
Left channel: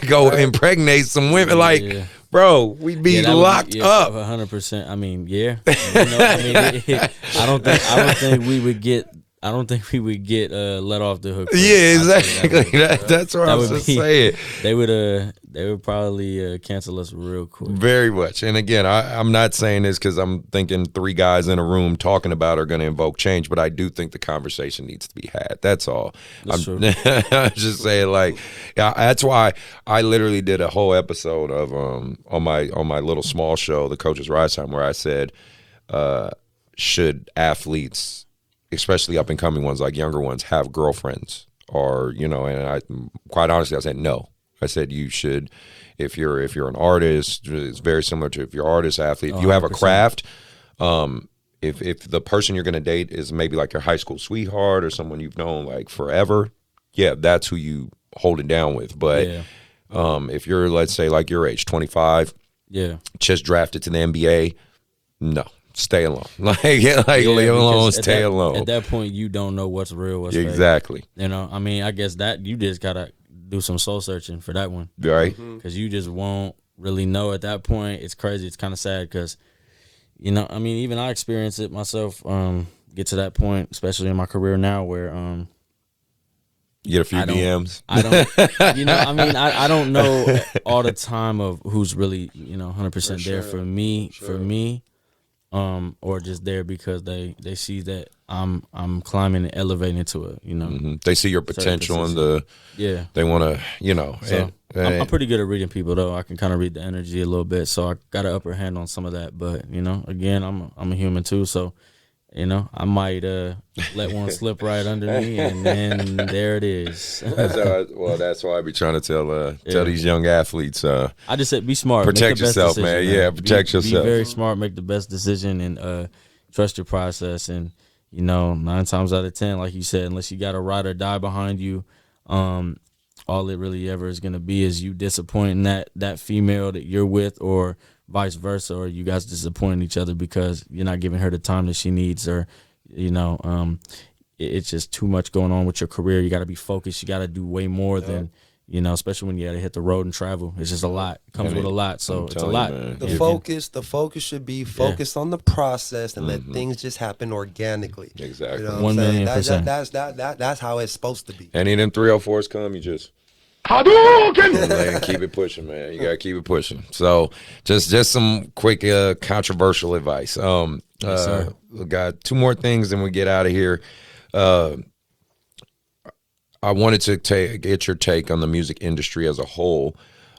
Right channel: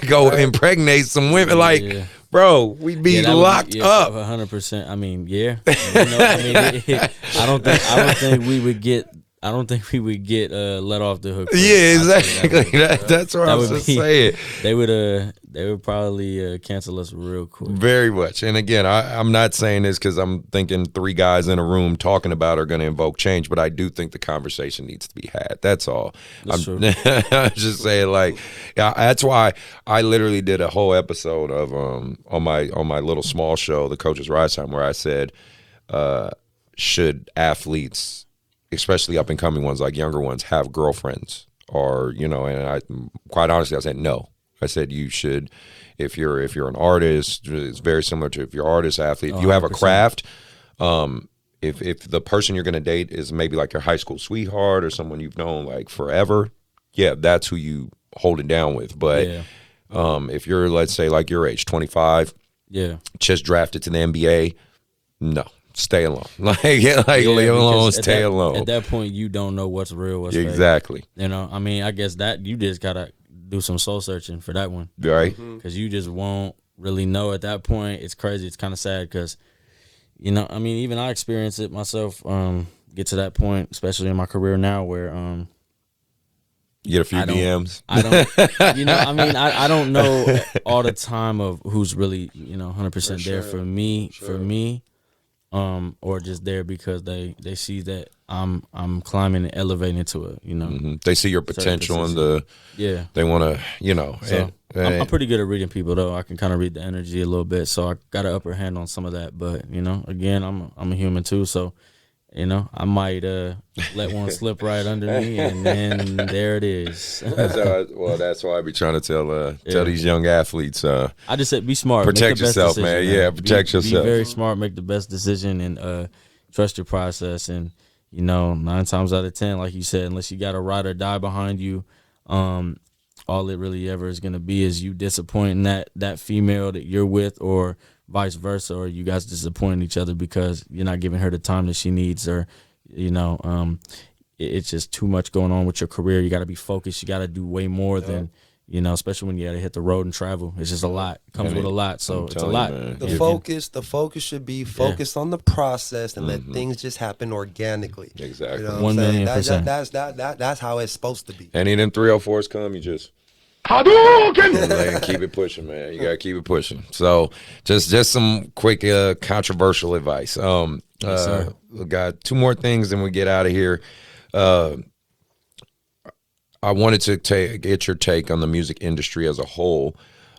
go impregnate some women." Like, bro, we'd be locked up. 100%. I mean, yeah. I don't think we would get. I don't think we would get let off the hook. Yeah, exactly. That's what I was just saying. They would probably cancel us real quick. Very much. And again, I'm not saying this because I'm thinking 3 guys in a room talking about are going to invoke change, but I do think the conversation needs to be had. That's all. That's true. I'm just saying, like, that's why I literally did a whole episode of on my little small show, The Coach's Rise Time, where I said, should athletes, especially up and coming ones, like younger ones, have girlfriends? Or, and I quite honestly, I said no. I said you should, if you're an artist, it's very similar to if you're an artist, athlete. If you have a craft, if the person you're going to date is maybe like your high school sweetheart or someone you've known like forever, yeah, that's who you hold it down with. But if you're, let's say, like your age, 25, just drafted to the NBA, no. Stay alone. Leave alone, stay alone. At that point, you don't know what's real, what's exactly. fake. I mean, I guess that you just got to do some soul searching for that one. Right. Because you just won't really know at that point. It's crazy. It's kind of sad because, I mean, even I experience it myself, get to that point, especially in my career now where you get a few DMs. I don't, I mean, I don't know all the time of who's really, 100% there for me. Or just there because they see that I'm climbing and elevating to it, They see your potential and they want to, So I'm pretty good at reading people though. I can kind of read the energy a little bit, so I got an upper hand on some of that. But again, I'm a human too, so I might let one slip right under me, and then there it is. That's why I be trying to tell these young athletes. I just said be smart, protect yourself, man. Yeah, protect yourself. Be very smart, make the best decision, and trust your process. And 9 times out of 10, like you said, unless you got a ride or die behind you, all it really ever is going to be is you disappointing that female that you're with, or vice versa, or you guys disappointing each other because you're not giving her the time that she needs, or it's just too much going on with your career. You got to be focused. You got to do way more than especially when you got to hit the road and travel. It's just a lot. It comes with a lot, so it's a lot. The focus should be focused on the process and let things just happen organically. Exactly. 1,000,000%. That's how it's supposed to be. Any of them 304s come, you just Hadouken! Keep it pushing, man. You gotta keep it pushing. So, just some quick controversial advice. Yes, sir. We got 2 more things, and we get out of here. I wanted to get your take on the music industry as a whole.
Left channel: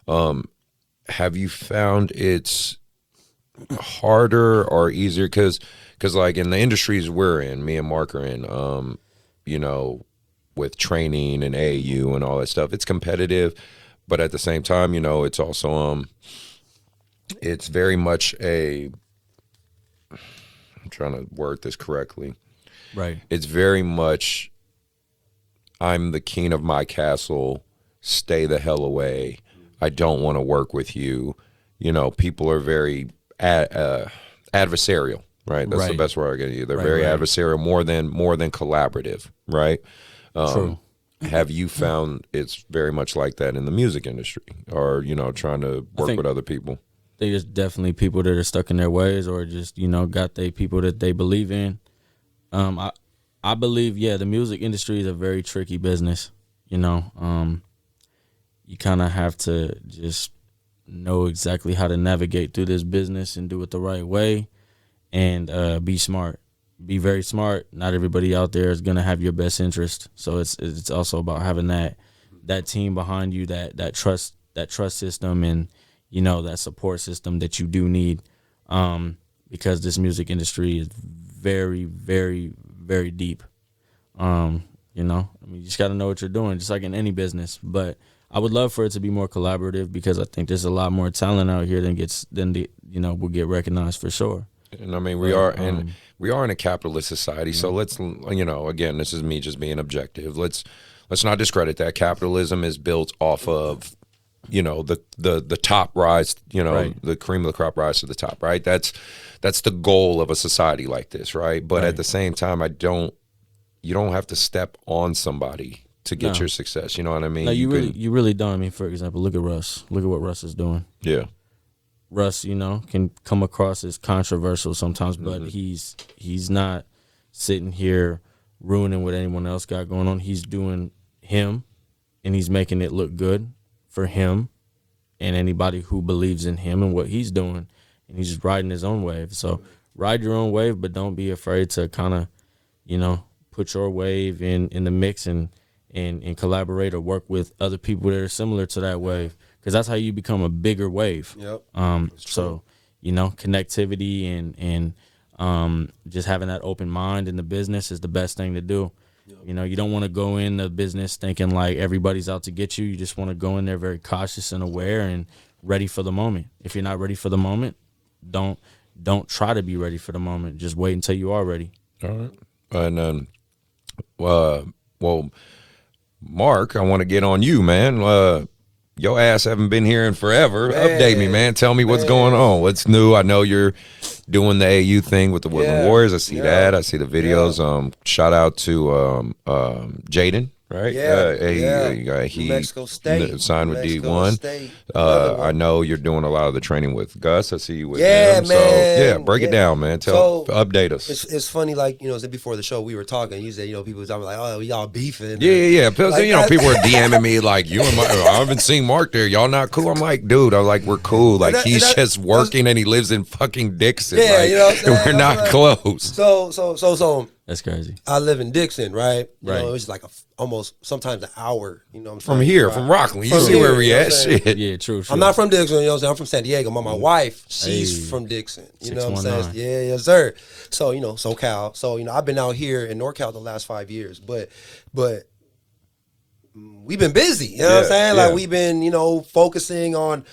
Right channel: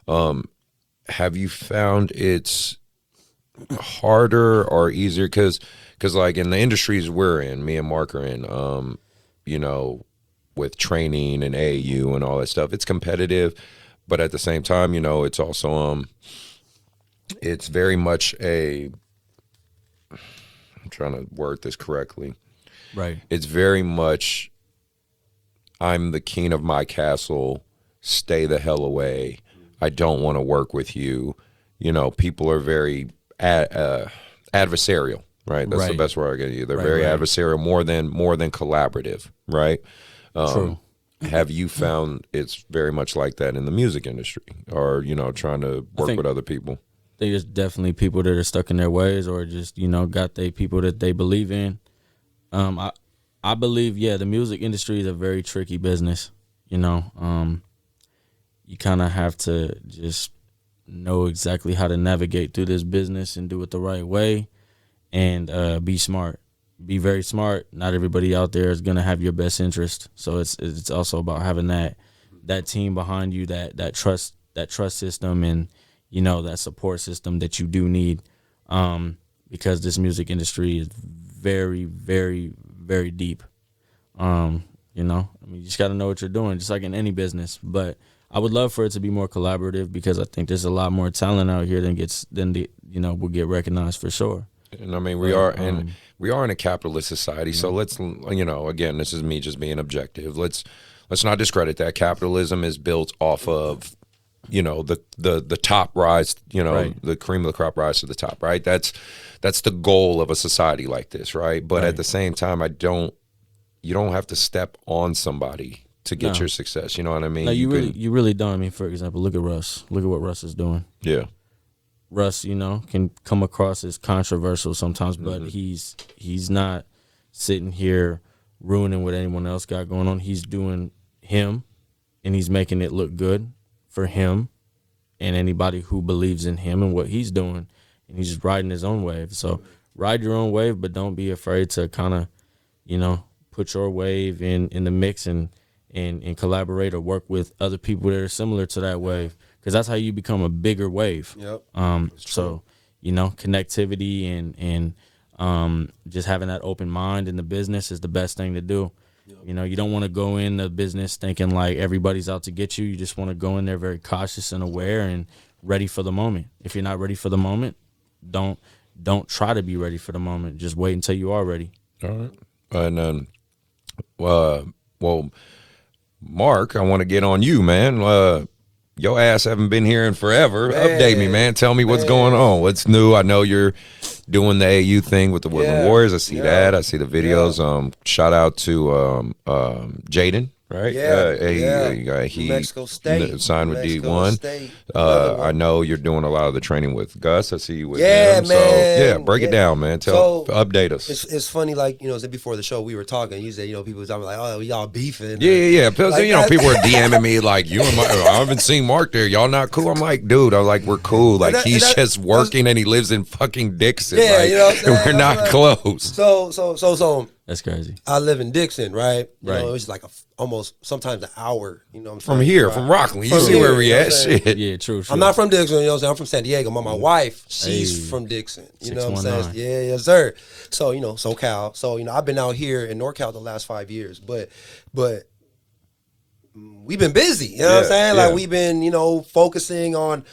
Have you found it's harder or easier? Because like in the industries we're in, me and Mark are in, with training and AAU and all that stuff, it's competitive, but at the same time, it's also it's very much I'm trying to word this correctly. Right. It's very much I'm the king of my castle, stay the hell away. I don't want to work with you. People are very adversarial, right? That's the best word I can use. They're very adversarial, more than collaborative, right? True. Have you found it's very much like that in the music industry, or trying to work with other people? There's definitely people that are stuck in their ways, or just got they people that they believe in. I believe the music industry is a very tricky business. You kind of have to just know exactly how to navigate through this business and do it the right way, and be smart. Be very smart. Not everybody out there is gonna have your best interest. So it's also about having that team behind you, that trust system, and that support system that you do need. Because this music industry is very, very, very deep. You just got to know what you're doing, just like in any business. But I would love for it to be more collaborative because I think there's a lot more talent out here will get recognized for sure. And I mean, we are in a capitalist society. So let's, again, this is me just being objective. Let's not discredit that. Capitalism is built off of, the top rise, the cream of the crop rise to the top, right? That's the goal of a society like this, right? But at the same time, you don't have to step on somebody to get your success. You know what I mean? No, you really don't. I mean, for example, look at Russ. Look at what Russ is doing. Yeah. Russ, can come across as controversial sometimes, but he's not sitting here ruining what anyone else got going on. He's doing him, and he's making it look good for him and anybody who believes in him and what he's doing, and he's just riding his own wave. So ride your own wave, but don't be afraid to kind of, put your wave in the mix and collaborate or work with other people that are similar to that wave, because that's how you become a bigger wave. Yep. So, connectivity and just having that open mind in the business is the best thing to do. Yep. You don't want to go in the business thinking like everybody's out to get you. You just want to go in there very cautious and aware and ready for the moment. If you're not ready for the moment, don't try to be ready for the moment. Just wait until you are ready. All right. And well, Mark, I want to get on you, man. Your ass haven't been here in forever. Man, update me, man. Tell me what's going on. What's new? I know you're doing the AU thing with the Woodland Warriors. I see that. I see the videos. Shout out to Jaden. Right? He Mexico State. Signed with Mexico D1. State. I know you're doing a lot of the training with Gus. I see you with him. Man. So, break it down, man. Update us. It's funny, like, before the show we were talking, you said, people was like, oh, y'all beefing. Yeah. Because, people were DMing me like, I haven't seen Mark there. Y'all not cool? I'm like, dude, we're cool. Like, he's just working and he lives in fucking Dixon. Yeah, like, we're not close. So that's crazy. I live in Dixon, right? Right. It's like almost sometimes an hour. From here, from Rockland. You see where we at? Shit. Yeah, true. I'm not from Dixon. I'm from San Diego. My wife, she's from Dixon. You know what I'm saying? Yeah, yes, sir. So SoCal. So I've been out here in NorCal the last 5 years, but we've been busy. You know what I'm saying? Like we've been focusing on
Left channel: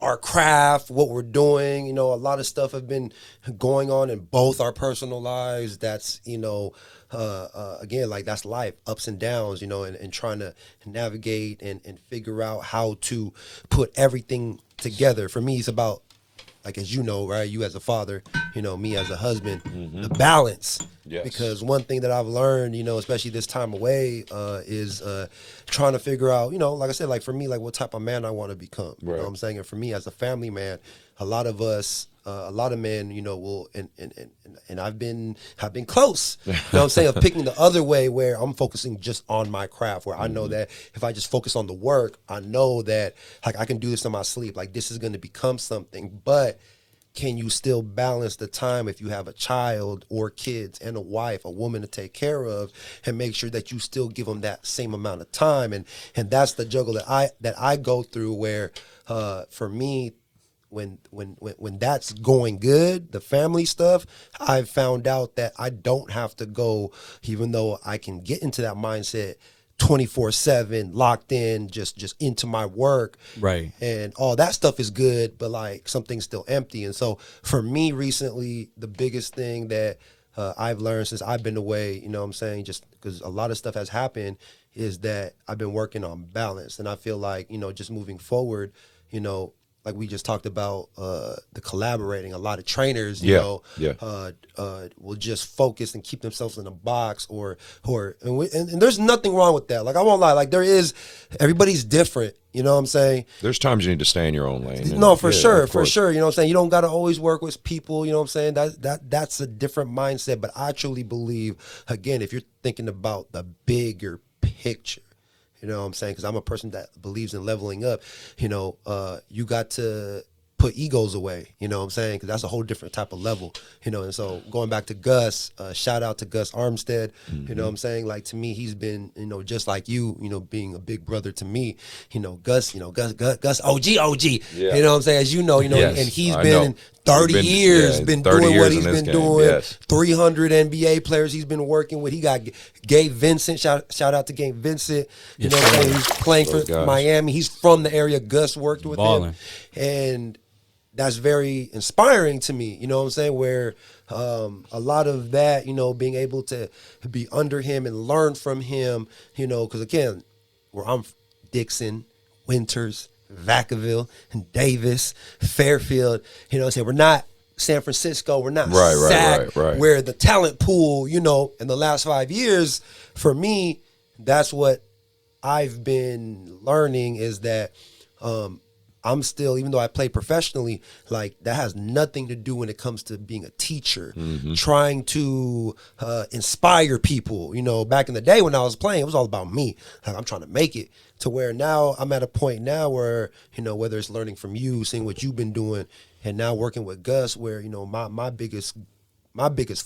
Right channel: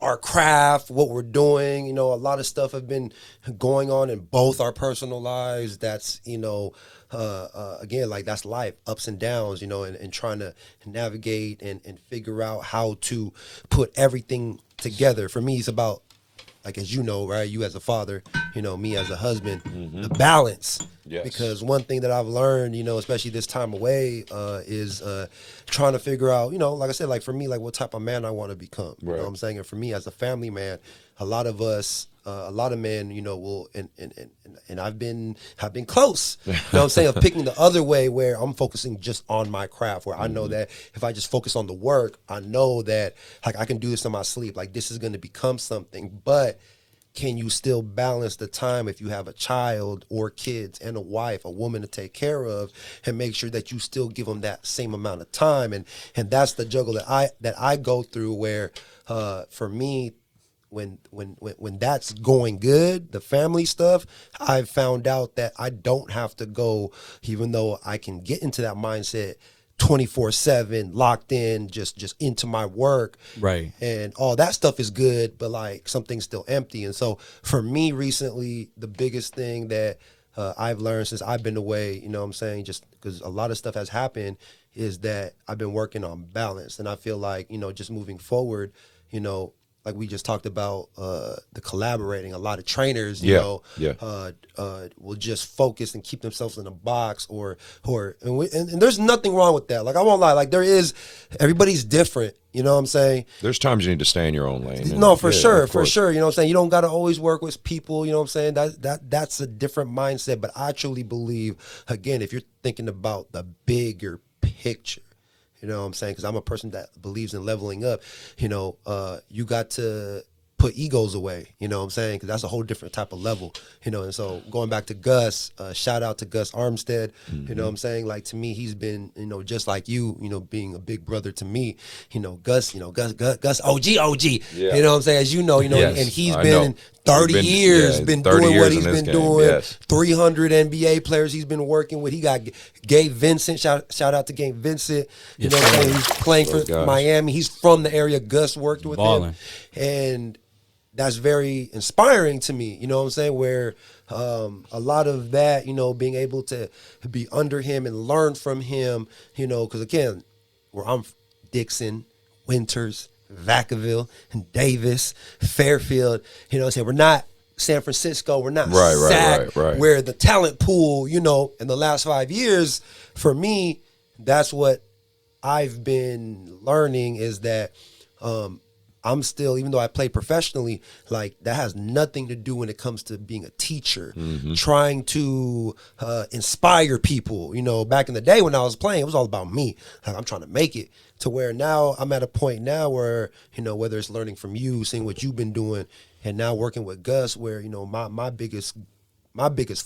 our craft, what we're doing. A lot of stuff have been going on in both our personal lives. That's, again, like that's life, ups and downs, and trying to navigate and figure out how to put everything together. For me, it's about, like, as right, you as a father, me as a husband, the balance. Yes. Because one thing that I've learned, especially this time away, is trying to figure out, like I said, like for me, like what type of man I want to become. You know what I'm saying? And for me as a family man, a lot of us, a lot of men, will, and I've been close, what I'm saying, of picking the other way where I'm focusing just on my craft, where I know that if I just focus on the work, I know that like I can do this in my sleep, like this is going to become something. But can you still balance the time if you have a child or kids and a wife, a woman to take care of, and make sure that you still give them that same amount of time? And that's the juggle that I go through, where for me, when that's going good, the family stuff, I've found out that I don't have to go, even though I can get into that mindset 24/7, locked in, just into my work. Right. And all that stuff is good, but like something's still empty. And so for me recently, the biggest thing that I've learned since I've been away, what I'm saying, just because a lot of stuff has happened, is that I've been working on balance. And I feel like, just moving forward, like we just talked about, the collaborating, a lot of trainers, will just focus and keep themselves in a box, and there's nothing wrong with that. Like, I won't lie, like everybody's different. You know what I'm saying? There's times you need to stay in your own lane. No, for sure. You know what I'm saying? You don't got to always work with people. You know what I'm saying? That's a different mindset. But I truly believe, again, if you're thinking about the bigger picture, you know what I'm saying? Because I'm a person that believes in leveling up. You got to put egos away, you know what I'm saying? Because that's a whole different type of level, And so going back to Gus, shout out to Gus Armstead, you know what I'm saying? Like, to me, he's been, just like you, being a big brother to me, Gus, Gus OG, you know what I'm saying? As you know, Yes, and he's I been know. 30 years been doing what he's been doing. Yes. 300 NBA players he's been working with. He got Gabe Vincent. Shout out to Gabe Vincent. You know what I'm saying? He's playing for Miami. He's from the area. Gus worked with him. And that's very inspiring to me. You know what I'm saying? Where a lot of that, you know, being able to be under him and learn from him, you know, because again, where I'm Dixon, Winters, Vacaville, and Davis, Fairfield, you know what I'm saying? We're not San Francisco. We're not SAC, where the talent pool, you know, in the last 5 years, for me, that's what I've been learning is that I'm still, even though I play professionally, like that has nothing to do when it comes to being a teacher, trying to inspire people. You know, back in the day when I was playing, it was all about me. Like, I'm trying to make it to where now I'm at a point now where, you know, whether it's learning from you, seeing what you've been doing, and now working with Gus, where, you know, my biggest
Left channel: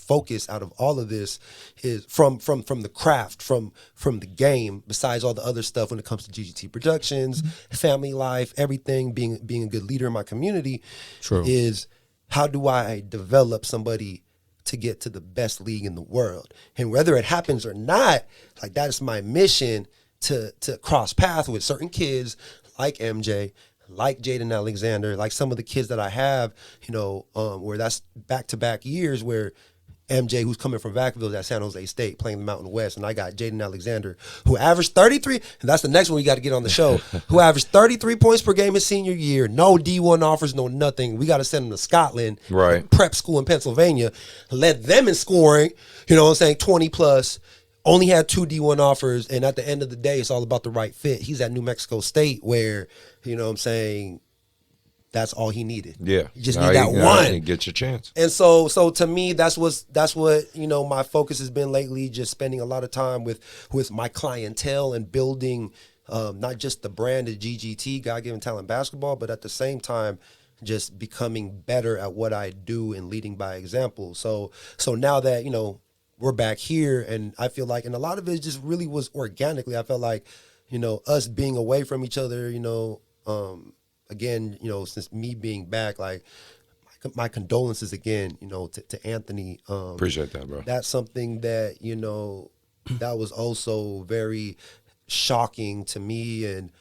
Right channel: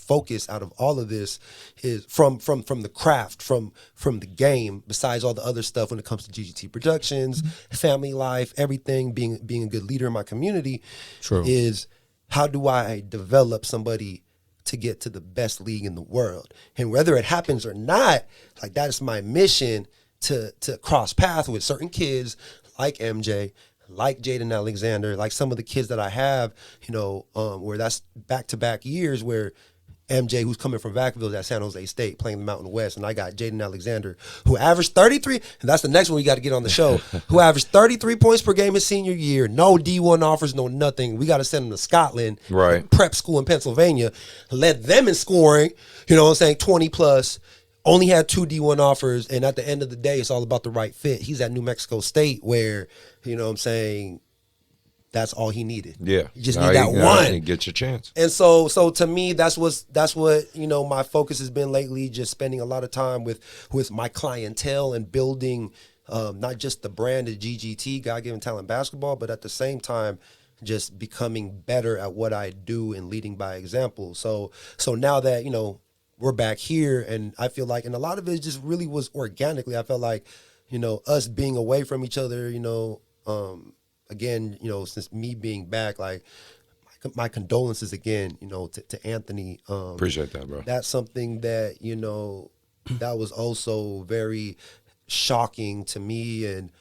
focus out of all of this is from the craft, from the game, besides all the other stuff when it comes to GGT Productions, family life, everything, being a good leader in my community. True. Is how do I develop somebody to get to the best league in the world? And whether it happens or not, like that is my mission to cross paths with certain kids like MJ, like Jaden Alexander, like some of the kids that I have, you know, where that's back-to-back years where MJ, who's coming from Vacaville at San Jose State, playing the Mountain West, and I got Jaden Alexander, who averaged 33, and that's the next one we got to get on the show, who averaged 33 points per game his senior year, no D1 offers, no nothing. We got to send him to Scotland, prep school in Pennsylvania, led them in scoring, you know what I'm saying, 20+. Only had 2 D1 offers, and at the end of the day, it's all about the right fit. He's at New Mexico State where, you know what I'm saying, that's all he needed. Yeah. You just need that one. Get your chance. And so to me, that's what, you know, my focus has been lately, just spending a lot of time with my clientele and building not just the brand of GGT, God Given Talent Basketball, but at the same time, just becoming better at what I do and leading by example. So now that, you know, we're back here, and I feel like, and a lot of it just really was organically. I felt like, you know, us being away from each other, you know, again, you know, since me being back, like my condolences again, you know, to Anthony. Appreciate that, bro. That's something that, you know, that was also very shocking to me, and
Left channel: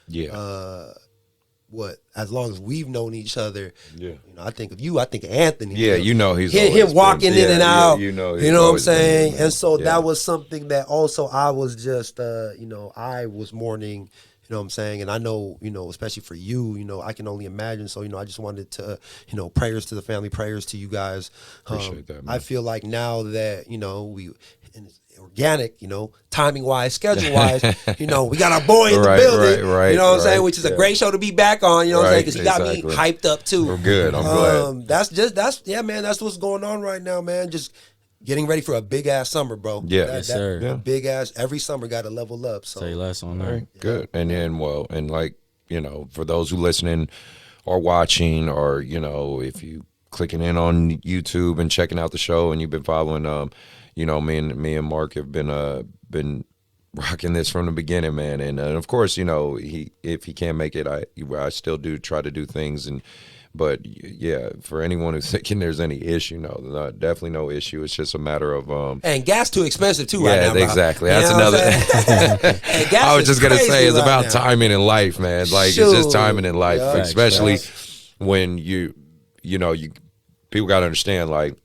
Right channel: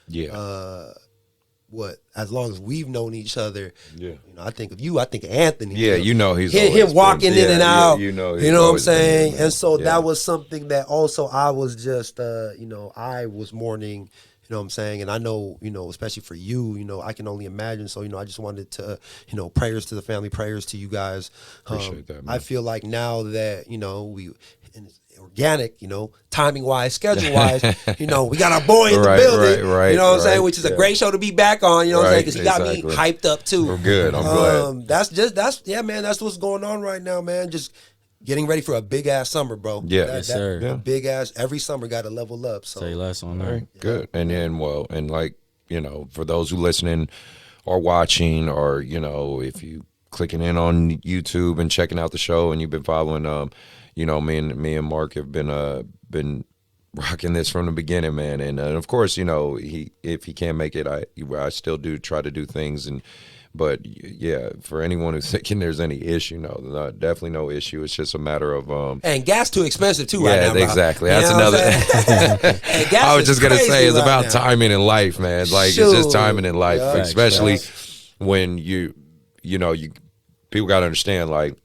as long as we've known each other, you know, I think of you, I think of Anthony. Yeah, you know, he's him walking in and out. You know what I'm saying? And so that was something that also I was just, you know, I was mourning, you know what I'm saying? And I know, you know, especially for you, you know, I can only imagine. So, you know, I just wanted to, you know, prayers to the family, prayers to you guys. Appreciate that, man. I feel like now that, you know, and it's organic, you know, timing wise, schedule wise, you know, we got our boy in the building, you know what I'm saying, which is a great show to be back on, you know what I'm saying, because he got me hyped up too. We're good. I'm glad. That's what's going on right now, man. Just getting ready for a big ass summer, bro. Yes, sir. Big ass, every summer got to level up. So say less on that. Right, good. And then, well, and like, you know, for those who listening or watching, or, you know, if you clicking in on YouTube and checking out the show and you've been following, you know, me and Mark have been rocking this from the beginning, man. And of course, you know, if he can't make it, I still do try to do things. But yeah, for anyone who's thinking there's any issue, no, definitely no issue. It's just a matter of and gas too expensive too right now. Yeah, exactly. That's another. I was just gonna say it's about timing in life, man. Like it's just timing in life, especially when you know, people got to understand, like,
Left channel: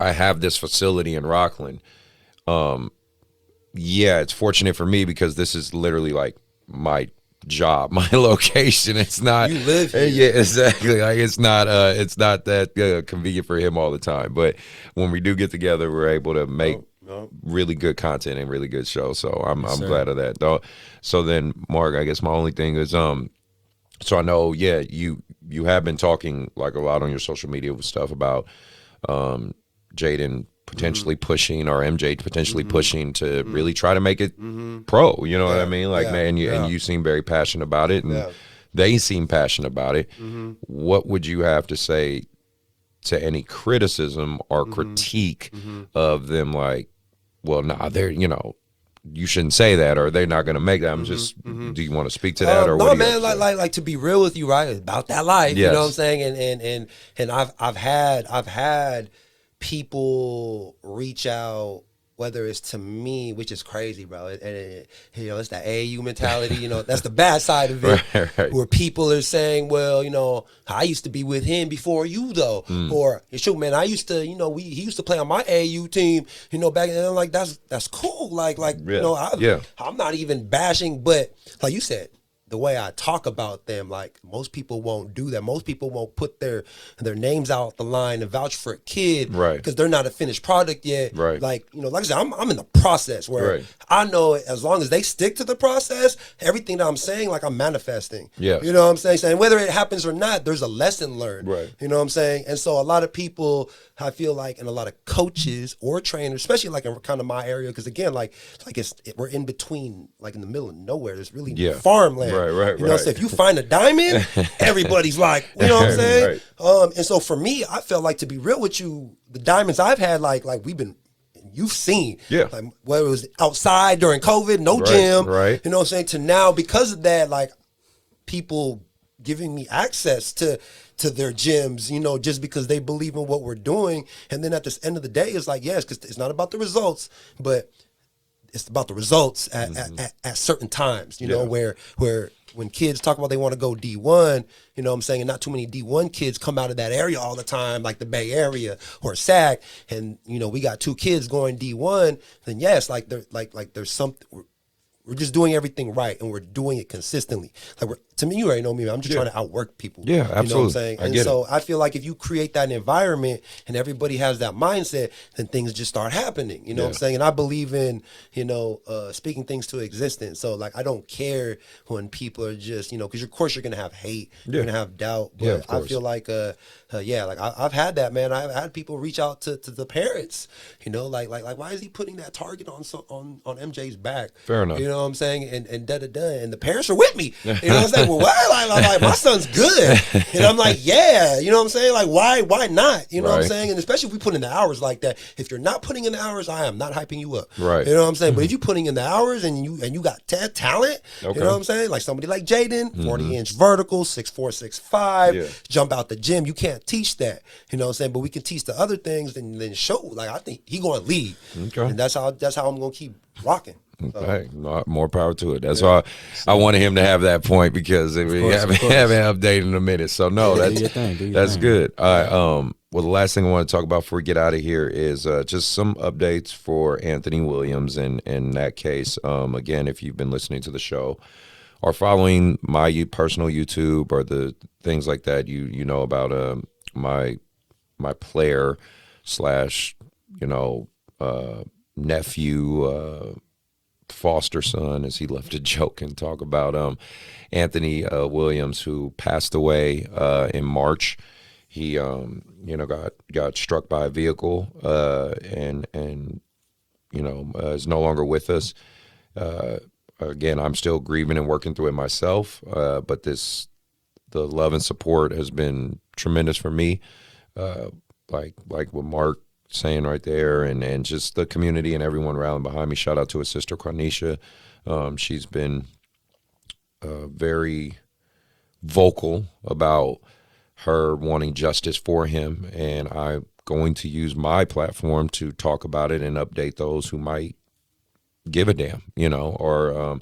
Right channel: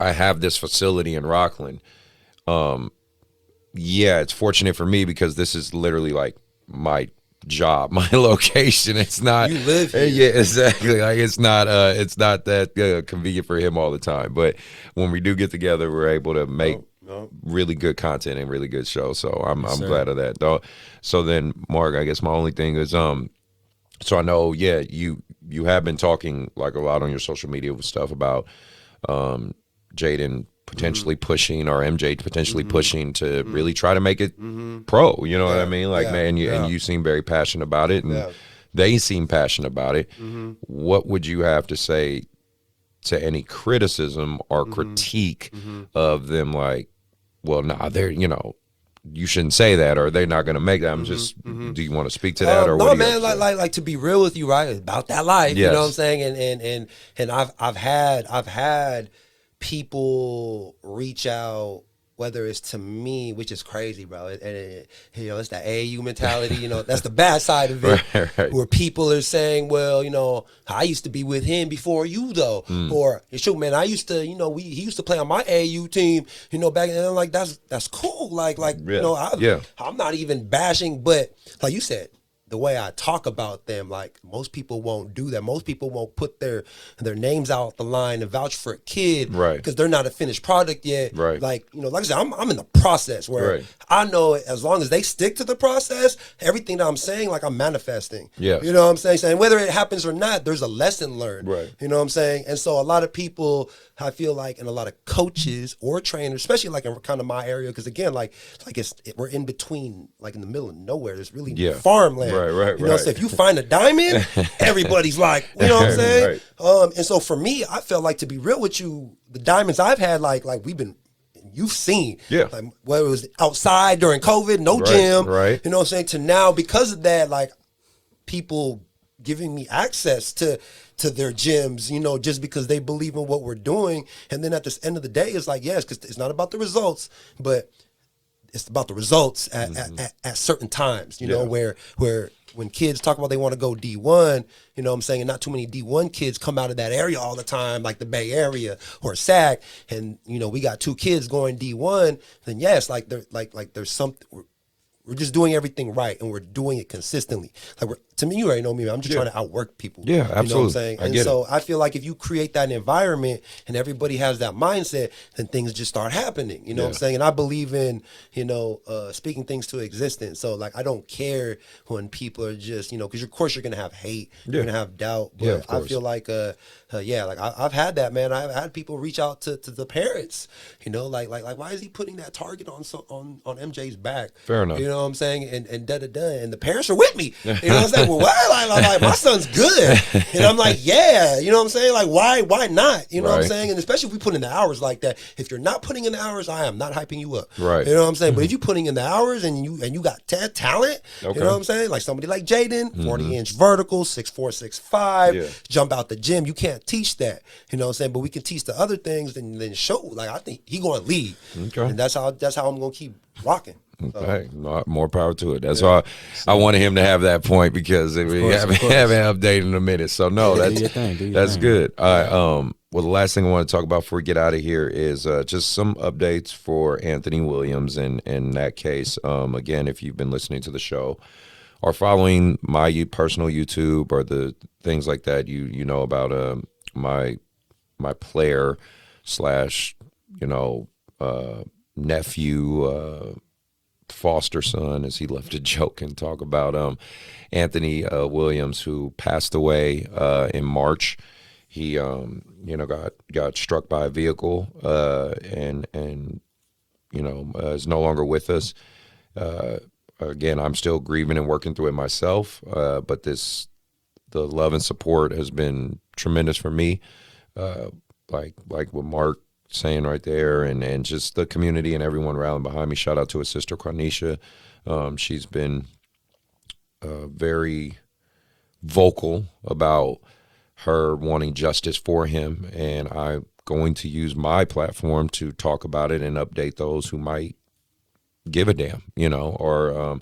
I have this facility in Rockland. Yeah, it's fortunate for me because this is literally like my job, my location. It's not. You live here. Yeah, exactly. Like it's not that convenient for him all the time. But when we do get together, we're able to make really good content and really good shows. So I'm glad of that. Though. So then, Mark, I guess my only thing is so I know, you have been talking like a lot on your social media stuff about Jaden potentially pushing, or MJ potentially pushing to really try to make it pro. You know what I mean? Like, man, and you seem very passionate about it, and they seem passionate about it. What would you have to say to any criticism or critique of them? Like, well, nah, they're, you know, you shouldn't say that, or they're not going to make that. I'm just. Do you want to speak to that, or no, what? Man, like to be real with you, right? About that life, Yes. you know what I'm saying? And I've had people reach out, whether it's to me, which is crazy, bro. And you know, it's that AAU mentality. You know, that's the bad side of it, right. where people are saying, well, you know, I used to be with him before you, though, or shoot, man, I used to, you know, he used to play on my AAU team, you know, back then. I'm like, that's cool, like you know, I'm not even bashing, but like you said, the way I talk about them, like most people won't do that. Most people won't put their names out the line and vouch for a kid, right? Because they're not a finished product yet, right? Like, you know, like I said, I'm in the process where I know as long as they stick to the process, everything that I'm saying, like I'm manifesting. Yeah, you know what I'm saying? Saying whether it happens or not, there's a lesson learned, right? You know what I'm saying? And so a lot of people, I feel like, and a lot of coaches or trainers, especially like in kind of my area, because again, we're in between, like in the middle of nowhere. There's really farmland, right. You know, so if you find a diamond, everybody's like, you know what I'm saying? And so for me, I felt like, to be real with you, the diamonds I've had, like you've seen, like whether it was outside during COVID, no gym, you know what I'm saying, to now, because of that, like people giving me access to their gyms, you know, just because they believe in what we're doing. And then at the end of the day, it's like, yes, because it's not about the results, but it's about the results at certain times, you know, where when kids talk about they want to go D1, you know what I'm saying, and not too many D1 kids come out of that area all the time, like the Bay Area or SAC, and, you know, we got 2 kids going D1, then yes, like there's something, we're just doing everything right, and we're doing it consistently. Like to me, you already know me, I'm just trying to outwork people. Yeah, absolutely. You know what I'm saying? And so I feel like if you create that environment and everybody has that mindset, then things just start happening. You know what I'm saying? And I believe in, you know, speaking things to existence. So like, I don't care when people are just, you know, because of course you're gonna have hate, you're gonna have doubt. But I feel like, like I've had that, man. I've had people reach out to the parents. You know, like why is he putting that target on MJ's back? Fair enough. You know what I'm saying? And and the parents are with me. You know what I'm saying? Well, why? Like my son's good. And I'm like, yeah. You know what I'm saying? Like, why not? You know what I'm saying? And especially if we put in the hours like that. If you're not putting in the hours, I am not hyping you up. Right. You know what I'm saying? But if you're putting in the hours and you got talent, you know what I'm saying? Like somebody like Jaden, 40-inch vertical, 6'4", 6'5", jump out the gym. You can't teach that. You know what I'm saying? But we can teach the other things and then show. Like, I think he going to lead. Okay. And that's how I'm going to keep rocking. So. Hey, more power to it. That's why I wanted him to have that point, because we haven't updated in a minute. So no, that's good. All right. Well, the last thing I want to talk about before we get out of here is just some updates for Anthony Williams. And in that case, again, if you've been listening to the show or following my personal YouTube or the things like that, you know about my player / nephew. Foster son, as he loved to joke and talk about Anthony Williams, who passed away in March. He got struck by a vehicle and is no longer with us. Again, I'm still grieving and working through it myself, but the love and support has been tremendous for me, like what Mark saying right there, and just the community and everyone rallying behind me. Shout out to his sister Cornisha. She's been very vocal about her wanting justice for him, and I'm going to use my platform to talk about it and update those who might give a damn, or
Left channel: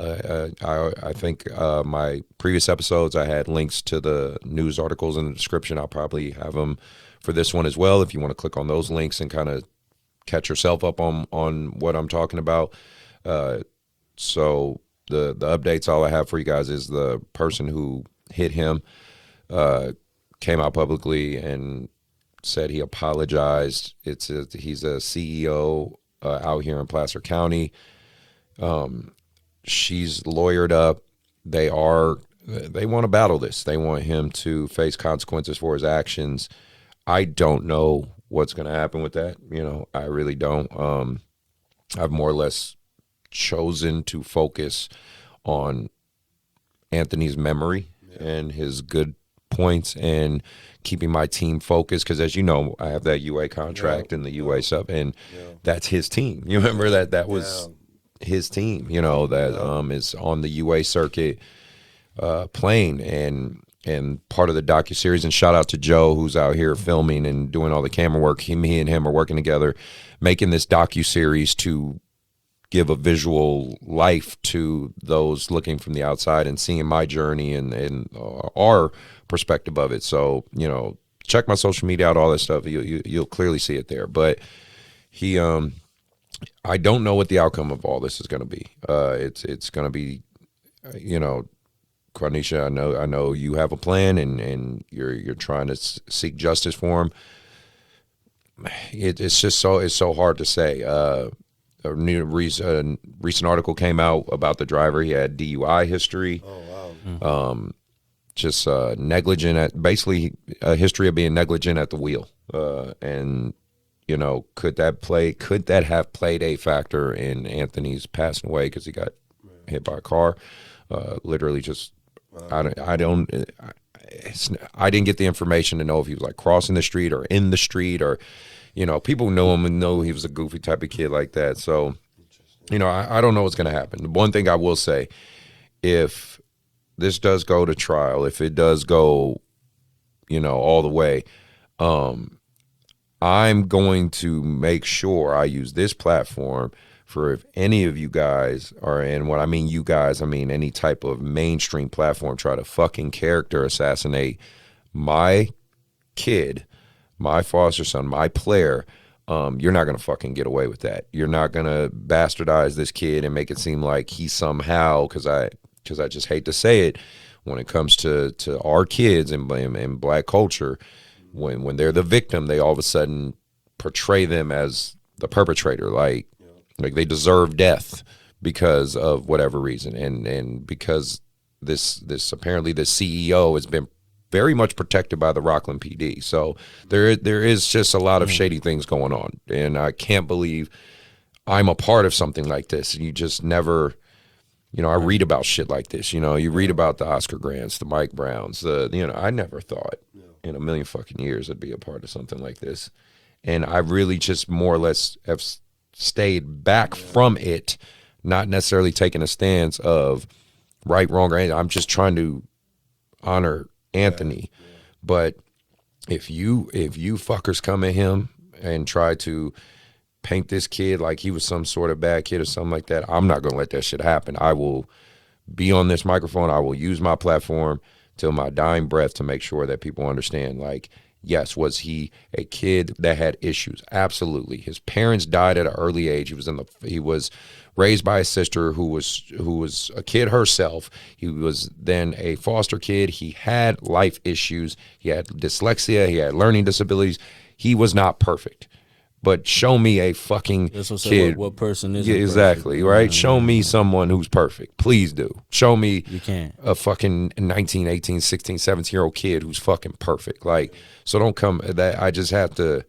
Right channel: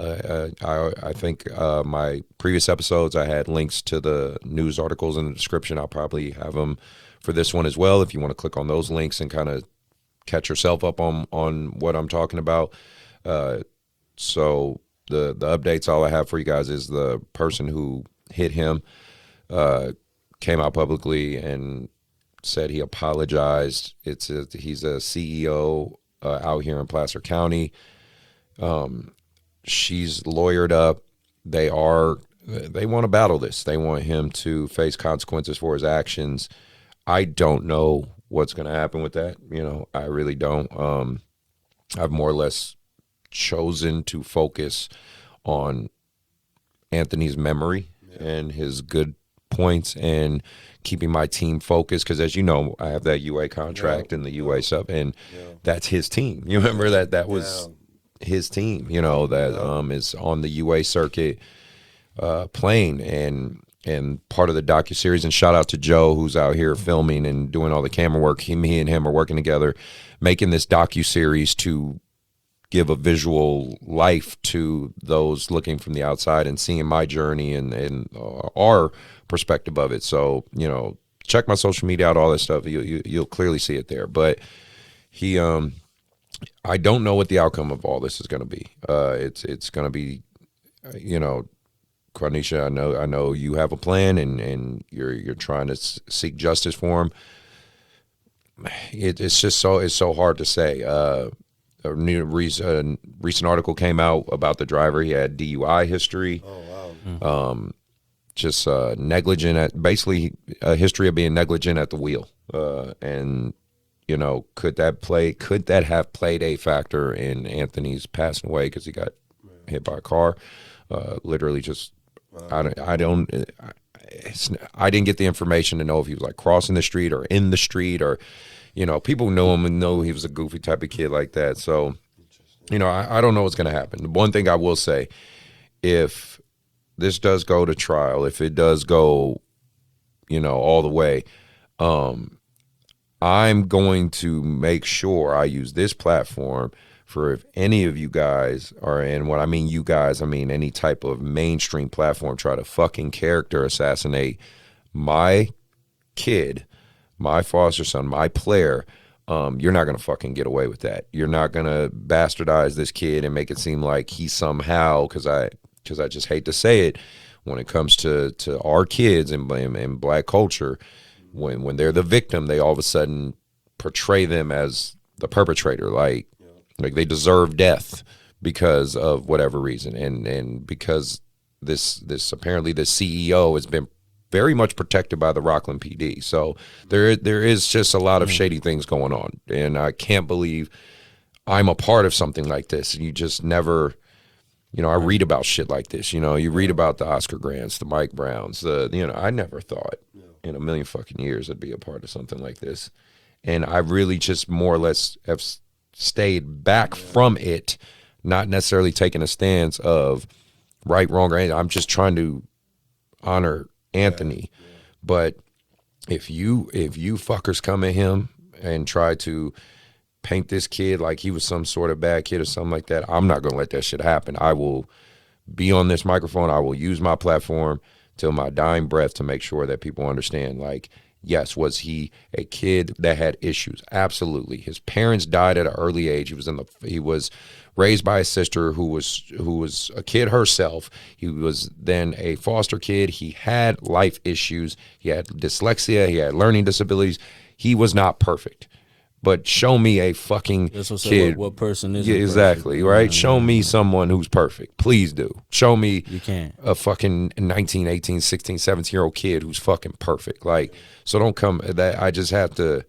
I think my previous episodes, I had links to the news articles in the description. I'll probably have them for this one as well, if you want to click on those links and kind of catch yourself up on what I'm talking about. So the updates, all I have for you guys is the person who hit him came out publicly and said he apologized. He's a CEO out here in Placer County. She's lawyered up. They want to battle this. They want him to face consequences for his actions. I don't know what's going to happen with that. I really don't. I've more or less chosen to focus on Anthony's memory and his good points and keeping my team focused, because as you know, I have that UA contract and the UA stuff, and that's his team. You remember that was his team, you know, that is on the UA circuit playing and part of the docuseries. And shout out to Joe, who's out here filming and doing all the camera work. Me and him are working together, making this docuseries to give a visual life to those looking from the outside and seeing my journey and our perspective of it. So, you know, check my social media out, all that stuff. You'll clearly see it there. But he, I don't know what the outcome of all this is going to be. It's going to be, you know, Quanisha, I know you have a plan and you're trying to seek justice for him. It's just so hard to say. A recent article came out about the driver. He had DUI history. Oh wow. Just negligent basically a history of being negligent at the wheel. And you know, could that have played a factor in Anthony's passing away because he got hit by a car? Literally just. I didn't get the information to know if he was like crossing the street or in the street or, you know, people know him and know he was a goofy type of kid like that. So, you know, I don't know what's going to happen. The one thing I will say, if this does go to trial, if it does go, you know, all the way, I'm going to make sure I use this platform for if any of you guys are, and when I mean you guys, I mean any type of mainstream platform, try to fucking character assassinate my kid, my foster son, my player, you're not going to fucking get away with that. You're not going to bastardize this kid and make it seem like he somehow, because I just hate to say it, when it comes to our kids and black culture, when they're the victim, they all of a sudden portray them as the perpetrator, like they deserve death because of whatever reason, and because this apparently the CEO has been very much protected by the Rockland PD. So there is just a lot of shady things going on, and I can't believe I'm a part of something like this. You just never, you know, I read about shit like this. You know, you read about the Oscar Grants, the Mike Browns, I never thought in a million fucking years I'd be a part of something like this, and I really just more or less have stayed back from it, not necessarily taking a stance of right, wrong, or anything. I'm just trying to honor Anthony. But if you fuckers come at him and try to paint this kid like he was some sort of bad kid or something like that, I'm not going to let that shit happen. I will be on this microphone. I will use my platform till my dying breath to make sure that people understand, like, yes, was he a kid that had issues? Absolutely. His parents died at an early age. He was raised by a sister who was a kid herself. He was then a foster kid. He had life issues. He had dyslexia. He had learning disabilities. He was not perfect. But show me a fucking kid. What person is exactly, right? Yeah, show me someone who's perfect. Please do. Show me you can't. A fucking 19, 18, 16, 17-year-old kid who's fucking perfect. Like, so don't come that I just have to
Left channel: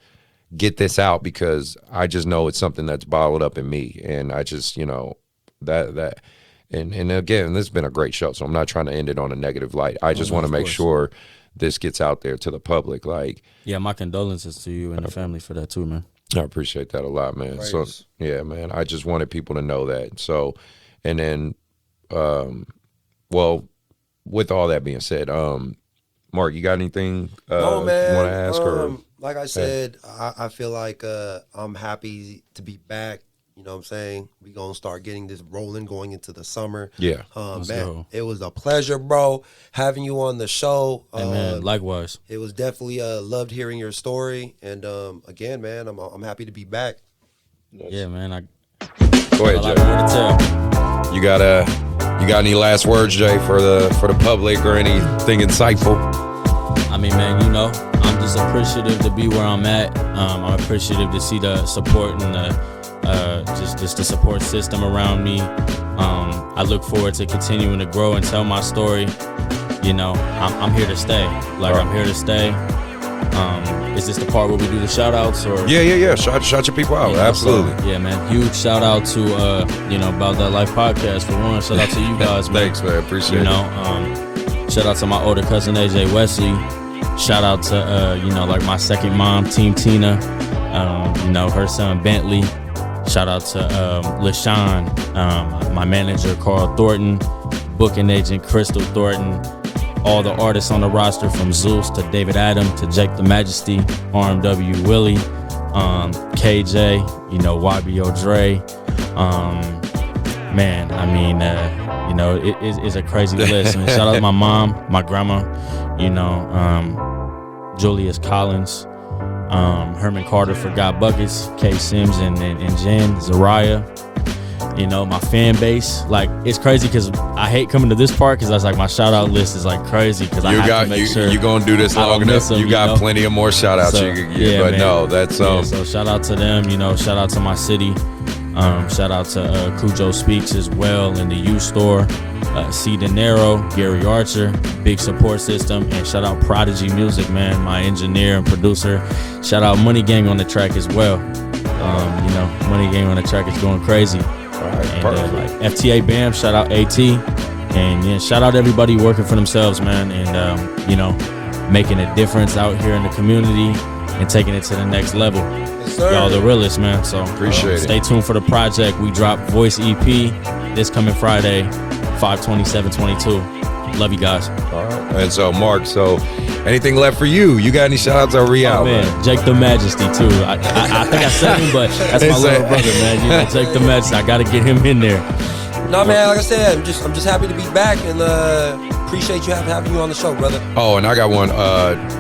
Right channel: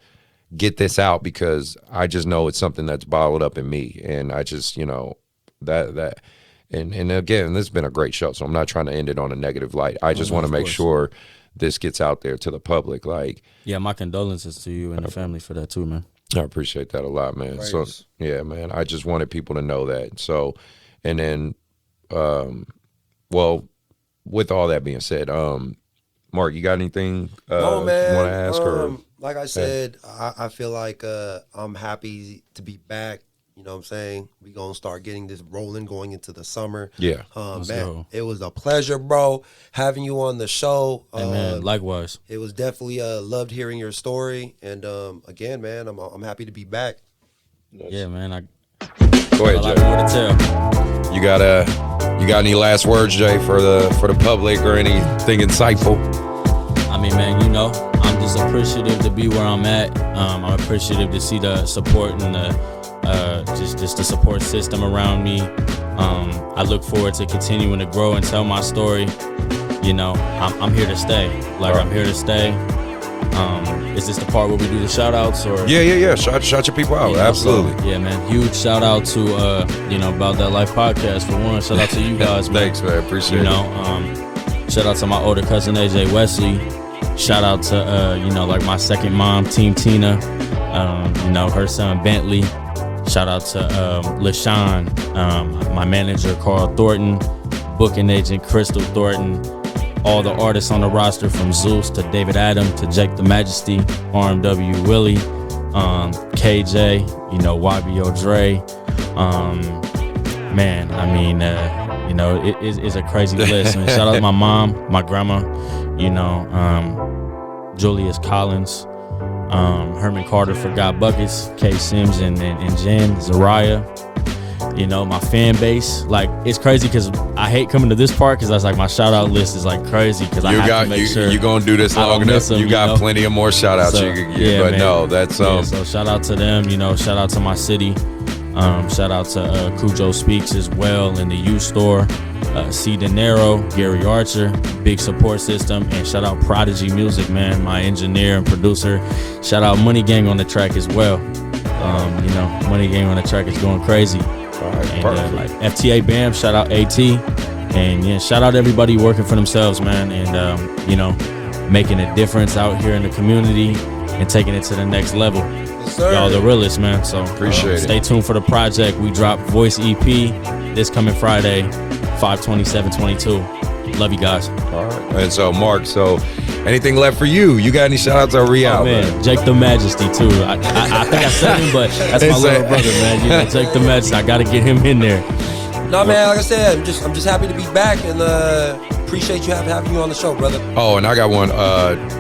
get this out because I just know it's something that's bottled up in me. And I just, you know, that and again, this has been a great show, so I'm not trying to end it on a negative light. I just want to make sure this gets out there to the public. Like, yeah, my condolences to you and the family for that too, man. I appreciate that a lot, man. Praise. So yeah, man, I just wanted people to know that. So, and then, well, with all that being said, Mark, you got anything no, man. You want to ask? Or like I said, I feel like I'm happy to be back. You know what I'm saying? We gonna start getting this rolling going into the summer. Yeah, man, it was a pleasure, bro, having you on the show. Hey, man, likewise. It was definitely loved hearing your story, and again, man, I'm happy to be back. Yeah, man. Go ahead, Jay. You got any last words, Jay, for the public or anything insightful? I mean, man, you know, I'm just appreciative to be where I'm at. I'm appreciative to see the support and the just the support system around me. I look forward to continuing to grow and tell my story. You know, I'm here to stay. Like, I'm here to stay. Is this the part where we do the shout outs or? Yeah. Shout your people out. Absolutely. So, yeah, man. Huge shout out to About That Life podcast for one. Shout out to you guys, man. Thanks, man. Appreciate it. Shout out to my older cousin AJ Wesley. Shout out to like my second mom, Team Tina. Her son Bentley. Shout out to LaShawn, my manager Carl Thornton, booking agent Crystal Thornton, all the artists on the roster from Zeus to David Adam to Jake the Majesty, RMW Willie, KJ, YBO Dre. Man, I mean, it's a crazy list. And shout out to my mom, my grandma, Julius Collins, Herman Carter for God Buckets, Kay Sims and Jen, Zariah. My fan base, like, it's crazy because I hate coming to this part because that's like my shout out list is like crazy because I have to make sure you're gonna do this long enough. Them, you got plenty of more shout outs you could get, but man. No, that's so shout out to them, shout out to my city, shout out to Cujo Speaks as well in the U store, C De Niro, Gary Archer, big support system, and shout out Prodigy Music, man, my engineer and producer. Shout out Money Gang on the track as well. Money Gang on the track is going crazy. And like FTA Bam, shout out AT, and shout out everybody working for themselves, man, and making a difference out here in the community and taking it to the next level. Yes, sir. Y'all the realest, man. So appreciate it. Stay tuned for the project. We drop Voice EP this coming Friday, 5/27/22. Love you guys. All right. And so Mark, anything left for you? You got any shout outs or re-out? Man, Jake the Majesty too. I think I said him, but that's my little brother, man. Jake the Majesty. I gotta get him in there. No, man, like I said, I'm just happy to be back and appreciate you having me on the show, brother. Oh, and I got one.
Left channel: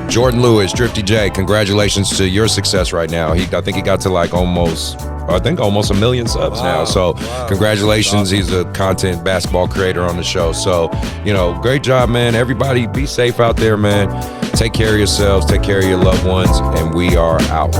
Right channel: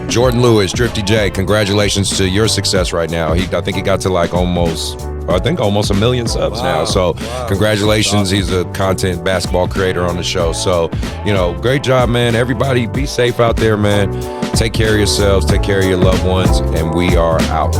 Jordan Lewis, Drifty J, congratulations to your success right now. I think he got to like almost 1 million subs now. So congratulations. He's a content basketball creator on the show. So, great job, man. Everybody be safe out there, man. Take care of yourselves. Take care of your loved ones. And we are out.